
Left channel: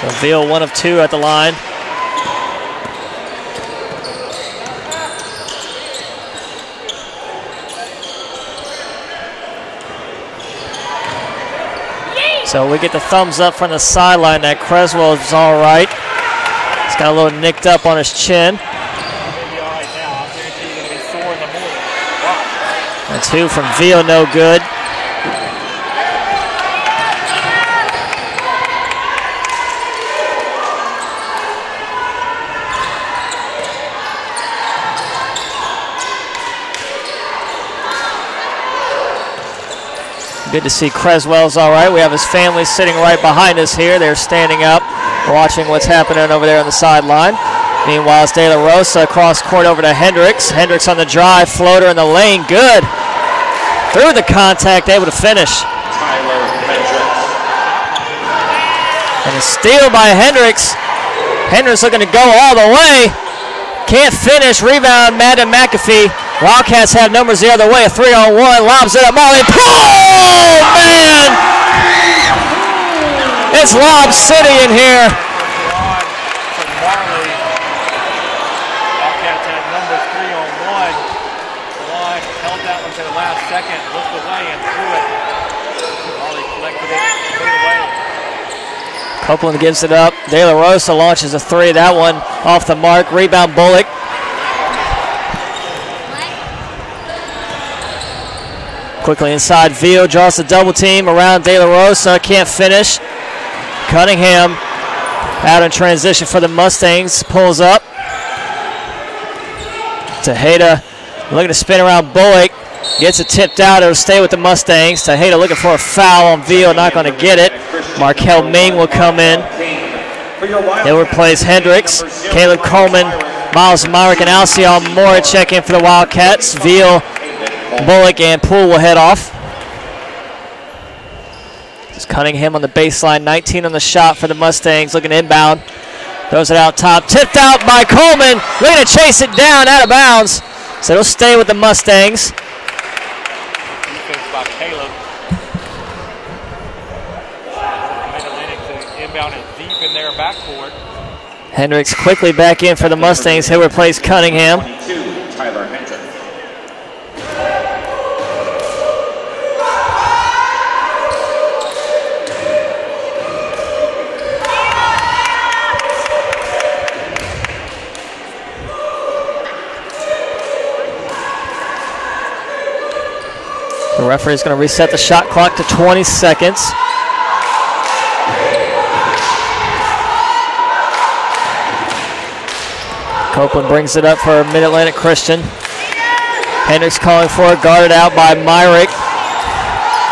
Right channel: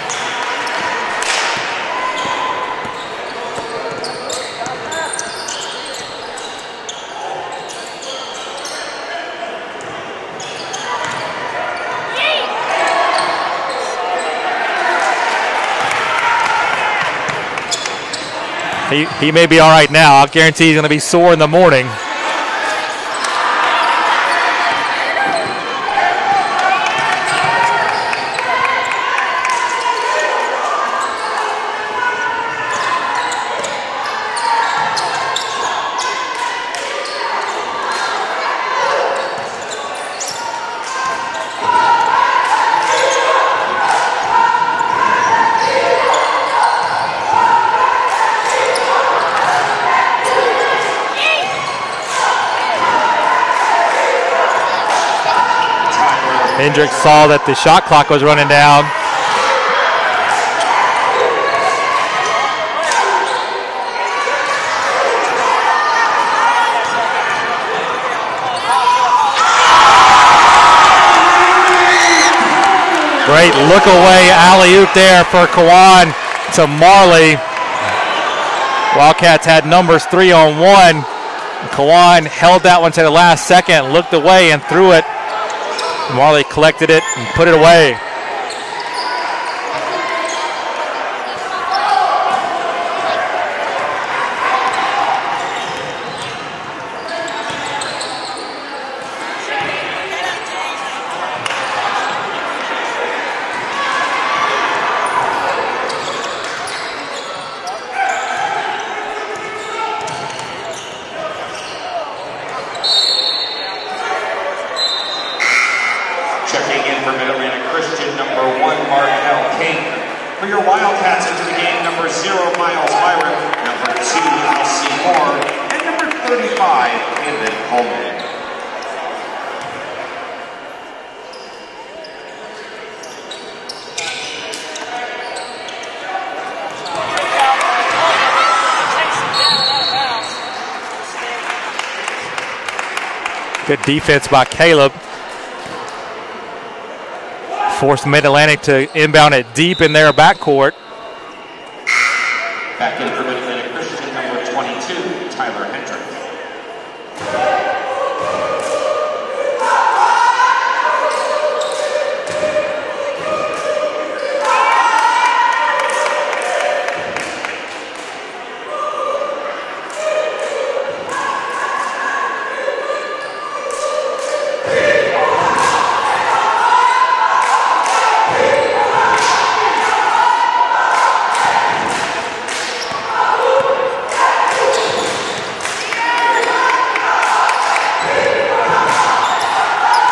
So Veal 1 of 2 at the line. So we get the thumbs up from the sideline that Creswell is all right. He's got a little nicked up on his chin. He may be all right now. I'll guarantee he's going to be sore in the morning. A 2 from Veal, no good. Good to see Creswell's all right. We have his family sitting right behind us here. They're standing up, watching what's happening over there on the sideline. Meanwhile, it's De La Rosa across court over to Hendricks. Hendricks on the drive, floater in the lane, good. Through the contact, able to finish. Hendricks saw that the shot clock was running down. And a steal by Hendricks. Hendricks looking to go all the way. Can't finish, rebound, Madden McAfee. Wildcats have numbers the other way, a 3-on-1, lobs it up, Marley. Oh, man! Great look away alley there for Kawan to Marley. Wildcats had numbers 3-on-1. Kawan held that one to the last second, looked away and threw it. Marley collected it and put it away. Copeland gives it up. De La Rosa launches a 3. That one off the mark. Rebound Bullock. Quickly inside, Veal draws the double team around De La Rosa. Can't finish. Cunningham out in transition for the Mustangs. Pulls up. Tejada looking to spin around Bullock. Gets it tipped out. It'll stay with the Mustangs. Tejada looking for a foul on Veal. Not going to get it. Markel Ming will come in. He'll replace Hendricks. Caleb Coleman, Miles Myrick, and Alcion Moore check in for the Wildcats. Veal, Bullock, and Poole will head off. It's Cunningham on the baseline, 19 on the shot for the Mustangs, looking inbound. Throws it out top, tipped out by Coleman. Looking to chase it down, out of bounds. So it'll stay with the Mustangs. Good defense by Caleb. Forced Mid-Atlantic to inbound it deep in their backcourt. Hendricks quickly back in for the Mustangs. He'll replace Cunningham. Tyler Hendrick. The referee is going to reset the shot clock to 20 seconds. Copeland brings it up for Mid-Atlantic Christian. Hendricks calling for it, guarded out by Myrick.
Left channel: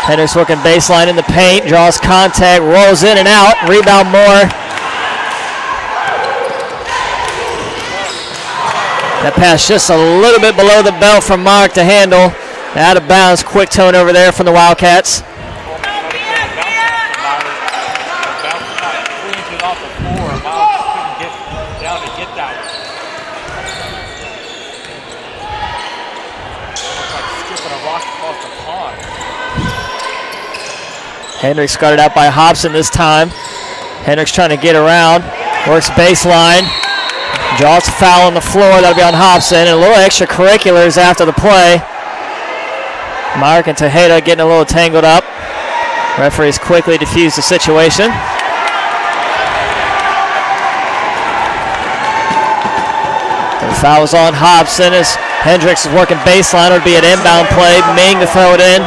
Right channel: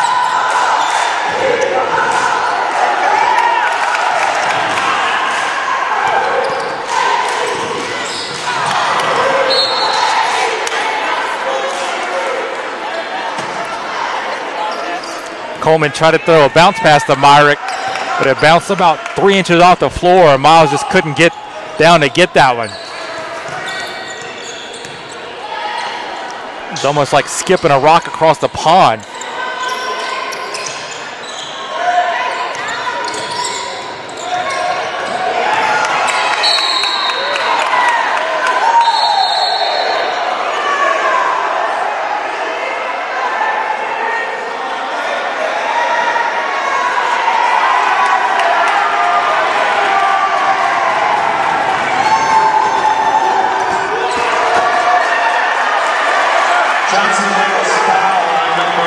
Hendricks working baseline in the paint, draws contact, rolls in and out, rebound Moore. That pass just a little bit below the belt from Myrick to handle. Out of bounds, quick turnover there from the Wildcats. Coleman tried to throw a bounce pass to Myrick, but it bounced about 3 inches off the floor, and Miles just couldn't get down to get that one. It's almost like skipping a rock across the pond. Hendricks guarded out by Hobson this time. Hendricks trying to get around, works baseline, draws a foul on the floor. That'll be on Hobson, and a little extracurriculars after the play. Myrick and Tejeda getting a little tangled up. Referees quickly defuse the situation. The foul's on Hobson as Hendricks is working baseline. It would be an inbound play. Ming to throw it in.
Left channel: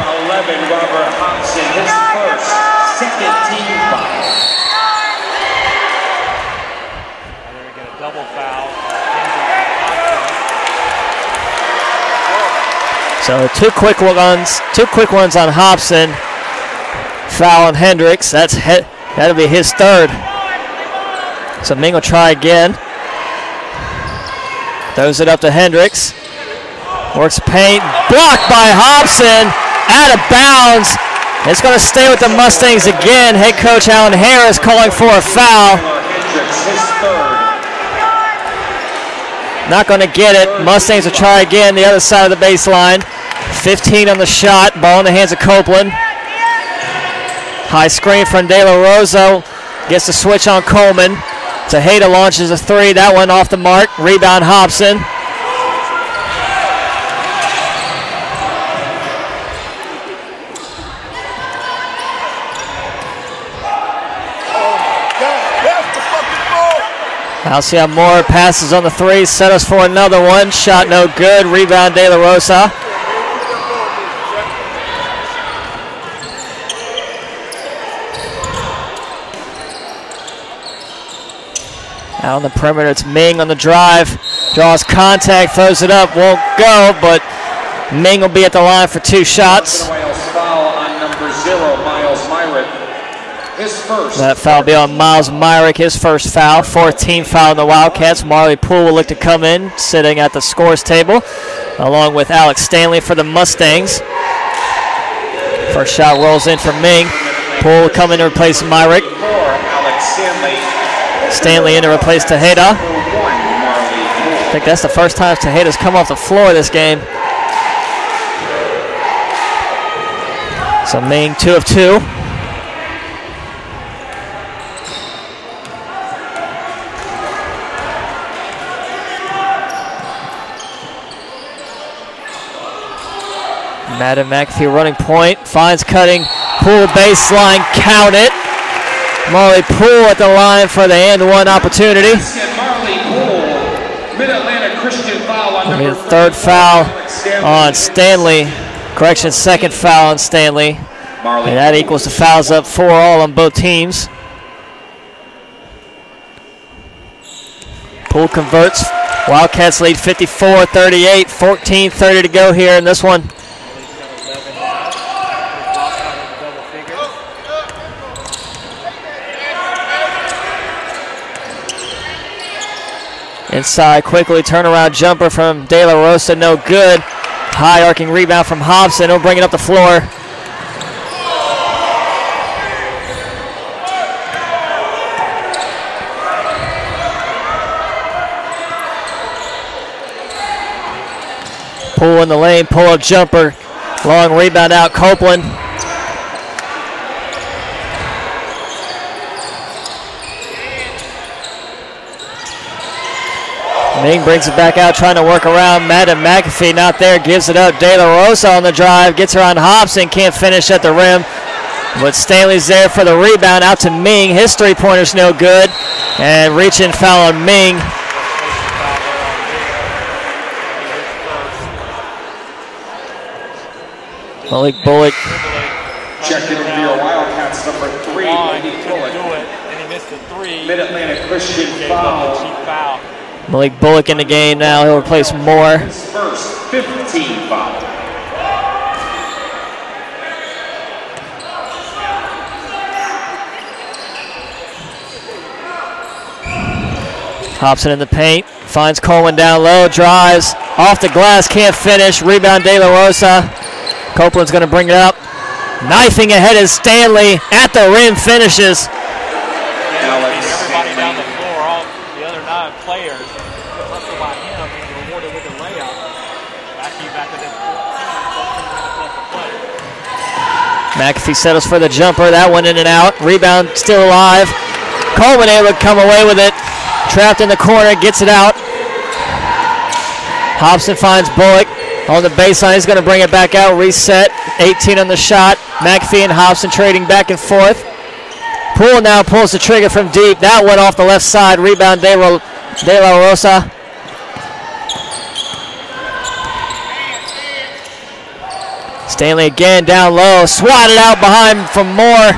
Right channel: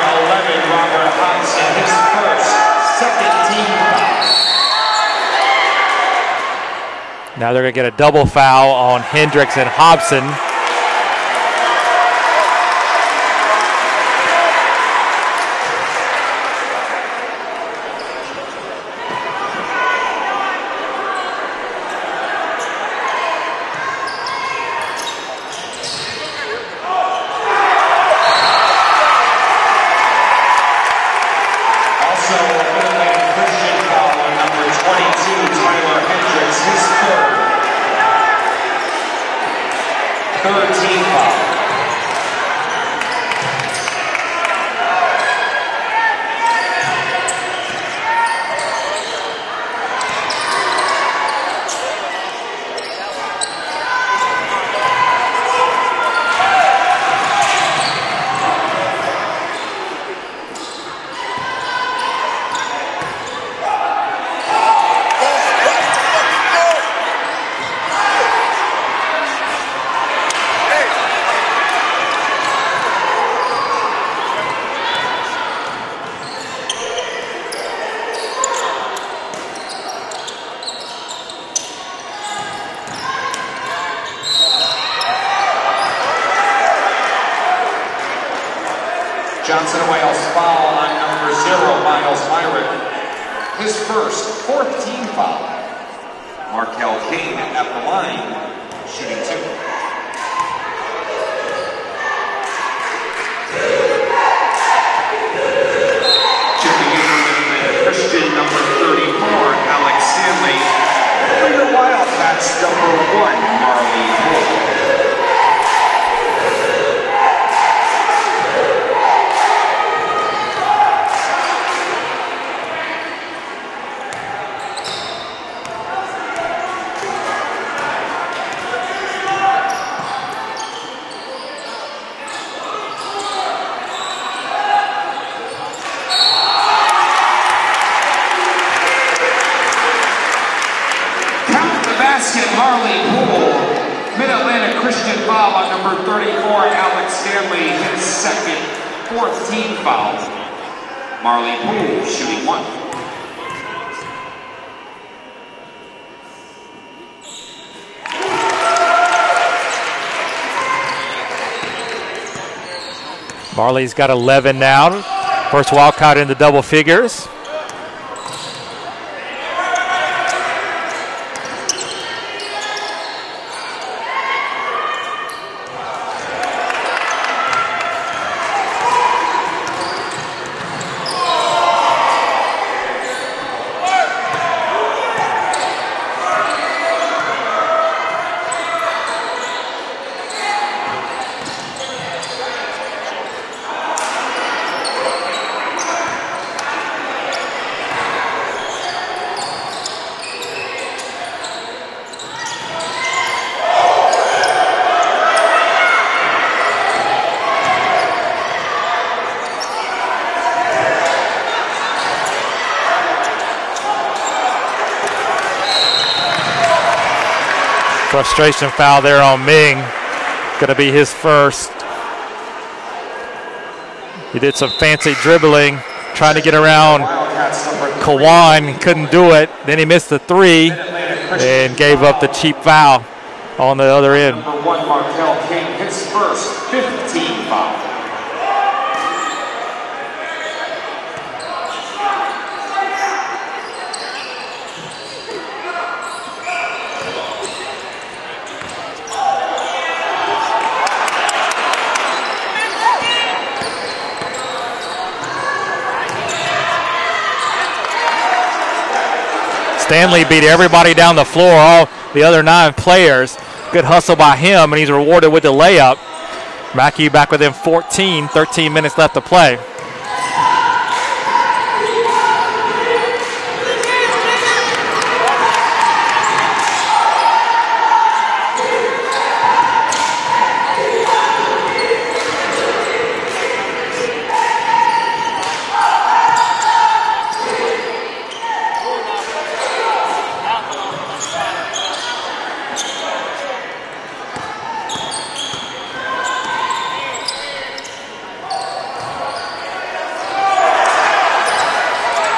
Now they're going to get a double foul on Hendricks and Hobson. So two quick ones on Hobson. Foul on Hendricks. That'll be his third. So Ming will try again. Throws it up to Hendricks. Works paint. Blocked by Hobson. Out of bounds. It's going to stay with the Mustangs again. Head coach Alan Harris calling for a foul. Not going to get it. Mustangs will try again the other side of the baseline. 15 on the shot. Ball in the hands of Copeland. High screen from De La Rosa. Gets the switch on Coleman. Tejeda launches a three. That one off the mark. Rebound Hobson. Alcion Moore passes on the three, set us for another one. Shot no good. Rebound De La Rosa. Out on the perimeter, it's Ming on the drive. Draws contact, throws it up, won't go, but Ming will be at the line for two shots. That foul will be on Miles Myrick, his first foul. 14th foul on the Wildcats. Marley Poole will look to come in, sitting at the scores table, along with Alex Stanley for the Mustangs. First shot rolls in for Ming. Poole will come in to replace Myrick. Stanley in to replace Tejeda. I think that's the first time Tejeda's come off the floor this game. So Ming 2 of 2. Madden McAfee running point, finds cutting, Poole baseline, count it. Marley Poole at the line for the and one opportunity. Third foul on Stanley. Correction, second foul on Stanley. And that equals the fouls up 4-all on both teams. Poole converts. Wildcats lead 54-38, 14:30 to go here in this one. Marley's got 11 now. First Wildcat into double figures. Inside quickly, turnaround jumper from De La Rosa, no good. High arcing rebound from Hobson, he'll bring it up the floor. Pull in the lane, pull-up jumper. Long rebound out, Copeland. Ming brings it back out, trying to work around. Madden McAfee not there, gives it up. De La Rosa on the drive, gets her on Hobson, can't finish at the rim. But Stanley's there for the rebound, out to Ming. His three-pointer's no good. And reach-in foul on Ming. Frustration foul there on Ming. Going to be his first. He did some fancy dribbling, trying to get around Kawan, couldn't do it. Then he missed the three and gave up the cheap foul. Malik Bullock in the game now. He'll replace Moore. His first 15 foul. Hobson in the paint, finds Coleman down low, drives, off the glass, can't finish. Rebound De La Rosa. Copeland's going to bring it up. Knifing ahead is Stanley, at the rim, finishes. Stanley beat everybody down the floor, all the other 9 players. Good hustle by him, and he's rewarded with the layup. Mackey back within 14, 13 minutes left to play. McAfee settles for the jumper, that one in and out. Rebound still alive. Coleman able to come away with it. Trapped in the corner, gets it out. Hobson finds Bullock on the baseline. He's going to bring it back out, reset. 18 on the shot. McAfee and Hobson trading back and forth. Poole now pulls the trigger from deep. That went off the left side. Rebound De La Rosa. Stanley again down low. Swatted out behind from Moore.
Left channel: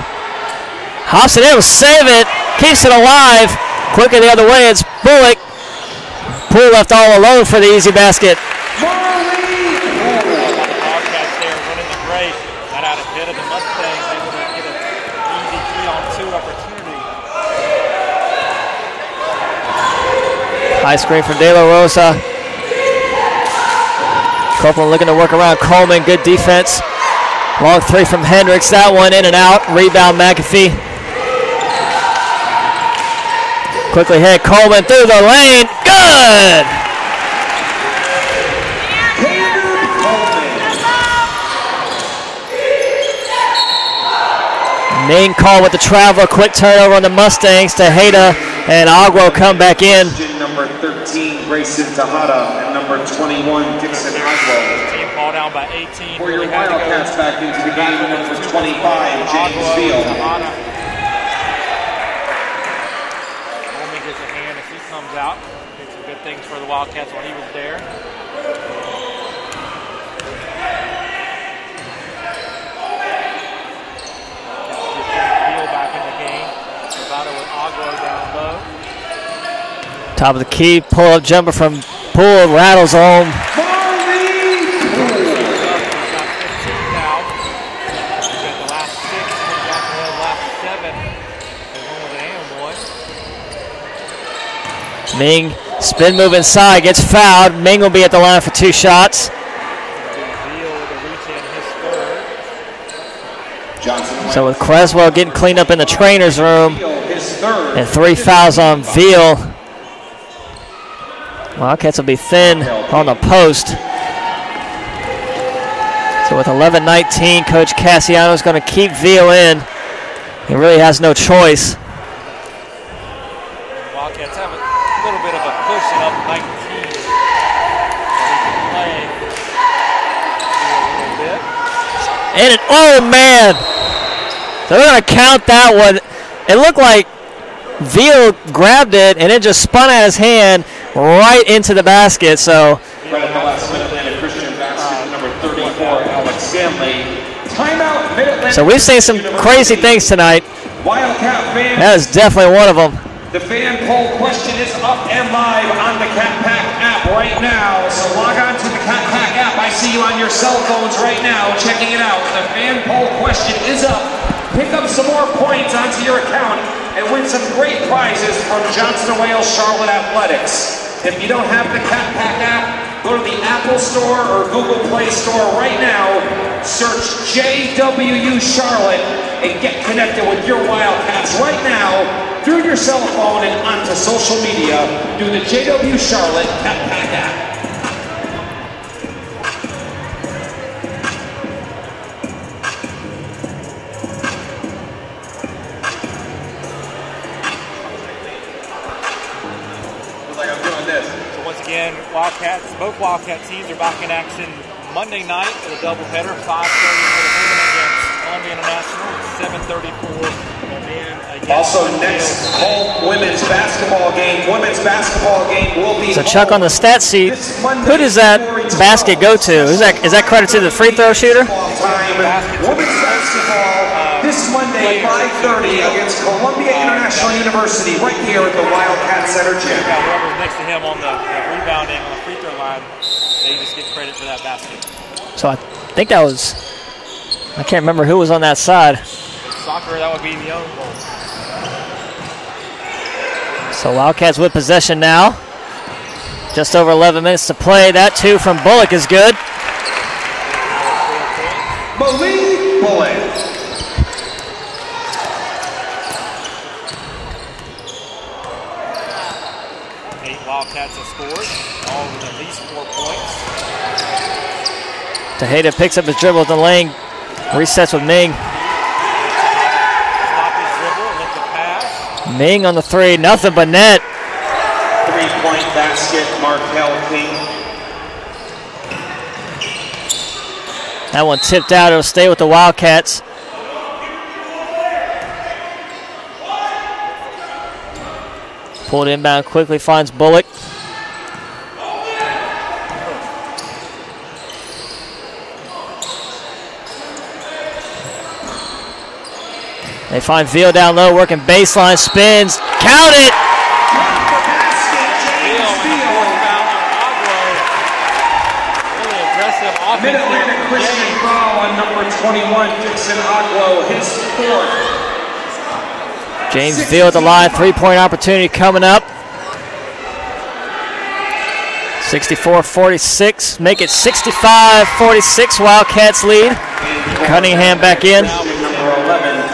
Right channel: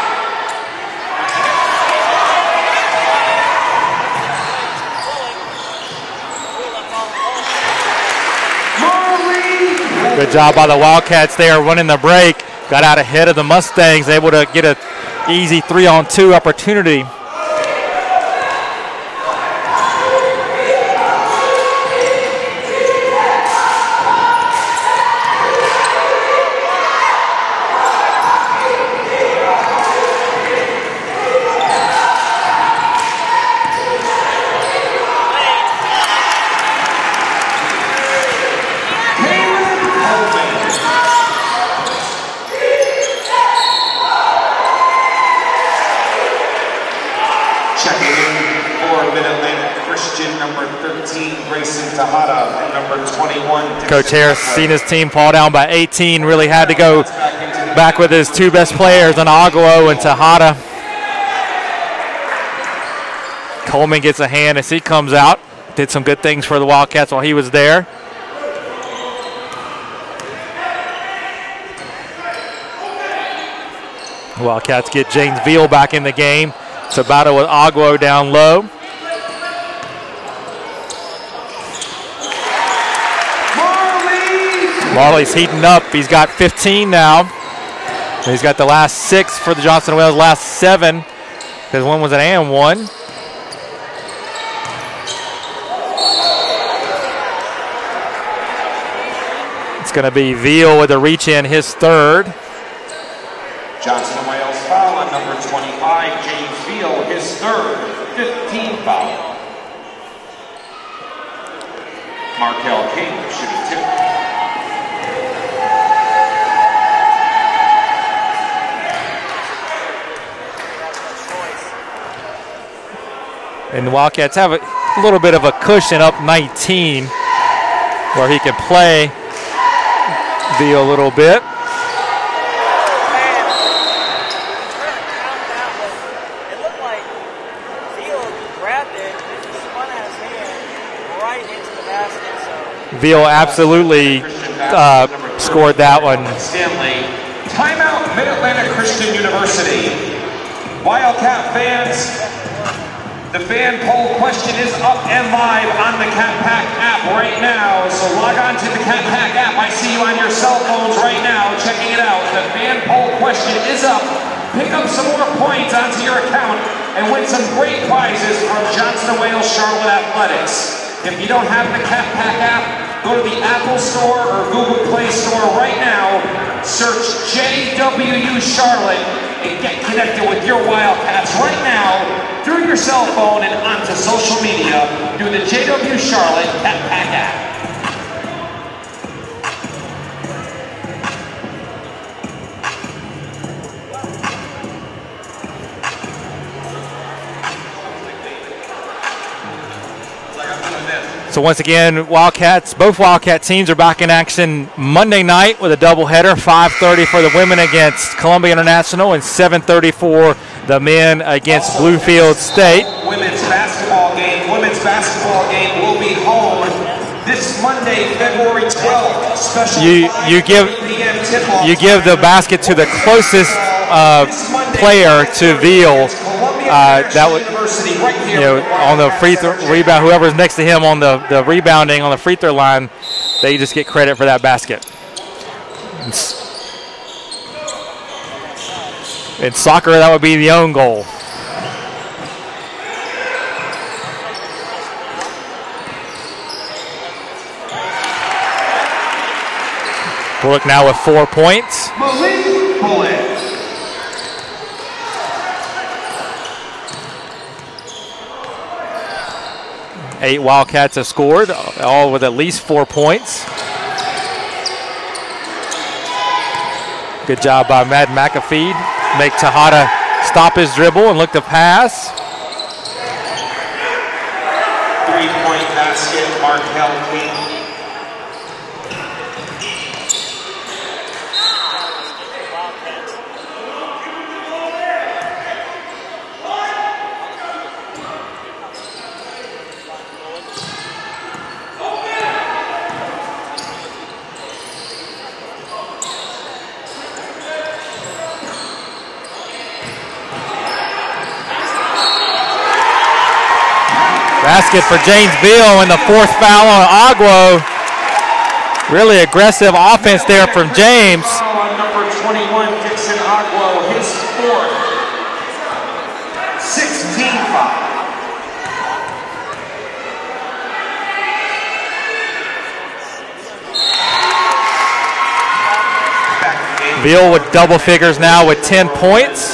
Hobson able to save it. Keeps it alive. Quickly the other way, it's Bullock. Poole left all alone for the easy basket. Good job by the Wildcats there, running the break. Got out ahead of the Mustangs, able to get an easy 3-on-2 opportunity. High screen from De La Rosa. Copeland looking to work around Coleman, good defense. Long three from Hendricks, that one in and out. Rebound McAfee. Quickly hit Coleman through the lane, good! Ming call with the travel, quick turnover on the Mustangs. Tejeda and Agua come back in. Number 13, Grayson Tejada, and number 21, Coach Harris seen his team fall down by 18, really had to go back with his 2 best players on Agua and Tejada. Coleman gets a hand as he comes out. Did some good things for the Wildcats while he was there. The Wildcats get James Veal back in the game. It's a battle with Agua down low. Top of the key, pull-up jumper from Poole, rattles home. Wally's heating up. He's got 15 now. He's got the last 6 for the Johnson Wales, last 7, because one was an and one. Ming, spin move inside, gets fouled. Ming will be at the line for 2 shots. It's going to be Veal with a reach in, his 3rd. So with Creswell getting cleaned up in the trainer's room, and 3 fouls on Veal. Wildcats will be thin on the post. So with 11-19, Coach Cassiano is going to keep Veal in. He really has no choice. And the Wildcats have a little bit of a cushion up 19 where he can play Veal a little bit. And it, oh man! They're going to count that one. It looked like Veal grabbed it and it just spun out his hand right into the basket. So Veal absolutely scored that one. So we've seen some crazy things tonight. That is definitely one of them. The fan poll question is up and live on the Cat Pack app right now. So log on to the Cat Pack app. I see you on your cell phones right now checking it out. The fan poll question is up. Pick up some more points onto your account and win some great prizes from Johnson Wales Charlotte Athletics. If you don't have the Cat Pack app, go to the Apple Store or Google Play Store right now. Search JWU Charlotte and get connected with your Wildcats right now through your cell phone and onto social media. Do the JW Charlotte Cat Pack app. So once again, both Wildcat teams are back in action Monday night with a doubleheader, 5:30 for the women against Columbia International and 7:30 for the men against Bluefield State. Women's basketball game will be So Chuck, on the stat sheet, who does that basket go to? Is that credit to the free throw shooter? You give the basket to the closest player to Veal. That was, on the free throw rebound, whoever's next to him on the rebounding on the free throw line, they just get credit for that basket. So I think that was, I can't remember who was on that side. In soccer, that would be the own goal. So Wildcats with possession now. Just over 11 minutes to play. That two from Bullock is good. Bullock now with 4 points. Bullock. 8 Wildcats have scored, all with at least 4 points. Tejeda picks up the dribble at the lane. Good job by Matt McAfee. Make Tejada stop his dribble and look to pass. Ming on the three, nothing but net. 3-point basket, Markel King. That one tipped out. It'll stay with the Wildcats. Pulled inbound quickly, finds Bullock. They find Veal down low, working baseline, spins, count it! Basket for James Veal and the 4th foul on Agua. Really aggressive offense there from James. Number 21, Dixon Agua, his 4th. James Veal at the line, 3-point opportunity coming up. 64-46, make it 65-46, Wildcats lead. Veal with double figures now with 10 points.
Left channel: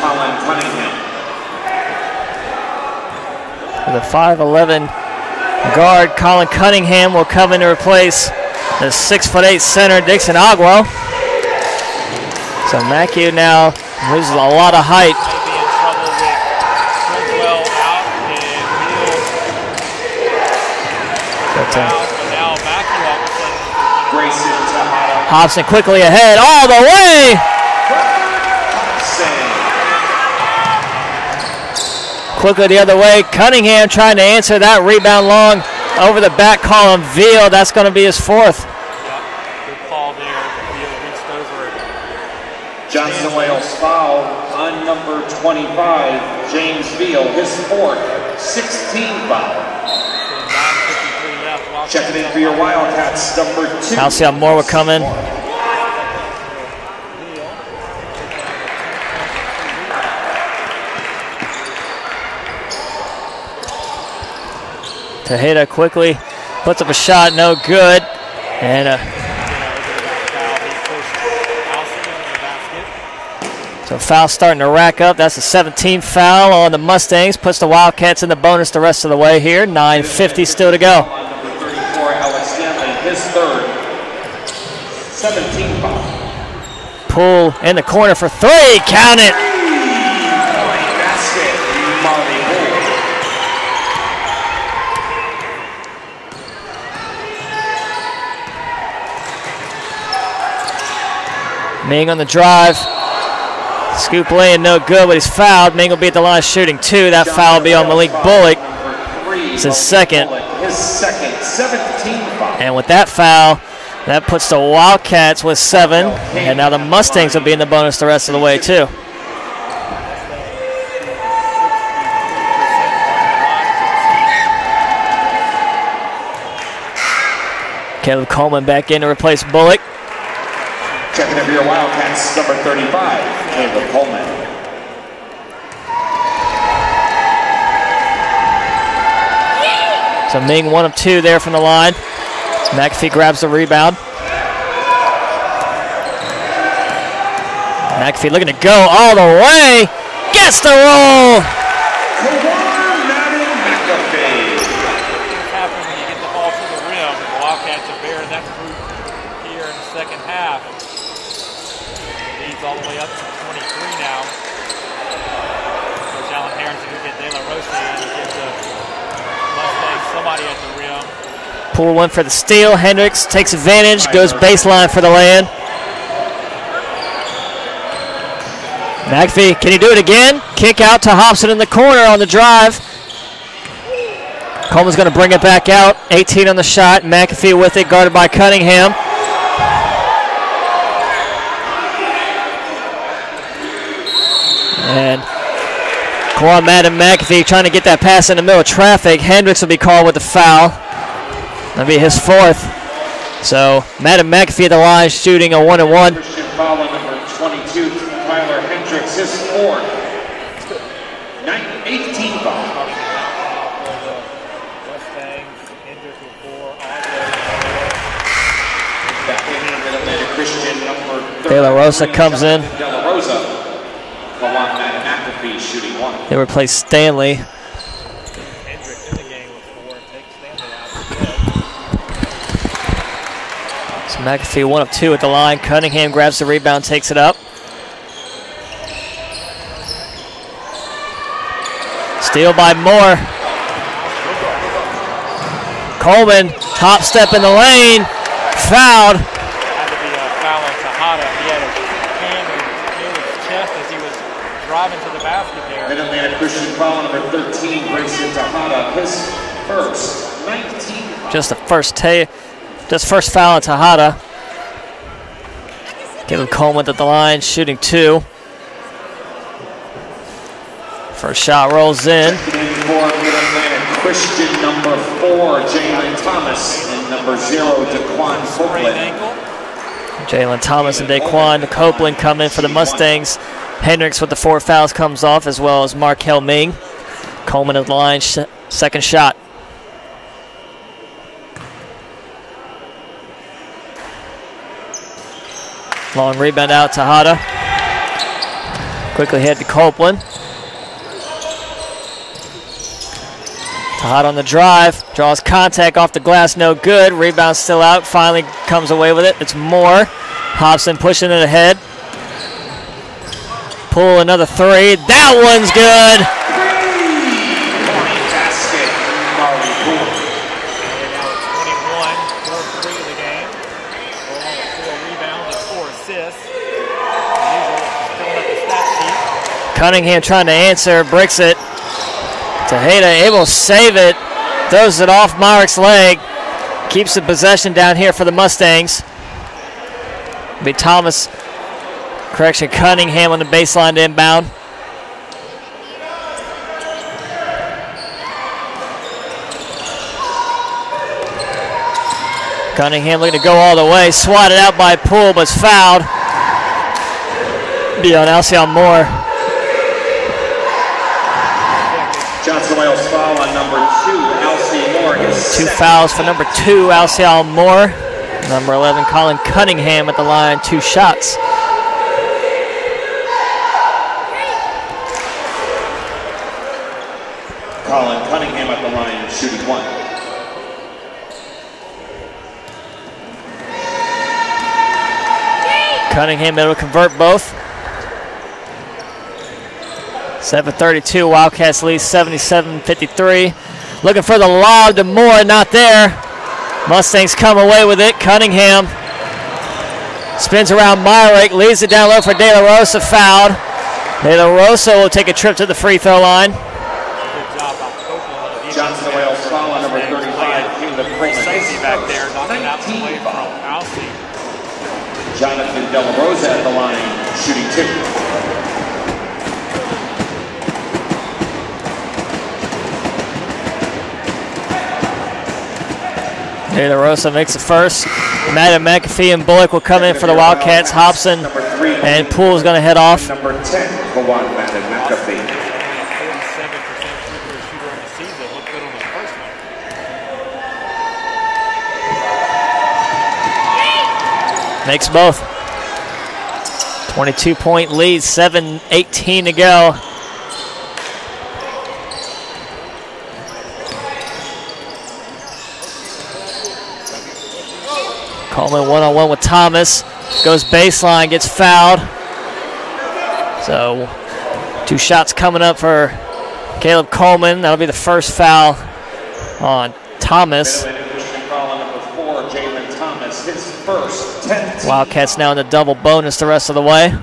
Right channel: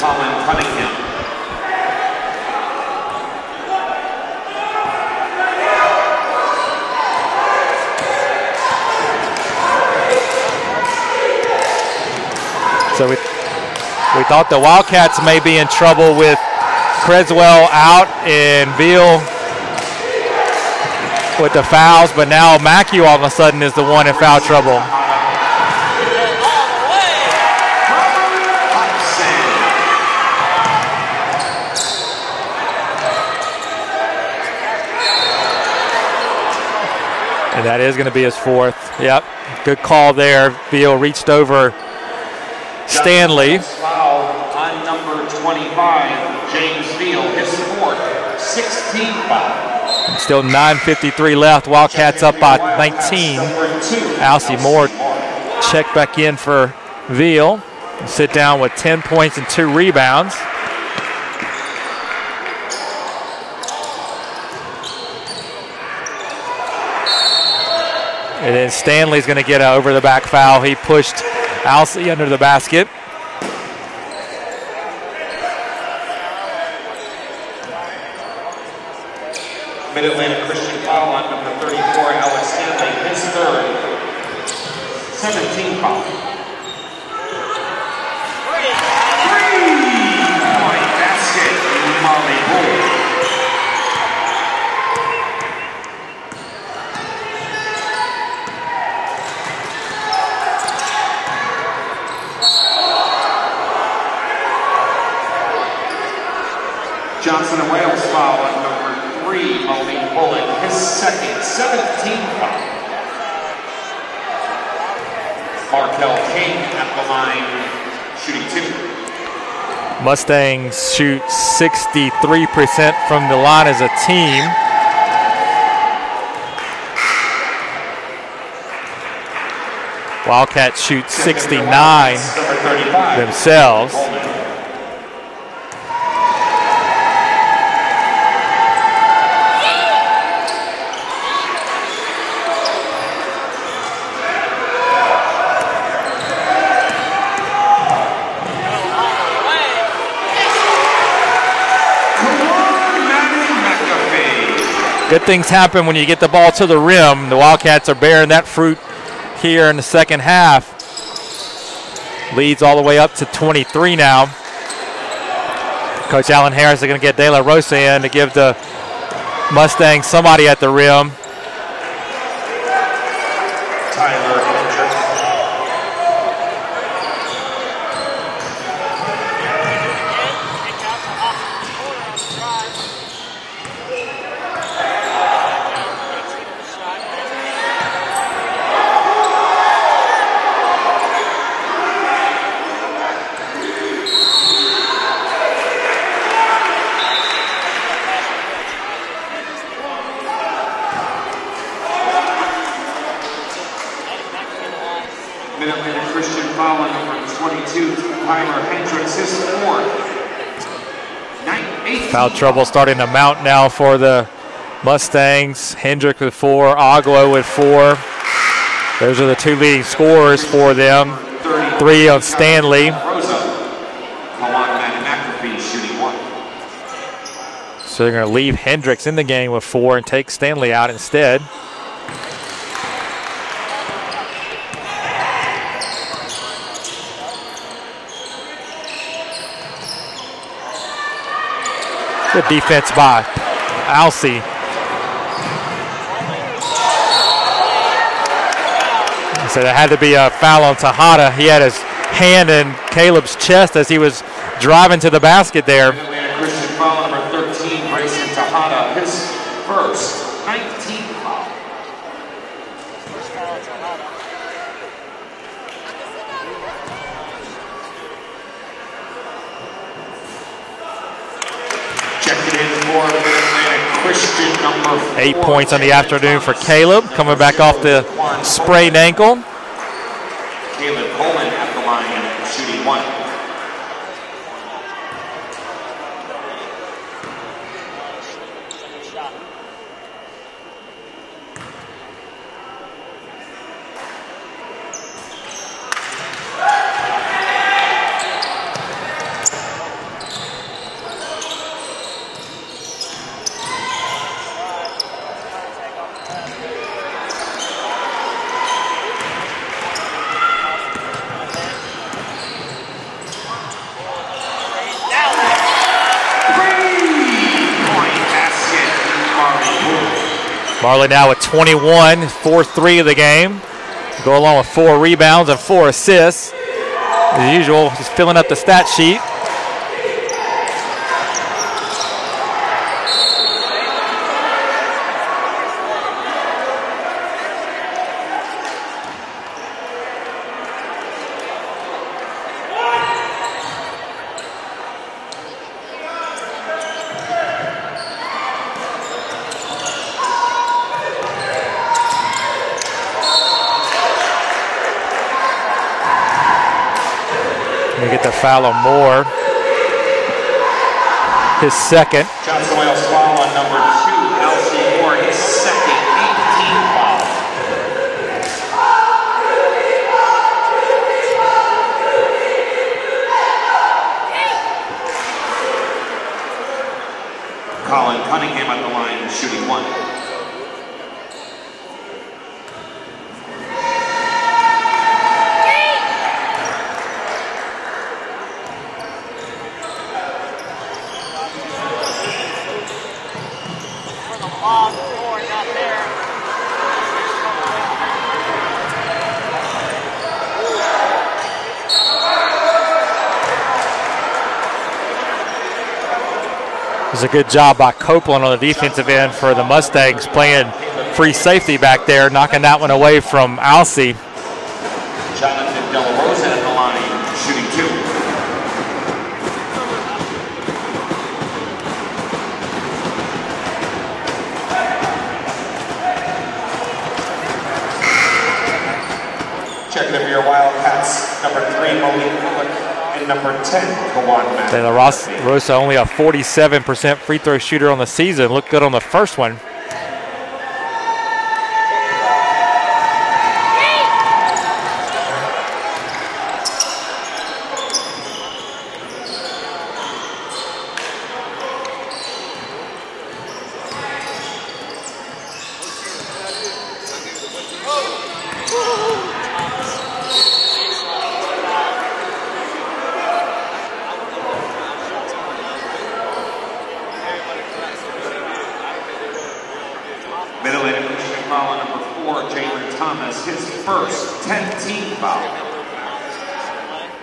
The 5'11" guard, Colin Cunningham, will come in to replace the 6'8" center, Dixon Agua. So Matthew now losing a the lot of height. Wildcats may be in trouble with Creswell out and Veal with the fouls, but now Matthew all of a sudden is the one in foul trouble. Hobson quickly ahead, all the way! Quickly the other way, Cunningham trying to answer that rebound long over the back column. Veal, that's going to be his 4th. Yep, good call there. Veal reached over Stanley. Foul on number 25, James Veal, his 4th, 16th foul. Still 9:53 left. Wildcats up by 19. Alcide Moore will come in. Check back in for Veal. Sit down with 10 points and 2 rebounds. Tejeda quickly puts up a shot, no good. And then Stanley's going to get an over-the-back foul. He pushed Alcide under the basket. So foul starting to rack up. That's the 17th foul on the Mustangs. Puts the Wildcats in the bonus the rest of the way here. 9:50 still to go. 34, Alex Stanley, his 3rd, 17th foul. Pull in the corner for 3. Count it. Ming on the drive. Scoop lane, no good, but he's fouled. Ming will be at the line shooting 2. That foul will be on Malik Bullock. It's his 2nd. And with that foul, that puts the Wildcats with 7. And now the Mustangs will be in the bonus the rest of the way, too. Mustangs shoot 63% from the line as a team. Kevin Coleman back in to replace Bullock. Wildcats shoot 69 themselves. So Ming 1 of 2 there from the line. McAfee grabs the rebound. McAfee looking to go all the way. Gets the roll. Good things happen when you get the ball to the rim. The Wildcats are bearing that fruit here in the second half. Leads all the way up to 23 now. Coach Alan Harris is going to get De La Rosa in to give the Mustangs somebody at the rim. Poole went for the steal. Hendricks takes advantage, goes baseline for the land. McAfee, can he do it again? Kick out to Hobson in the corner on the drive. Coleman's going to bring it back out. 18 on the shot. McAfee with it, guarded by Cunningham. And Quan Madden McAfee trying to get that pass in the middle of traffic. Hendricks will be called with the foul. That'll be his 4th. So Madden McAfee at the line shooting a 1-and-1. Christian foul on number 22, Tyler Hendricks, his 4th. Foul trouble starting to mount now for the Mustangs. Hendrick with 4, Agua with 4. Those are the 2 leading scorers for them. 3 of Stanley. They replace Stanley. So they're going to leave Hendricks in the game with 4 and take Stanley out instead. So McAfee 1 of 2 at the line. Cunningham grabs the rebound, takes it up. Steal by Moore. Alcee. Coleman, top step in the lane, fouled. So there had to be a foul on Tejada. He had his hand in Caleb's chest as he was driving to the basket there. Christian foul number 13, Grayson Tejada, his 1st, 19. Just first foul on Tejada. Caleb Coleman at the line, shooting 2. First shot rolls in. 8 points on the afternoon for Caleb, coming back off the sprained ankle. Jalen Thomas and Daquan Copeland coming in for the Mustangs. Hendricks with the 4 fouls comes off, as well as Markel Ming. Coleman at the line, second shot. Long rebound out, Tejada. Quickly head to Copeland. Tejada on the drive, draws contact off the glass, no good. Rebound still out, finally comes away with it. It's Moore. Hobson pushing it ahead. Poole another 3. That one's good. Marley now with 21, 4-3 of the game. Go along with 4 rebounds and 4 assists. As usual, just filling up the stat sheet. Cunningham trying to answer, breaks it. Tejada able to save it, throws it off Myrick's leg, keeps the possession down here for the Mustangs. It'll be Cunningham on the baseline to inbound. Cunningham looking to go all the way, swatted out by Poole, but it's fouled. Be on Alcee Moore. His 2nd. Johnson Wales foul on number 2, Alcee Moore. 2 fouls for number 2, Alcee Moore. Number 11, Colin Cunningham at the line, 2 shots. Colin Cunningham at the line, shooting 1. Cunningham able to convert both. 7:32, Wildcats lead 77-53. Looking for the lob to Moore, not there. Mustangs come away with it. Cunningham spins around Myrick, leaves it down low for De La Rosa, fouled. De La Rosa will take a trip to the free throw line. It was a good job by Copeland on the defensive end for the Mustangs, playing free safety back there, knocking that one away from Alcee. Jonathan De La Rosa at the line, shooting 2. De La Rosa makes it first. Madden McAfee and Bullock will come in for the Wildcats. Hobson and Poole is going to head off. Number 10, De La Rosa only a 47% free throw shooter on the season. Looked good on the first one. Makes both. 22-point lead, 7:18 to go. Coleman one-on-one with Thomas. Goes baseline, gets fouled. So 2 shots coming up for Caleb Coleman. That'll be the first foul on Thomas. Foul Jalen Thomas, his first 10th. Wildcats now in the double bonus the rest of the way.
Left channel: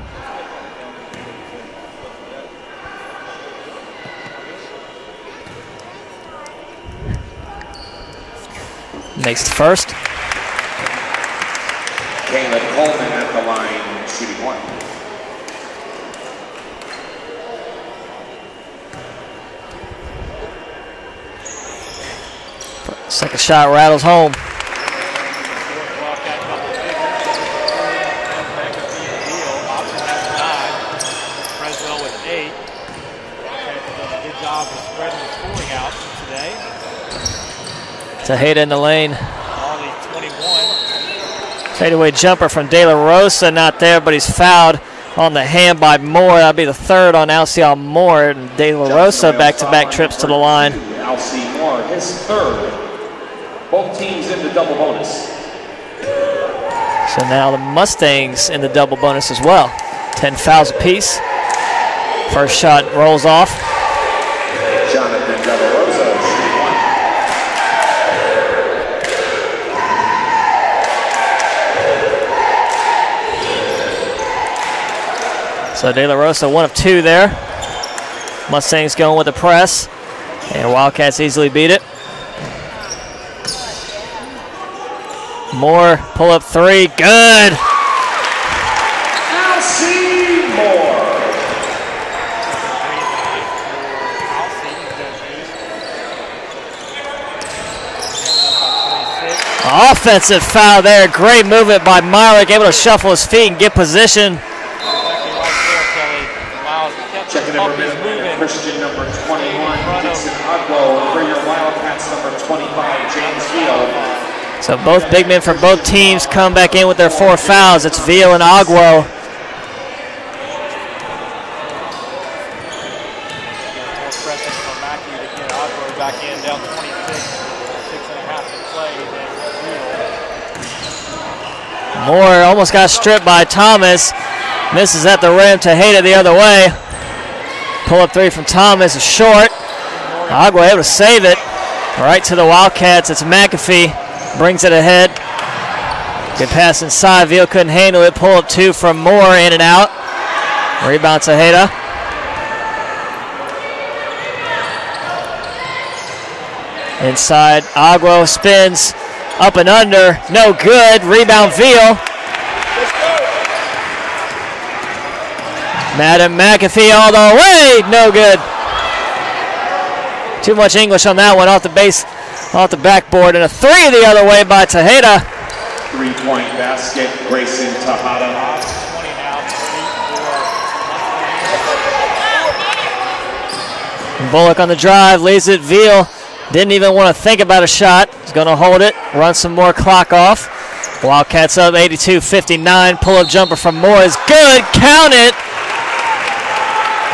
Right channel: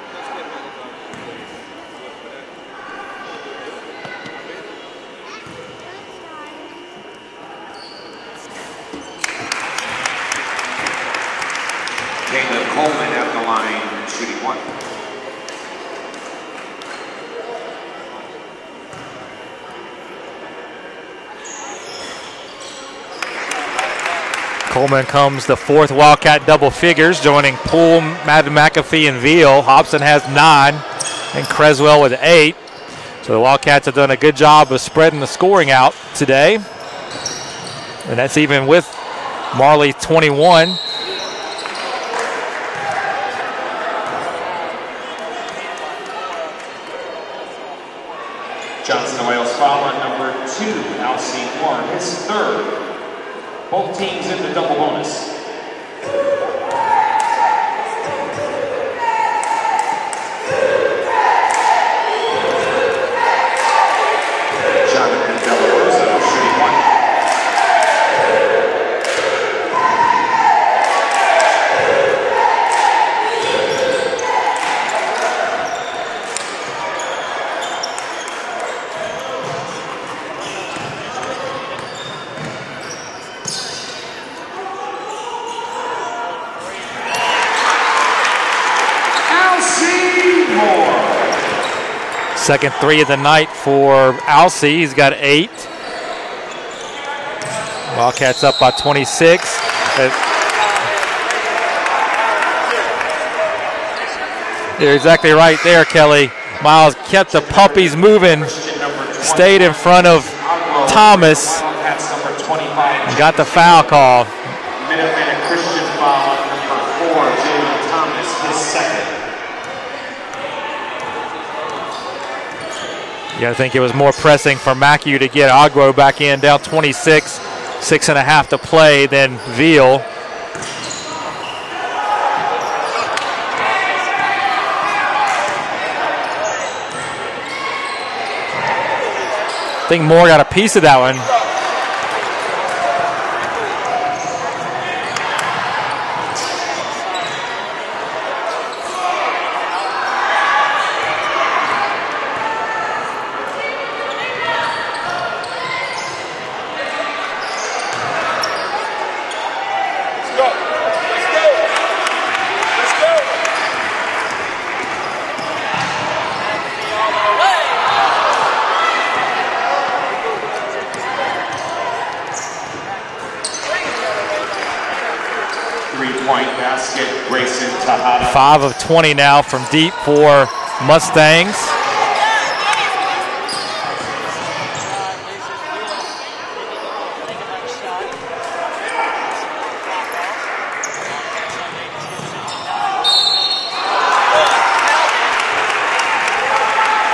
Makes the first. Caleb Coleman at the line, shooting one. Second shot rattles home. Coleman comes the fourth Wildcat double figures, joining Poole, Madden McAfee, and Veal. Hobson has 9, and Creswell with 8. So the Wildcats have done a good job of spreading the scoring out today. And that's even with Marley 21. Fadeaway jumper from De La Rosa, not there, but he's fouled on the hand by Moore. That'll be the third on Alcion Moore. And De La Rosa back-to-back trips to the line. Alcion Moore, his third. Both teams in the double bonus. So now the Mustangs in the double bonus as well. 10 fouls apiece. First shot rolls off. Jonathan De La Rosa, shooting one. So De La Rosa 1 of 2 there. Mustangs going with the press. And Wildcats easily beat it. Moore, pull up 3, good. Alcion Moore. Second 3 of the night for Alcy. He's got 8. Wildcats up by 26. Offensive foul there. Great movement by Myrick, able to shuffle his feet and get position. You're exactly right there, Kelly. Miles kept the puppies moving, stayed in front of Thomas, and got the foul call. So both big men for both teams come back in with their 4 fouls. It's Veal and Agwo. You gotta think it was more pressing for Mackey to get Agwo back in, down 26, 6.5 to play, than Veal. Moore almost got stripped by Thomas. Misses at the rim. Tejeda the other way. Pull up 3 from Thomas is short. I think Moore got a piece of that save one. it. Right to the Wildcats. It's McAfee. Brings it ahead. Good pass inside. Veal couldn't handle it. Pull up 2 from Moore, in and out. Rebound Tejeda. Inside, Agwo spins up and under. No good. Rebound Veal. Madden McAfee all the way. No good. Too much English on that one, off the base. Off the backboard, and a 3 the other way by Tejeda. 3-point basket, Grayson Tejeda. 5 of 20 now from deep for Mustangs. Bullock on the drive, leaves it. Veal didn't even want to think about a shot. He's going to hold it, run some more clock off. Wildcats up 82-59. Pull-up jumper from Moore is good. Count it.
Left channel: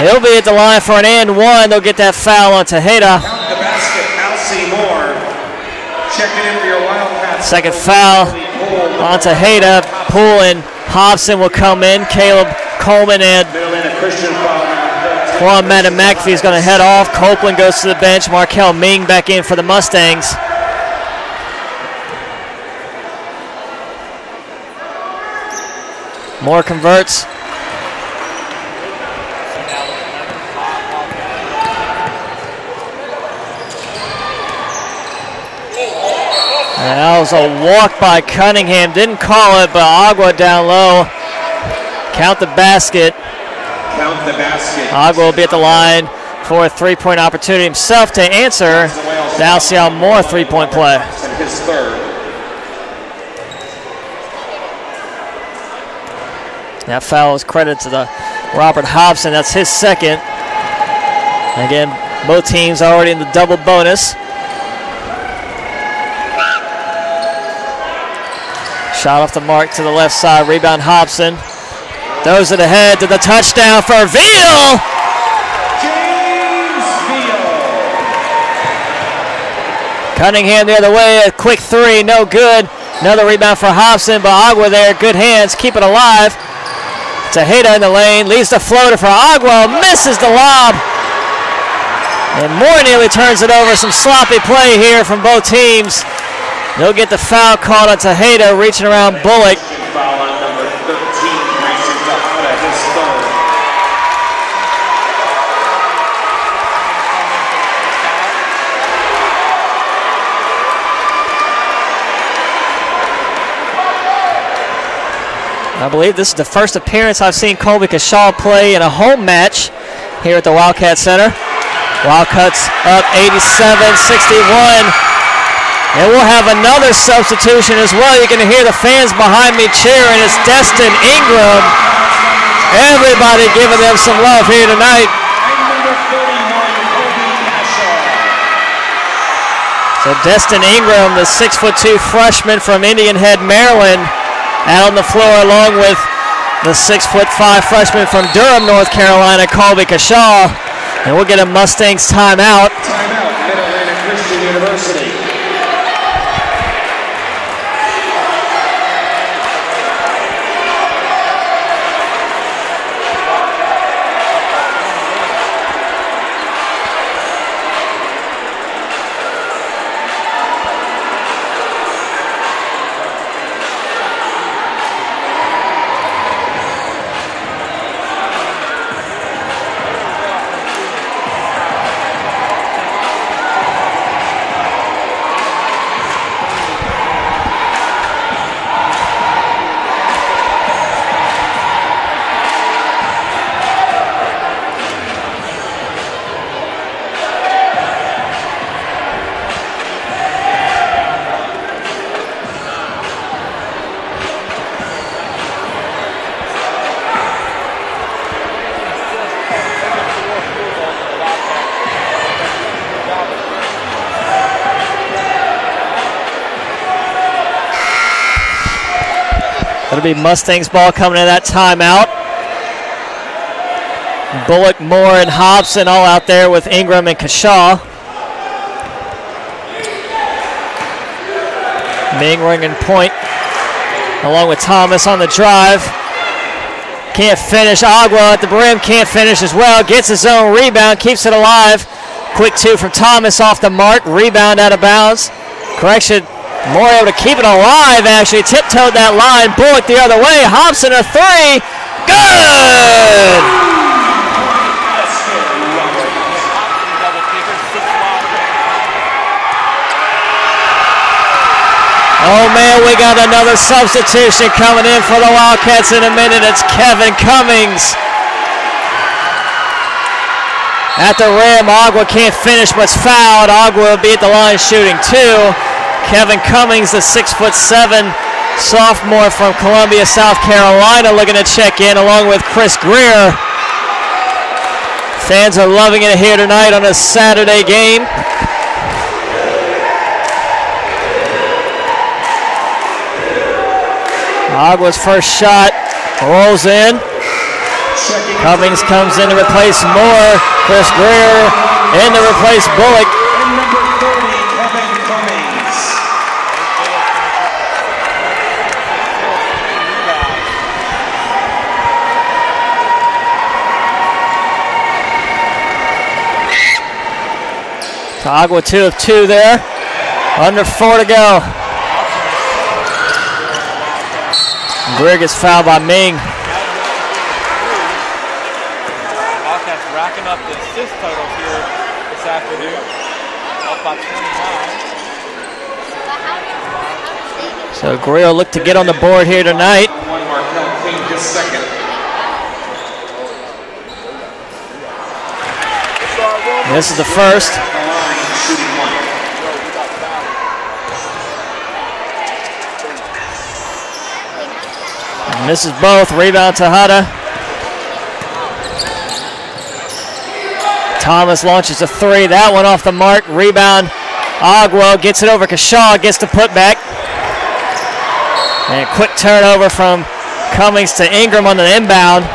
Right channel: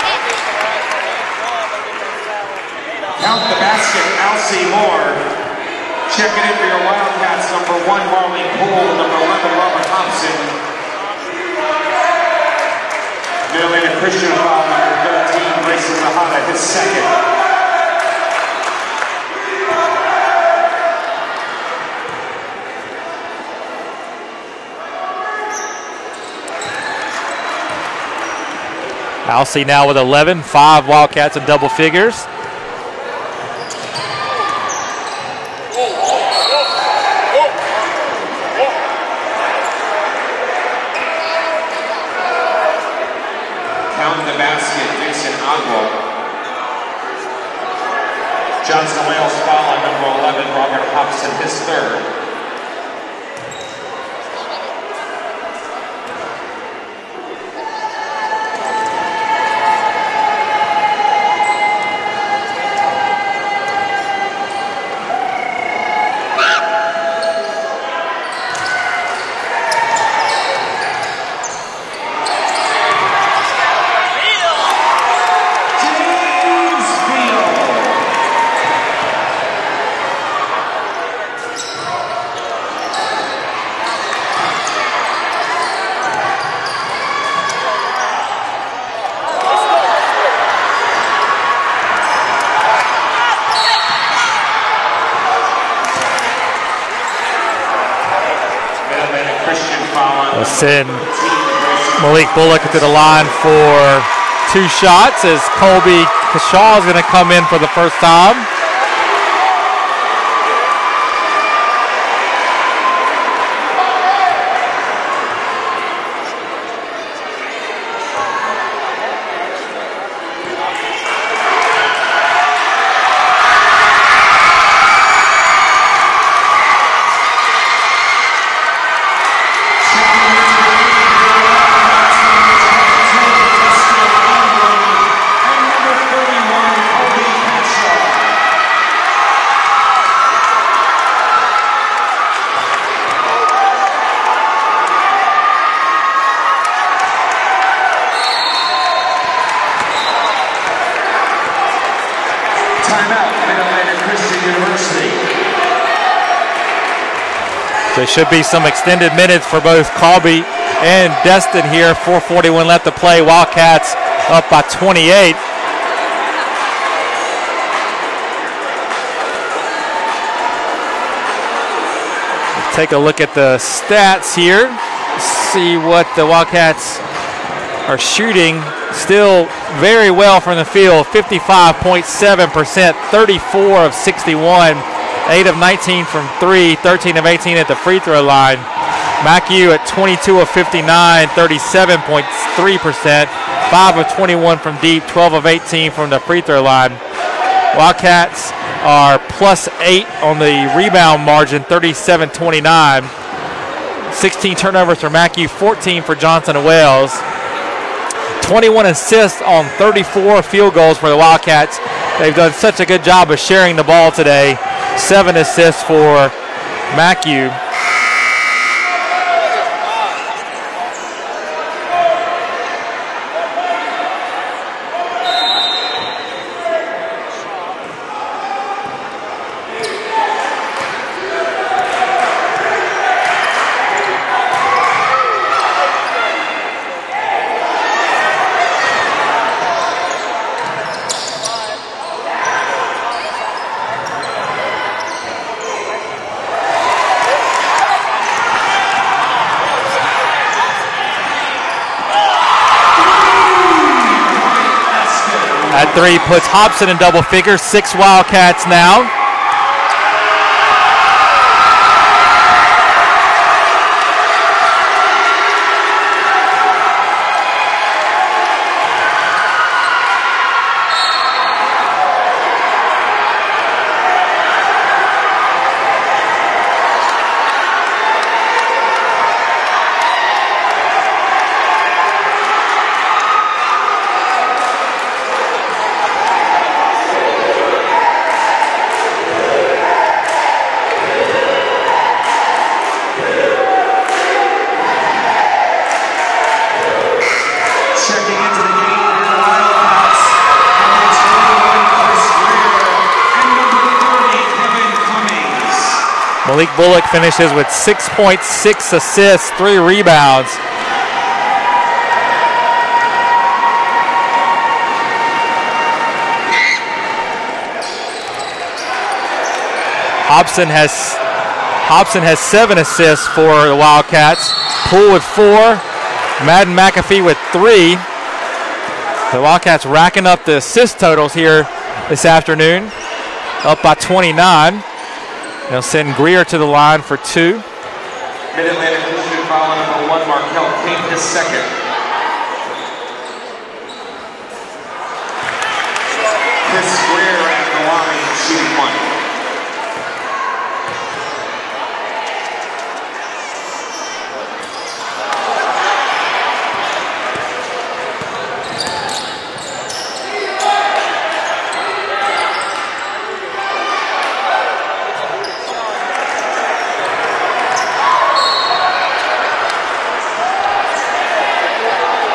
He'll be at the line for an and 1. They'll get that foul on Tejeda. Count the basket, Alcion Moore. Checking in for your Wildcats. Second foul on Tejeda. Poole and Hobson will come in. Caleb Coleman and Juan Madden McAfee is going to head off. Copeland goes to the bench. Markel Ming back in for the Mustangs. Moore converts. Alcy now with 11, 5 Wildcats in double figures. And that was a walk by Cunningham. Didn't call it, but Agua down low. Count the basket. Count the basket. Agua will be at the line for a 3-point opportunity himself to answer the Alcion Moore 3-point play. His third. That foul is credited to the Robert Hobson. That's his second. Again, both teams already in the double bonus. Shot off the mark to the left side. Rebound Hobson. Throws it ahead to the touchdown for Veal. Cunningham the other way. A quick 3. No good. Another rebound for Hobson, but Agua there. Good hands. Keep it alive. Tejeda in the lane, leaves the floater for Agua, misses the lob. And Moore nearly turns it over. Some sloppy play here from both teams. They'll get the foul called on Tejeda, reaching around Bullock. We'll send Malik Bullock into the line for 2 shots as Colby Kashaw is going to come in for the first time. I believe this is the first appearance I've seen Colby Kashaw play in a home match here at the Wildcat Center. Wildcats up 87-61. And we'll have another substitution as well. You're going to hear the fans behind me cheering. It's Destin Ingram. Everybody giving them some love here tonight. So Destin Ingram, the 6'2" freshman from Indian Head, Maryland, out on the floor along with the 6'5" freshman from Durham, North Carolina, Colby Kashaw. And we'll get a Mustangs timeout. There should be some extended minutes for both Colby and Destin here. 4:41 left to play. Wildcats up by 28. Let's take a look at the stats here. See what the Wildcats are shooting. Still very well from the field. 55.7%, 34 of 61. 8 of 19 from 3, 13 of 18 at the free throw line. McHugh at 22 of 59, 37.3%, 5 of 21 from deep, 12 of 18 from the free throw line. Wildcats are +8 on the rebound margin, 37-29. 16 turnovers for McHugh, 14 for Johnson & Wales. 21 assists on 34 field goals for the Wildcats. They've done such a good job of sharing the ball today. 7 assists for McHugh. It'll be Mustangs ball coming in that timeout. Bullock, Moore, and Hobson all out there with Ingram and Kashaw. Mingring and Point along with Thomas on the drive. Can't finish. Agua at the brim, can't finish as well. Gets his own rebound, keeps it alive. Quick 2 from Thomas off the mark. Rebound out of bounds. Correction, Moore able to keep it alive, actually. Tiptoed that line. Bullock the other way. Hobson a 3. Good! That 3 puts Hobson in double figures. 6 Wildcats now. Oh man, we got another substitution coming in for the Wildcats in a minute. It's Kevin Cummings. At the rim, Agua can't finish, but's fouled. Agua will be at the line shooting 2. Kevin Cummings, the 6'7" sophomore from Columbia, South Carolina, looking to check in along with Chris Greer. Fans are loving it here tonight on a Saturday game. Agua's first shot rolls in. Cummings comes in to replace Moore. Chris Greer in to replace Bullock. Malik Bullock finishes with 6.6 assists, 3 rebounds. Agua 2 of 2 there. Hobson Under 4 to go. Hobson has 7 assists for the Wildcats. Poole gets fouled by Ming. Madden McAfee with 3. The Wildcats racking up the assist totals here this afternoon. Up by 29. They'll send Greer to the line for 2. So Greer will look to get on the board here tonight. And this is the first. And this is both. Rebound Tejeda. Thomas launches a 3. That one off the mark. Rebound. Agua gets it over Kashaw. Gets the putback. And a quick turnover from Cummings to Ingram on the inbound.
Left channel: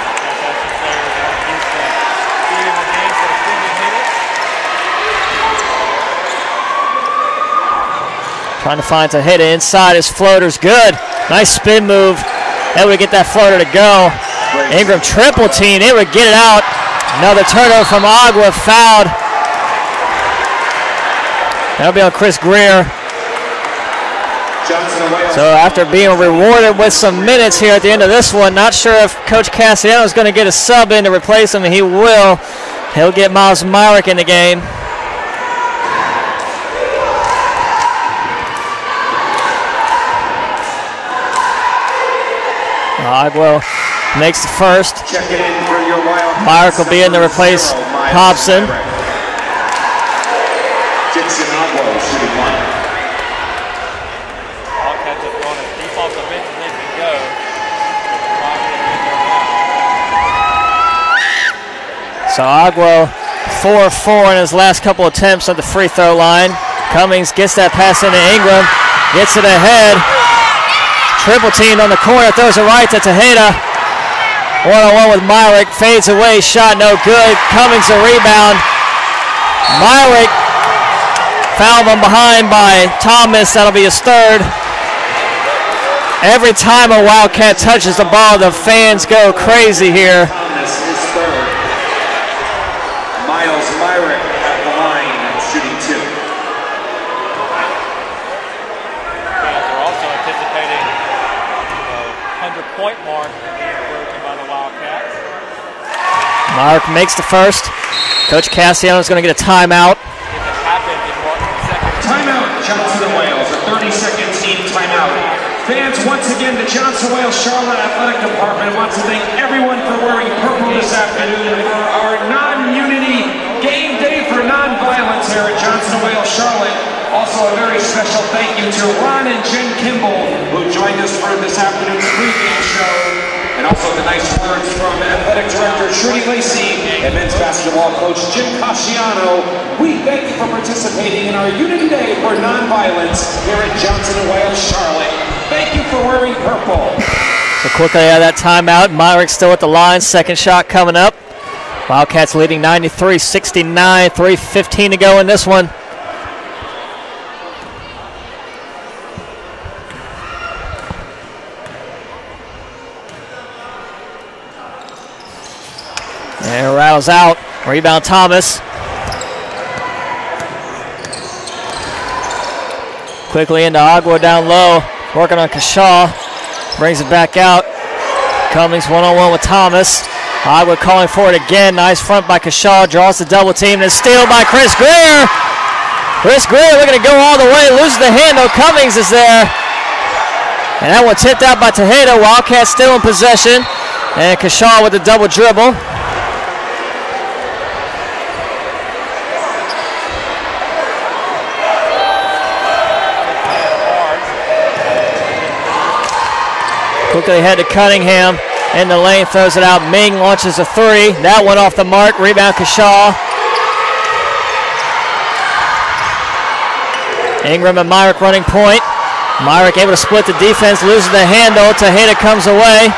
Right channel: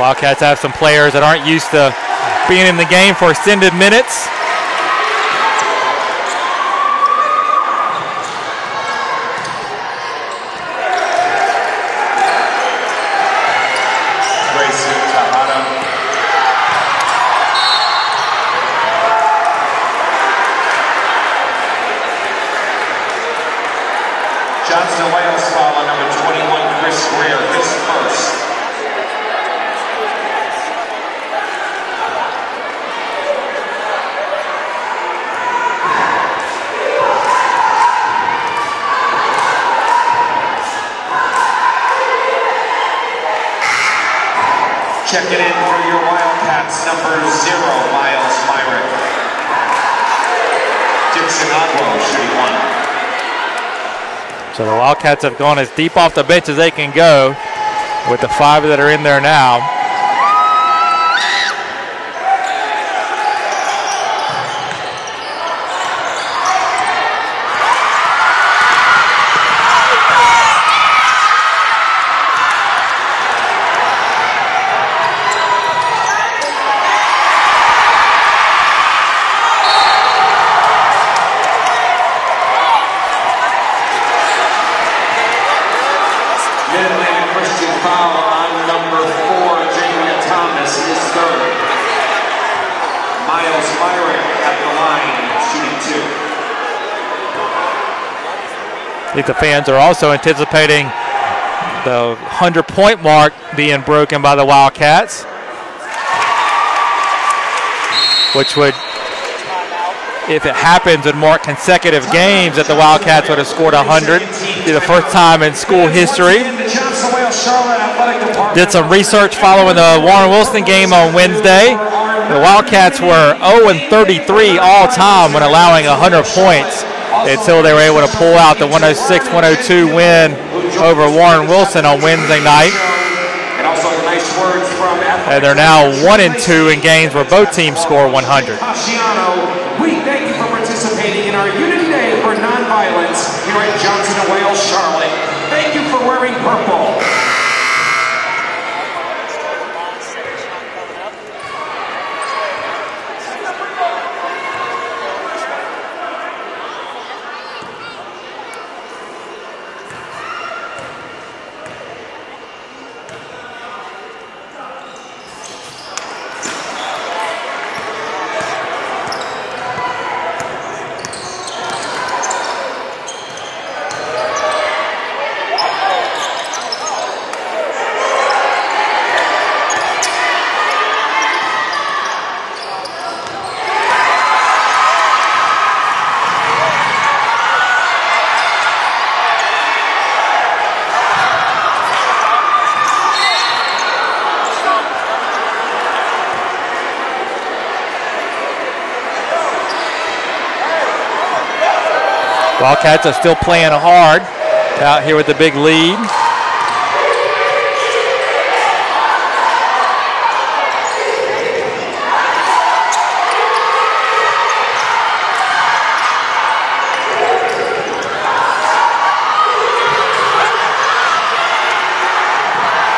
Wildcats have some players that aren't used to being in the game for extended minutes. Trying to find Tejeda inside. His floater's good. Nice spin move. That would get that floater to go. Ingram triple team. It would get it out. Another turnover from Agua. Fouled. That'll be on Chris Greer. So after being rewarded with some minutes here at the end of this one, not sure if Coach Cassiano is going to get a sub in to replace him, and he will. He'll get Miles Myrick in the game. Agua makes the first. Myrick will be in to replace Hobson. So the Wildcats have gone as deep off the bench as they can go with the 5 that are in there now. So Agua 4-4 in his last couple attempts at the free throw line. Cummings gets that pass into Ingram, gets it ahead. Triple teamed on the corner, throws it right to Tejeda. One-on-one with Myrick, fades away, shot no good. Cummings a rebound. Myrick fouled from behind by Thomas, that'll be his third. Every time a Wildcat touches the ball, the fans go crazy here. Miles Myrick at the line, shooting 2. I think the fans are also anticipating the 100-point mark being broken by the Wildcats. Myrick makes the first. Coach Cassiano is going to get a timeout. If it happens in more consecutive games that the Wildcats would have scored 100, it'll be the first time in school history. Did some research following the Warren Wilson game on Wednesday. The Wildcats were 0-33 all time when allowing 100 points until they were able to pull out the 106-102 win over Warren Wilson on Wednesday night. And also the nice words from and they're now 1-2 in games where both teams score 100. We thank you for participating in our Unity Day for Nonviolence here in Johnson & Wales, Charlotte. Thank you for wearing purple. So quickly out of that timeout, Myrick still at the line. Second shot coming up. Wildcats leading 93-69, 3:15 to go in this one. And it rattles out. Rebound Thomas. Quickly into Agua down low. Working on Kashaw. Brings it back out. Cummings one-on-one with Thomas. Agua calling for it again. Nice front by Kashaw. Draws the double team. And steal by Chris Greer. Chris Greer looking to go all the way. Loses the handle. Cummings is there. And that one tipped out by Tejeda. Wildcats still in possession. And Kashaw with the double dribble. Wildcats are still playing hard out here with the big lead. Quickly ahead to Cunningham. In the lane, throws it out. Ming launches a three. That one off the mark. Rebound Kashaw. Ingram and Myrick running point. Myrick able to split the defense, loses the handle. Tejeda comes away.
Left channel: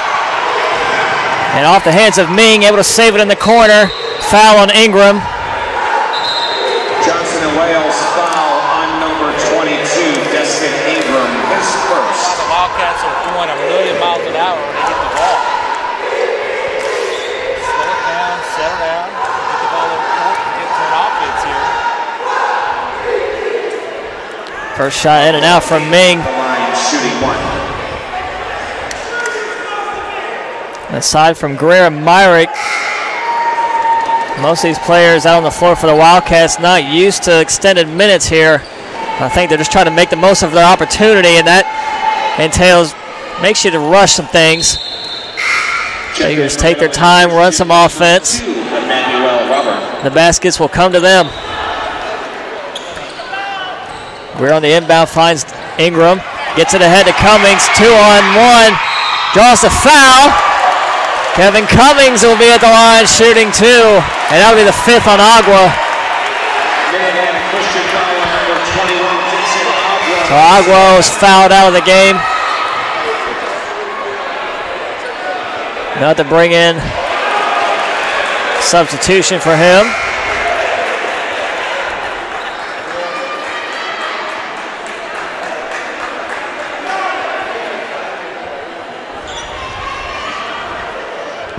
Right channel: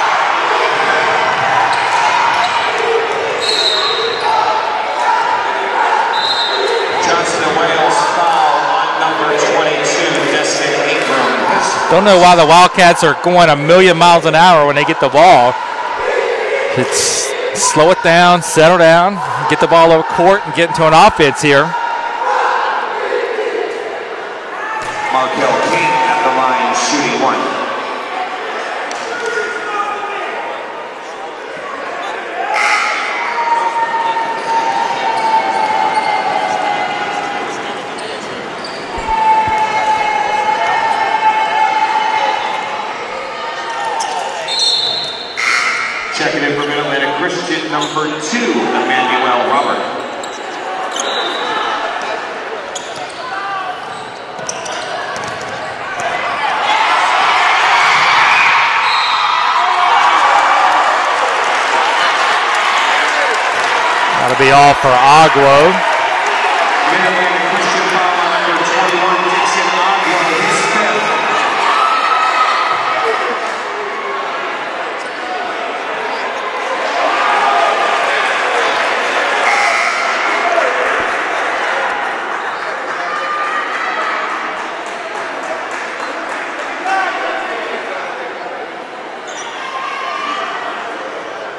And off the hands of Ming, able to save it in the corner. Foul on Ingram. Don't know why the Wildcats are going a million miles an hour when they get the ball. It's slow it down, settle down, get the ball over court, and get into an offense here. First shot in and out from Ming. Aside from Greer and Myrick, most of these players out on the floor for the Wildcats not used to extended minutes here. I think they're just trying to make the most of their opportunity, and that entails, makes you to rush some things. They just take their time, run some offense. The baskets will come to them. We're on the inbound, finds Ingram, gets it ahead to Cummings, 2-on-1, draws a foul. Kevin Cummings will be at the line shooting two, and that'll be the fifth on Agua. So Agua was fouled out of the game. Not to bring in substitution for him.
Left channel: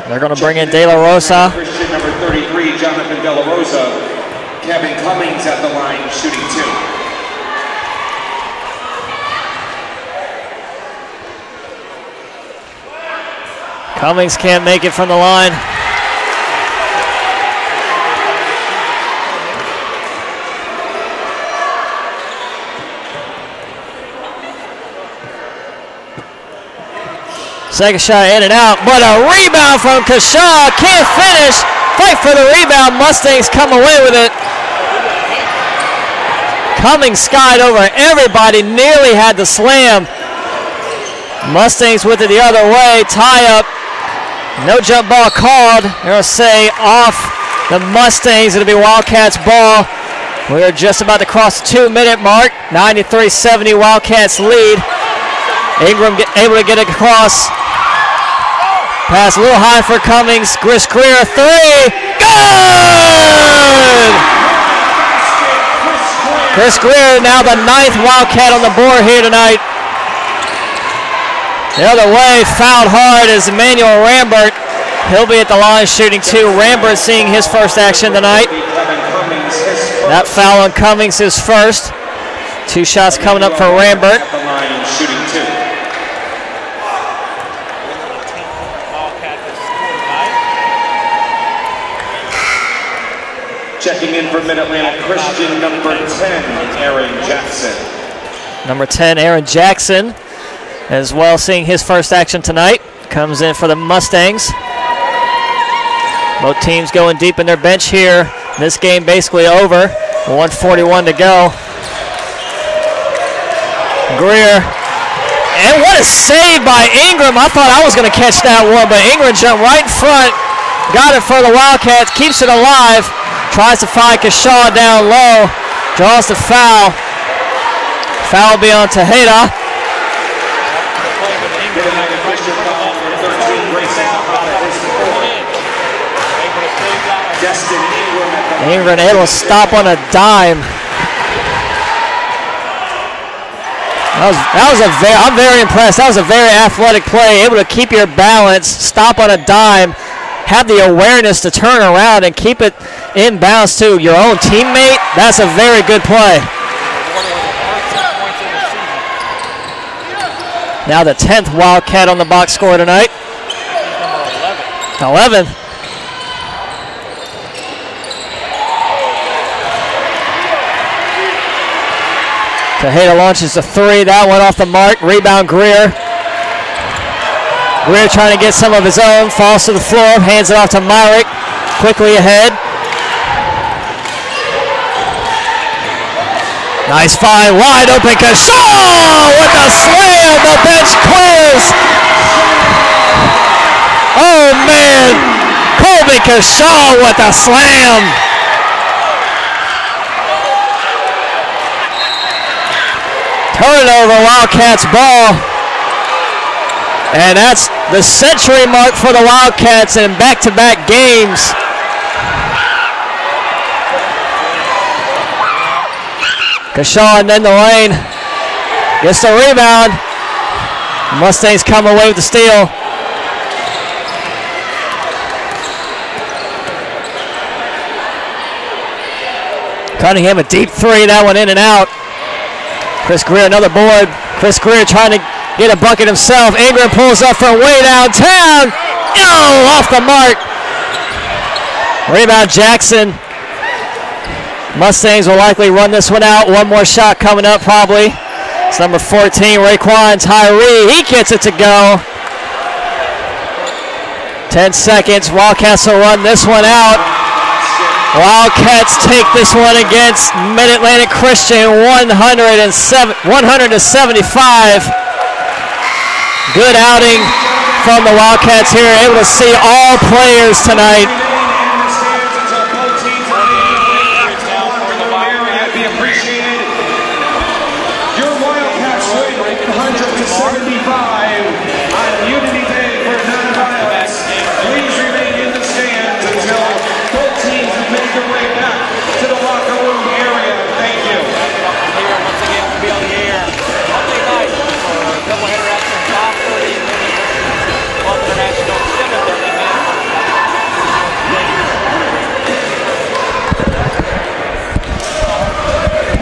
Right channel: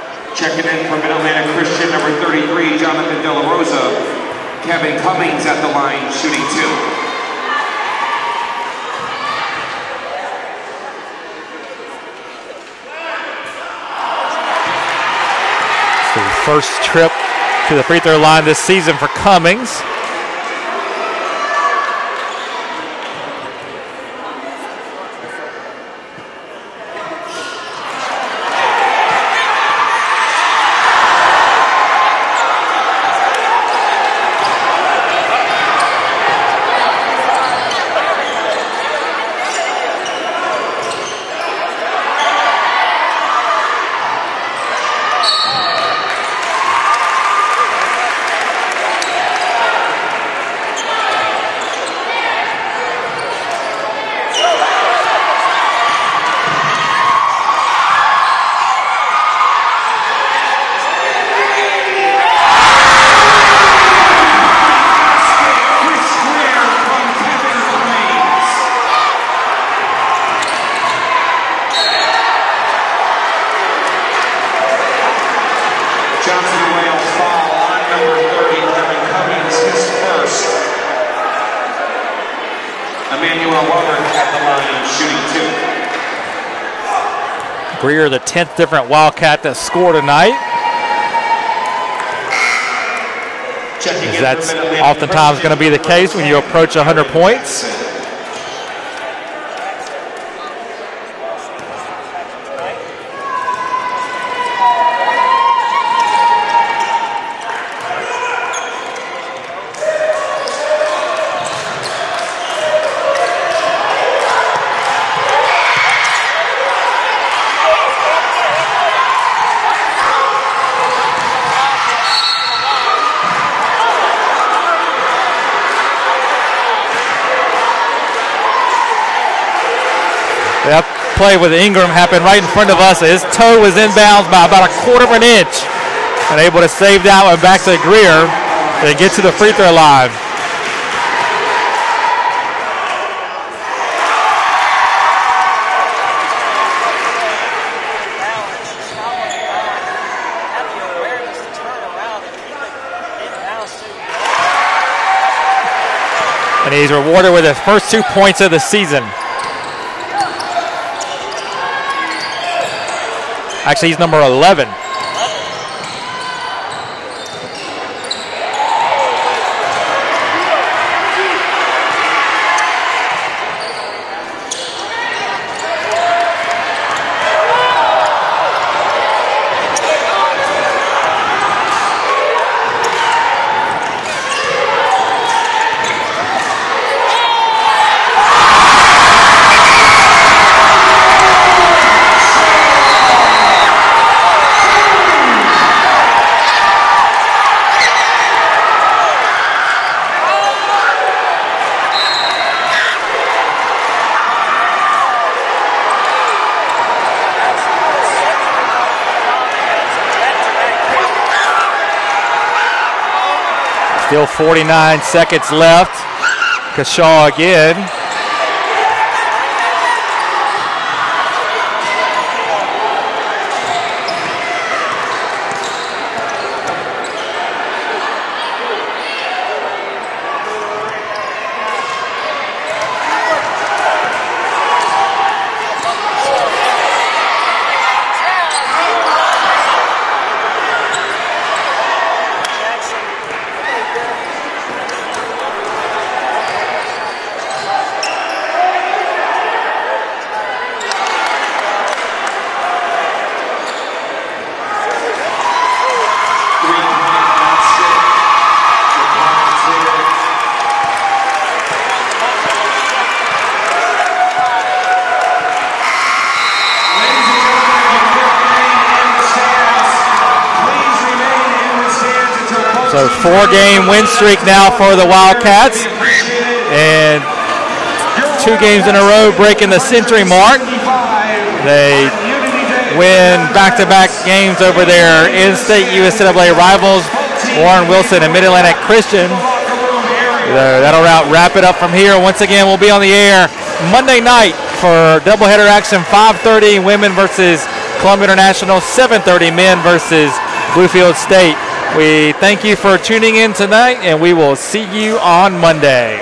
They're going to bring in De La Rosa. Christian number 33, Jonathan De La Rosa. Kevin Cummings at the line, shooting two. Cummings can't make it from the line. So the first trip to the free throw line this season for Cummings. Second shot in and out, but a rebound from Kashaw. Can't finish. Fight for the rebound. Mustangs come away with it. Cummings skied over everybody, nearly had the slam. Mustangs with it the other way. Tie up. No jump ball called. They're going to say off the Mustangs. It'll be Wildcats ball. We're just about to cross the 2-minute mark. 93-70 Wildcats lead. Ingram able to get it across. Pass a little high for Cummings. Chris Greer, three. Good! Chris Greer now the 9th Wildcat on the board here tonight. The other way, fouled hard is Emmanuel Rambert. He'll be at the line shooting two. Rambert seeing his first action tonight. That foul on Cummings is first. 2 shots coming up for Rambert. Greer, the 10th different Wildcat that scored tonight. That's oftentimes going to be the case when you approach 100 points. Number 10, Aaron Jackson, as well, seeing his first action tonight. Comes in for the Mustangs. Both teams going deep in their bench here. This game basically over. 1:41 to go. Greer. And what a save by Ingram. I thought I was going to catch that one, but Ingram jumped right in front. Got it for the Wildcats. Keeps it alive. Tries to find Kashaw down low. Draws the foul. Foul will be on Tejeda. Yep, play with Ingram happened right in front of us. His toe was inbounds by about 1/4 inch. And able to save that one back to Greer. Ingram able to stop on a dime. I'm very impressed. That was a very athletic play. Able to keep your balance, stop on a dime, have the awareness to turn around and keep it in bounds to your own teammate. That's a very good play. And he's rewarded with his first 2 points of the season. Now the 10th Wildcat on the box score tonight. Actually, he's number 11. 11. Tejeda launches a three. That went off the mark. Rebound Greer. Greer trying to get some of his own. Falls to the floor. Hands it off to Myrick. Quickly ahead. Nice find. Wide open. Kashaw with a slam. The bench clears. Oh, man. Colby Kashaw with a slam. Turnover, Wildcats ball. And that's the century mark for the Wildcats in back-to-back games. Still 49 seconds left. Kashaw in the lane. Gets the rebound. Mustangs come away with the steal. Cunningham a deep three. That one in and out. Chris Greer, another board. Chris Greer trying to get a bucket himself. Ingram pulls up from way downtown. Oh, off the mark. Rebound Jackson. Mustangs will likely run this one out. One more shot coming up probably. It's number 14, Raekwon Tyree. He gets it to go. 10 seconds. Wildcats will run this one out. Wildcats take this one against Mid-Atlantic Christian 100-75. Good outing from the Wildcats here. Able to see all players tonight. So 4-game win streak now for the Wildcats. And 2 games in a row breaking the century mark. They win back-to-back games over their in-state USAA rivals, Warren Wilson and Mid-Atlantic Christian. That'll wrap it up from here. Once again, we'll be on the air Monday night for doubleheader action, 5:30 women versus Columbia International, 7:30 men versus Bluefield State. We thank you for tuning in tonight, and we will see you on Monday.